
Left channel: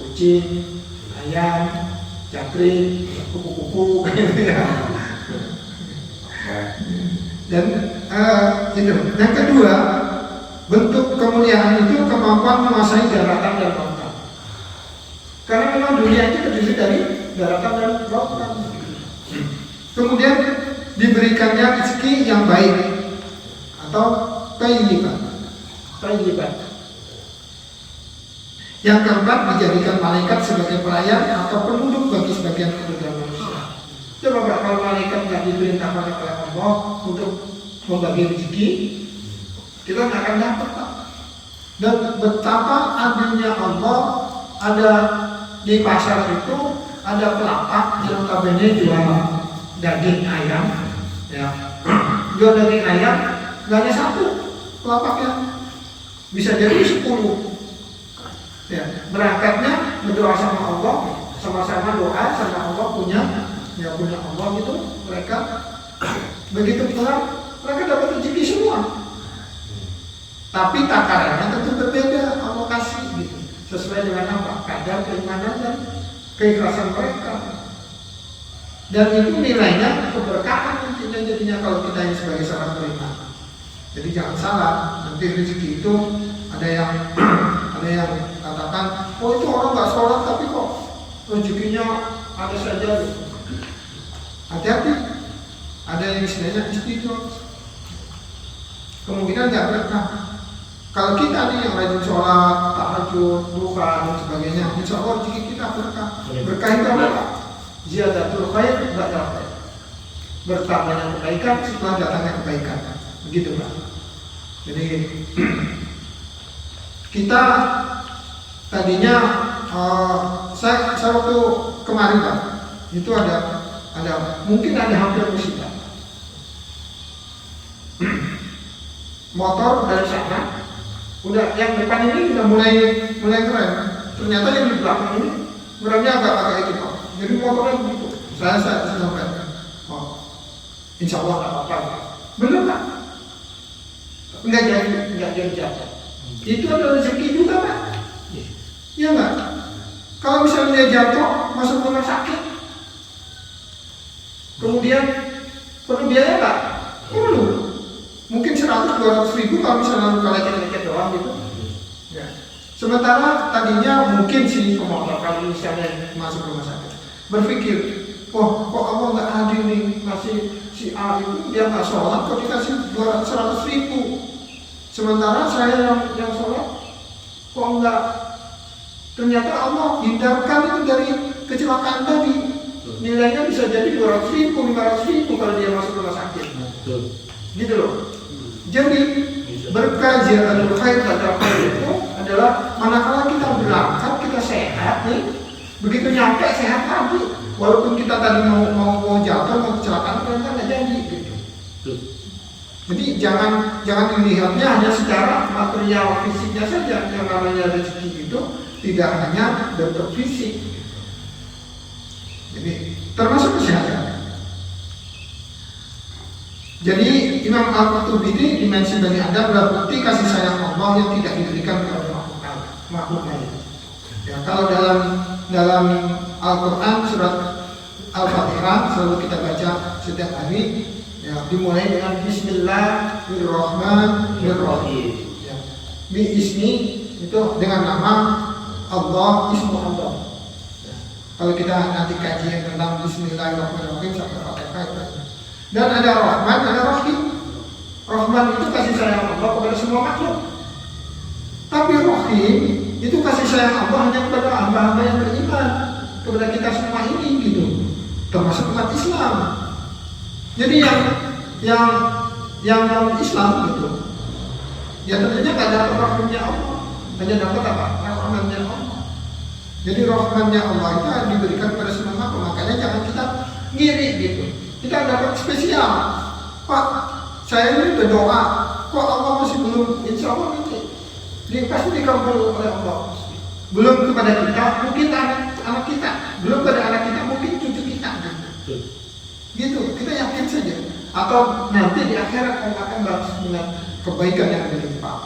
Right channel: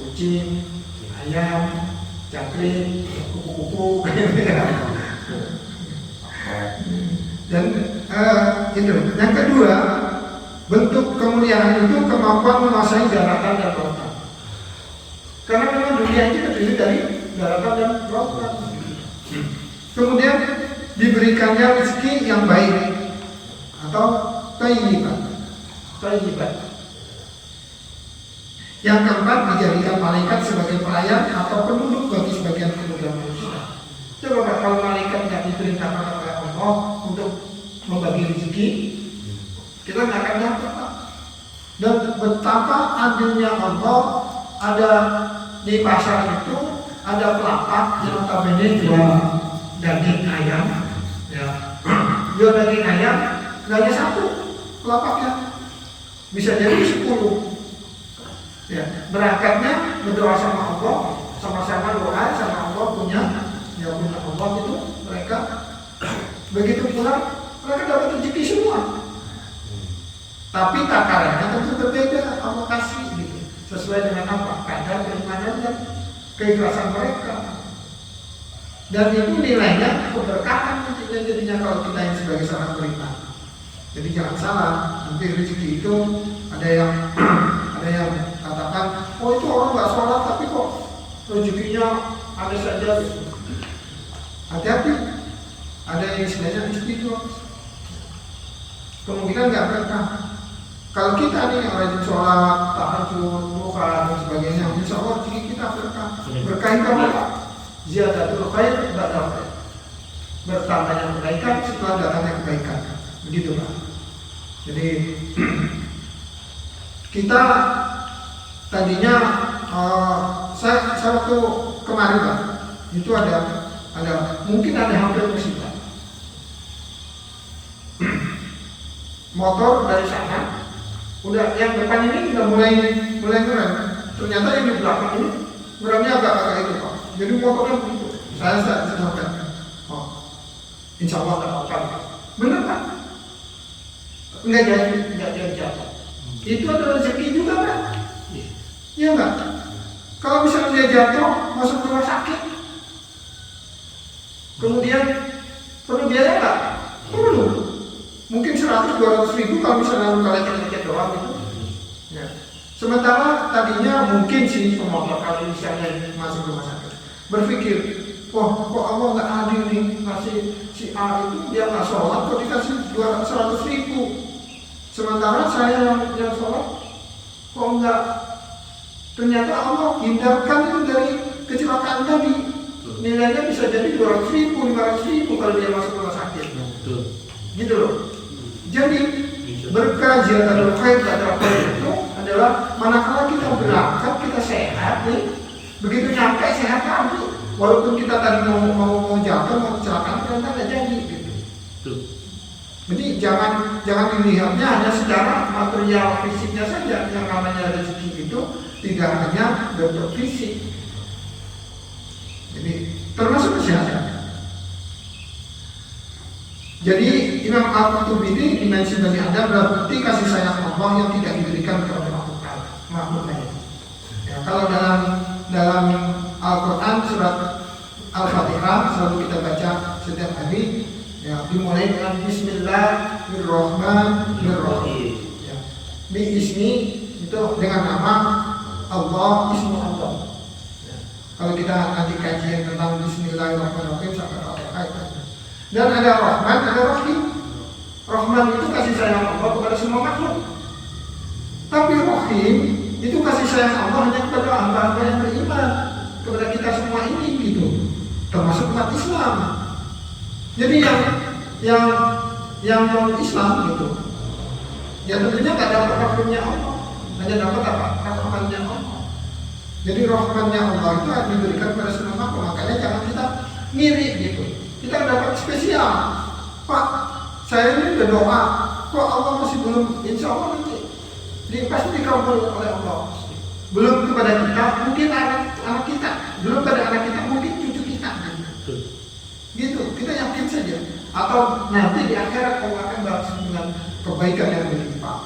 Kucing, ayam, cacing, kupu-kupu, ya. Dan itu. Yang kedua, bentuk kemuliaan itu kemampuan menguasai daratan dan lautan. Karena memang dunia itu terdiri dari daratan dan lautan. Kemudian diberikannya rezeki yang baik atau thayyiban. Yang keempat, dijadikan malaikat sebagai pelayan atau penduduk bagi sebagian kemudian manusia. Coba Pak, kalau malaikat nggak diperintahkan oleh Allah untuk membagi rezeki, kita nggak akan dapat, Pak. Dan betapa adilnya Allah, ada di pasar itu ada pelapak yang notabene jual daging ayam, ya, jual daging ayam, nggak hanya 1 pelapaknya, bisa jadi 10. Ya, berangkatnya berdoa sama Allah, sama-sama doa sama Allah punya Allah itu mereka begitu pulang mereka dapat rezeki semua. Tapi takarannya tentu berbeda, Allah kasih gitu sesuai dengan apa? Kadar keimanan dan keikhlasan mereka. Dan itu nilainya keberkahan nantinya jadinya kalau kita yang sebagai seorang beriman. Jadi jangan salah, nanti rezeki itu ada yang katakan, oh itu orang nggak sholat tapi kok rezekinya ada saja gitu. Hati-hati, ada yang istilahnya istiqomah. Kemungkinan nggak berkah. Kalau kita nih yang rajin sholat, tahajud, duha dan sebagainya, insya Allah rezeki kita berkah. Berkah yang kedua, ziyadatul khair ba'dal khair. Bertambahnya kebaikan setelah datangnya kebaikan. Begitu Pak. Jadi kita tadinya saya waktu kemarin Pak, itu ada mungkin ada hampir musibah. Motor dari sana, udah yang depan ini udah mulai keren. Ternyata yang di belakang ini ngeremnya agak itu Pak. Jadi motornya begitu. Saya sampai, oh, insya Allah nggak apa-apa. Bener Pak? Nggak jadi jatuh. Itu adalah rezeki juga Pak. Iya nggak? Kalau misalnya dia jatuh masuk rumah sakit, kemudian perlu biaya nggak? Perlu. Mungkin 100-200 ribu kalau misalnya lalu kalian lecet doang gitu. Ya. Sementara tadinya mungkin si pemotor kalau misalnya masuk rumah sakit berpikir, oh kok Allah nggak adil nih, masih si A itu dia nggak sholat kok dikasih 200-100 ribu. Sementara saya yang sholat kok enggak. Ternyata Allah hindarkan itu dari kecelakaan tadi. Nilainya bisa jadi 200 ribu, 500 ribu kalau dia masuk rumah sakit. Gitu loh. Jadi berkah ziyadatul khair ba'dal khair itu adalah manakala kita berangkat, kita sehat nih, begitu nyampe sehat lagi. Walaupun kita tadi mau jatuh, mau kecelakaan, ternyata nggak jadi gitu. Jadi jangan dilihatnya hanya secara material fisiknya saja. Yang namanya rezeki itu tidak hanya bentuk fisik. Jadi termasuk kesehatan. Jadi Imam Al-Qurtubi ini dimensi Bani Adam adalah bukti kasih sayang Allah yang tidak diberikan kepada makhluk lain. Ya, kalau dalam Al-Quran surat Al-Fatihah selalu kita baca setiap hari, ya, dimulai dengan Bismillahirrahmanirrahim. Ya. Ismi itu dengan nama Allah, ismu Allah. Ya. Kalau kita nanti kajian tentang Bismillahirrahmanirrahim sampai Fatihah itu. Dan ada Rahman, ada Rahim. Rahman itu kasih sayang Allah kepada semua makhluk. Tapi Rahim itu kasih sayang Allah hanya kepada hamba-hamba yang beriman, kepada kita semua ini gitu. Termasuk umat Islam. Jadi yang non Islam gitu, ya tentunya nggak dapat rahmatnya Allah, hanya dapat apa? Rahmatnya Allah. Jadi rahmatnya Allah itu yang diberikan pada semua makhluk. Makanya jangan kita ngiri gitu. Kita dapat spesial. Pak, saya ini berdoa, kok Allah masih belum, insya Allah nanti pasti dikabul oleh Allah. Belum kepada kita, mungkin anak kita, belum pada anak kita, mungkin cucu kita. Gitu, kita yakin saja. Atau nanti di akhirat Allah akan balas dengan kebaikan yang berlimpah.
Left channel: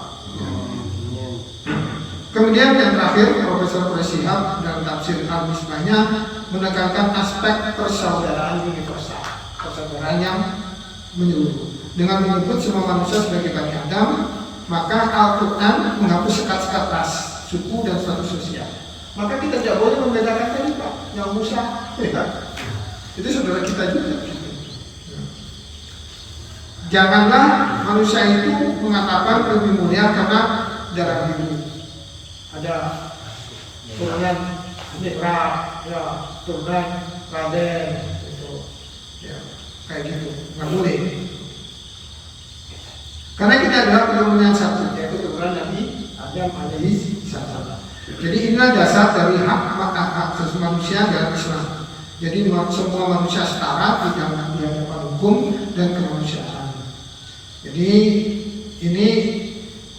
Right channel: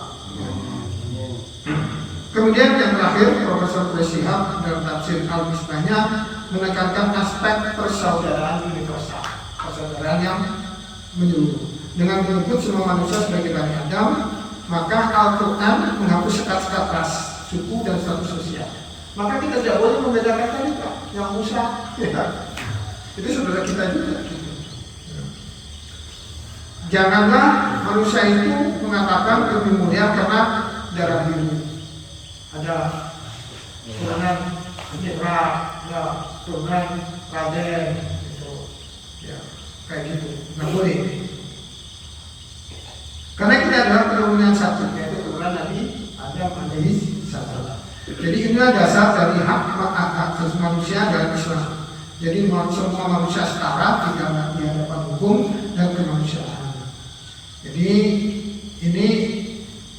Kemudian yang terakhir, Profesor Shihab dalam tafsir Al-Misbahnya menekankan aspek persaudaraan universal, persaudaraan yang menyeluruh. Dengan menyebut semua manusia sebagai Bani Adam, maka Al-Quran menghapus sekat-sekat ras, suku dan status sosial. Maka kita tidak boleh membedakan tadi Pak, yang Musa, itu saudara kita juga. Janganlah manusia itu mengatakan lebih mulia karena darah biru. Ada turunan Nira, ya turunan Raden, gitu. Ya kayak gitu, nggak boleh. Karena kita adalah keturunan satu, yaitu keturunan Nabi Adam alaihi salam. Jadi inilah dasar dari hak asasi manusia dalam Islam. Jadi semua manusia setara di hadapan hukum dan kemanusiaan. Jadi ini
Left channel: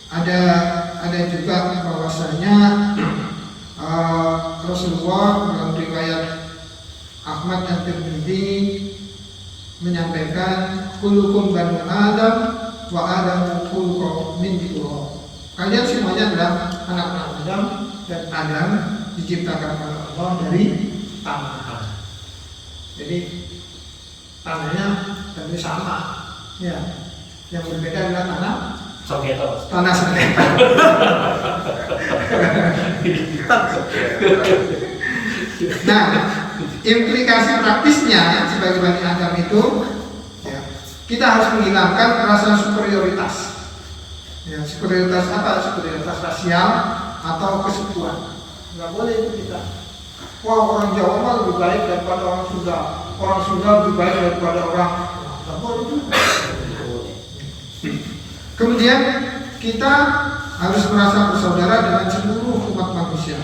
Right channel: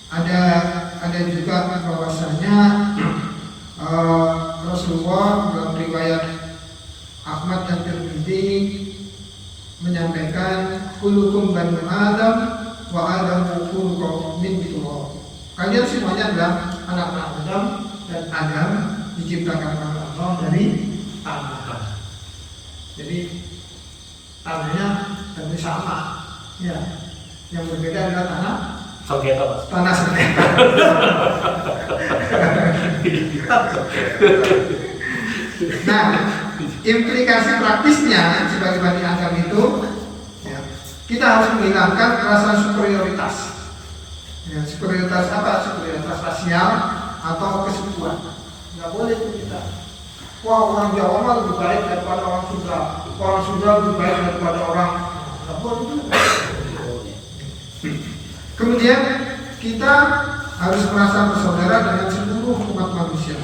ada juga bahwasanya Rasulullah dalam riwayat Ahmad dan Tirmidzi menyampaikan kullukum banu Adam wa Adam kullukum min turab. Kalian semuanya adalah anak-anak Adam dan Adam diciptakan oleh Allah dari tanah. Jadi tanahnya tentu sama, ya. Yang berbeda adalah tanah sengketa. Nah, implikasi praktisnya sebagai Bani Adam itu, ya, kita harus menghilangkan rasa superioritas. Ya, superioritas apa? Superioritas rasial atau kesukuan. Nggak boleh itu kita. Wah, orang Jawa mah lebih baik daripada orang Sunda. Orang Sunda lebih baik daripada orang. Nggak boleh juga. Kemudian kita harus merasa bersaudara dengan seluruh umat manusia.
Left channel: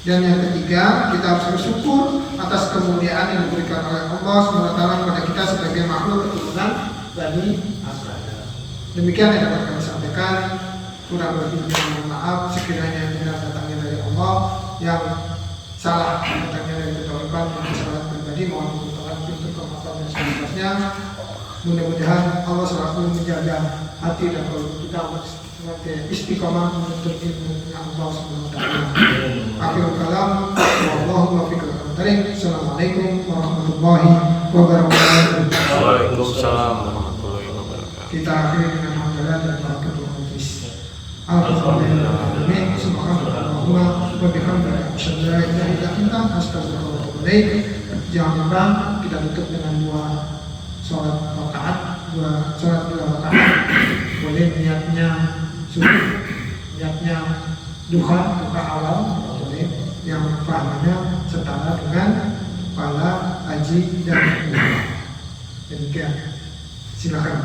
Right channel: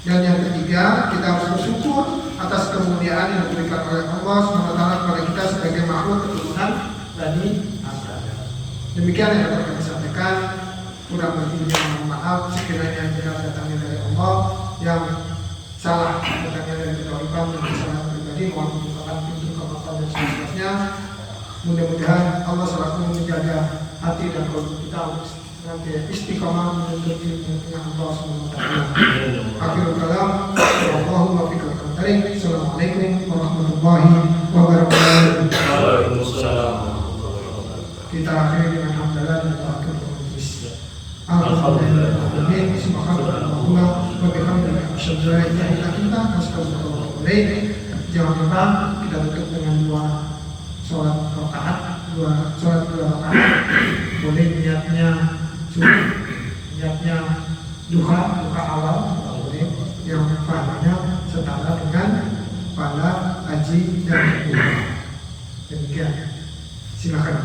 Dan yang ketiga, kita harus bersyukur atas kemuliaan yang diberikan oleh Allah SWT kepada kita sebagai makhluk keturunan Bani Adam. Demikian yang dapat kami sampaikan. Kurang lebihnya mohon maaf sekiranya benar datangnya dari Allah, yang salah datangnya dari keturunan yang salah pribadi, mohon dimaafkan untuk kemaafan dan seterusnya. Mudah-mudahan Allah selalu menjaga hati dan kolom kita untuk istiqomah menuntut ilmu Allah SWT. Akhirul kalam, wallahu muwaffiq. Assalamualaikum warahmatullahi wabarakatuh. Waalaikumsalam warahmatullahi wabarakatuh. Kita akhiri dengan hamdalah dan barakat al-Qudus. Alhamdulillah. Subhanallahumma wa bihamdika asyhadu an la ilaha illa anta astaghfiruka wa atubu ilaik. Jangan lupa kita tutup dengan dua sholat rakaat. Boleh niatnya subuh, niatnya duha awal, boleh yang pahalanya setara dengan pahala haji dan umrah. Demikian, silakan.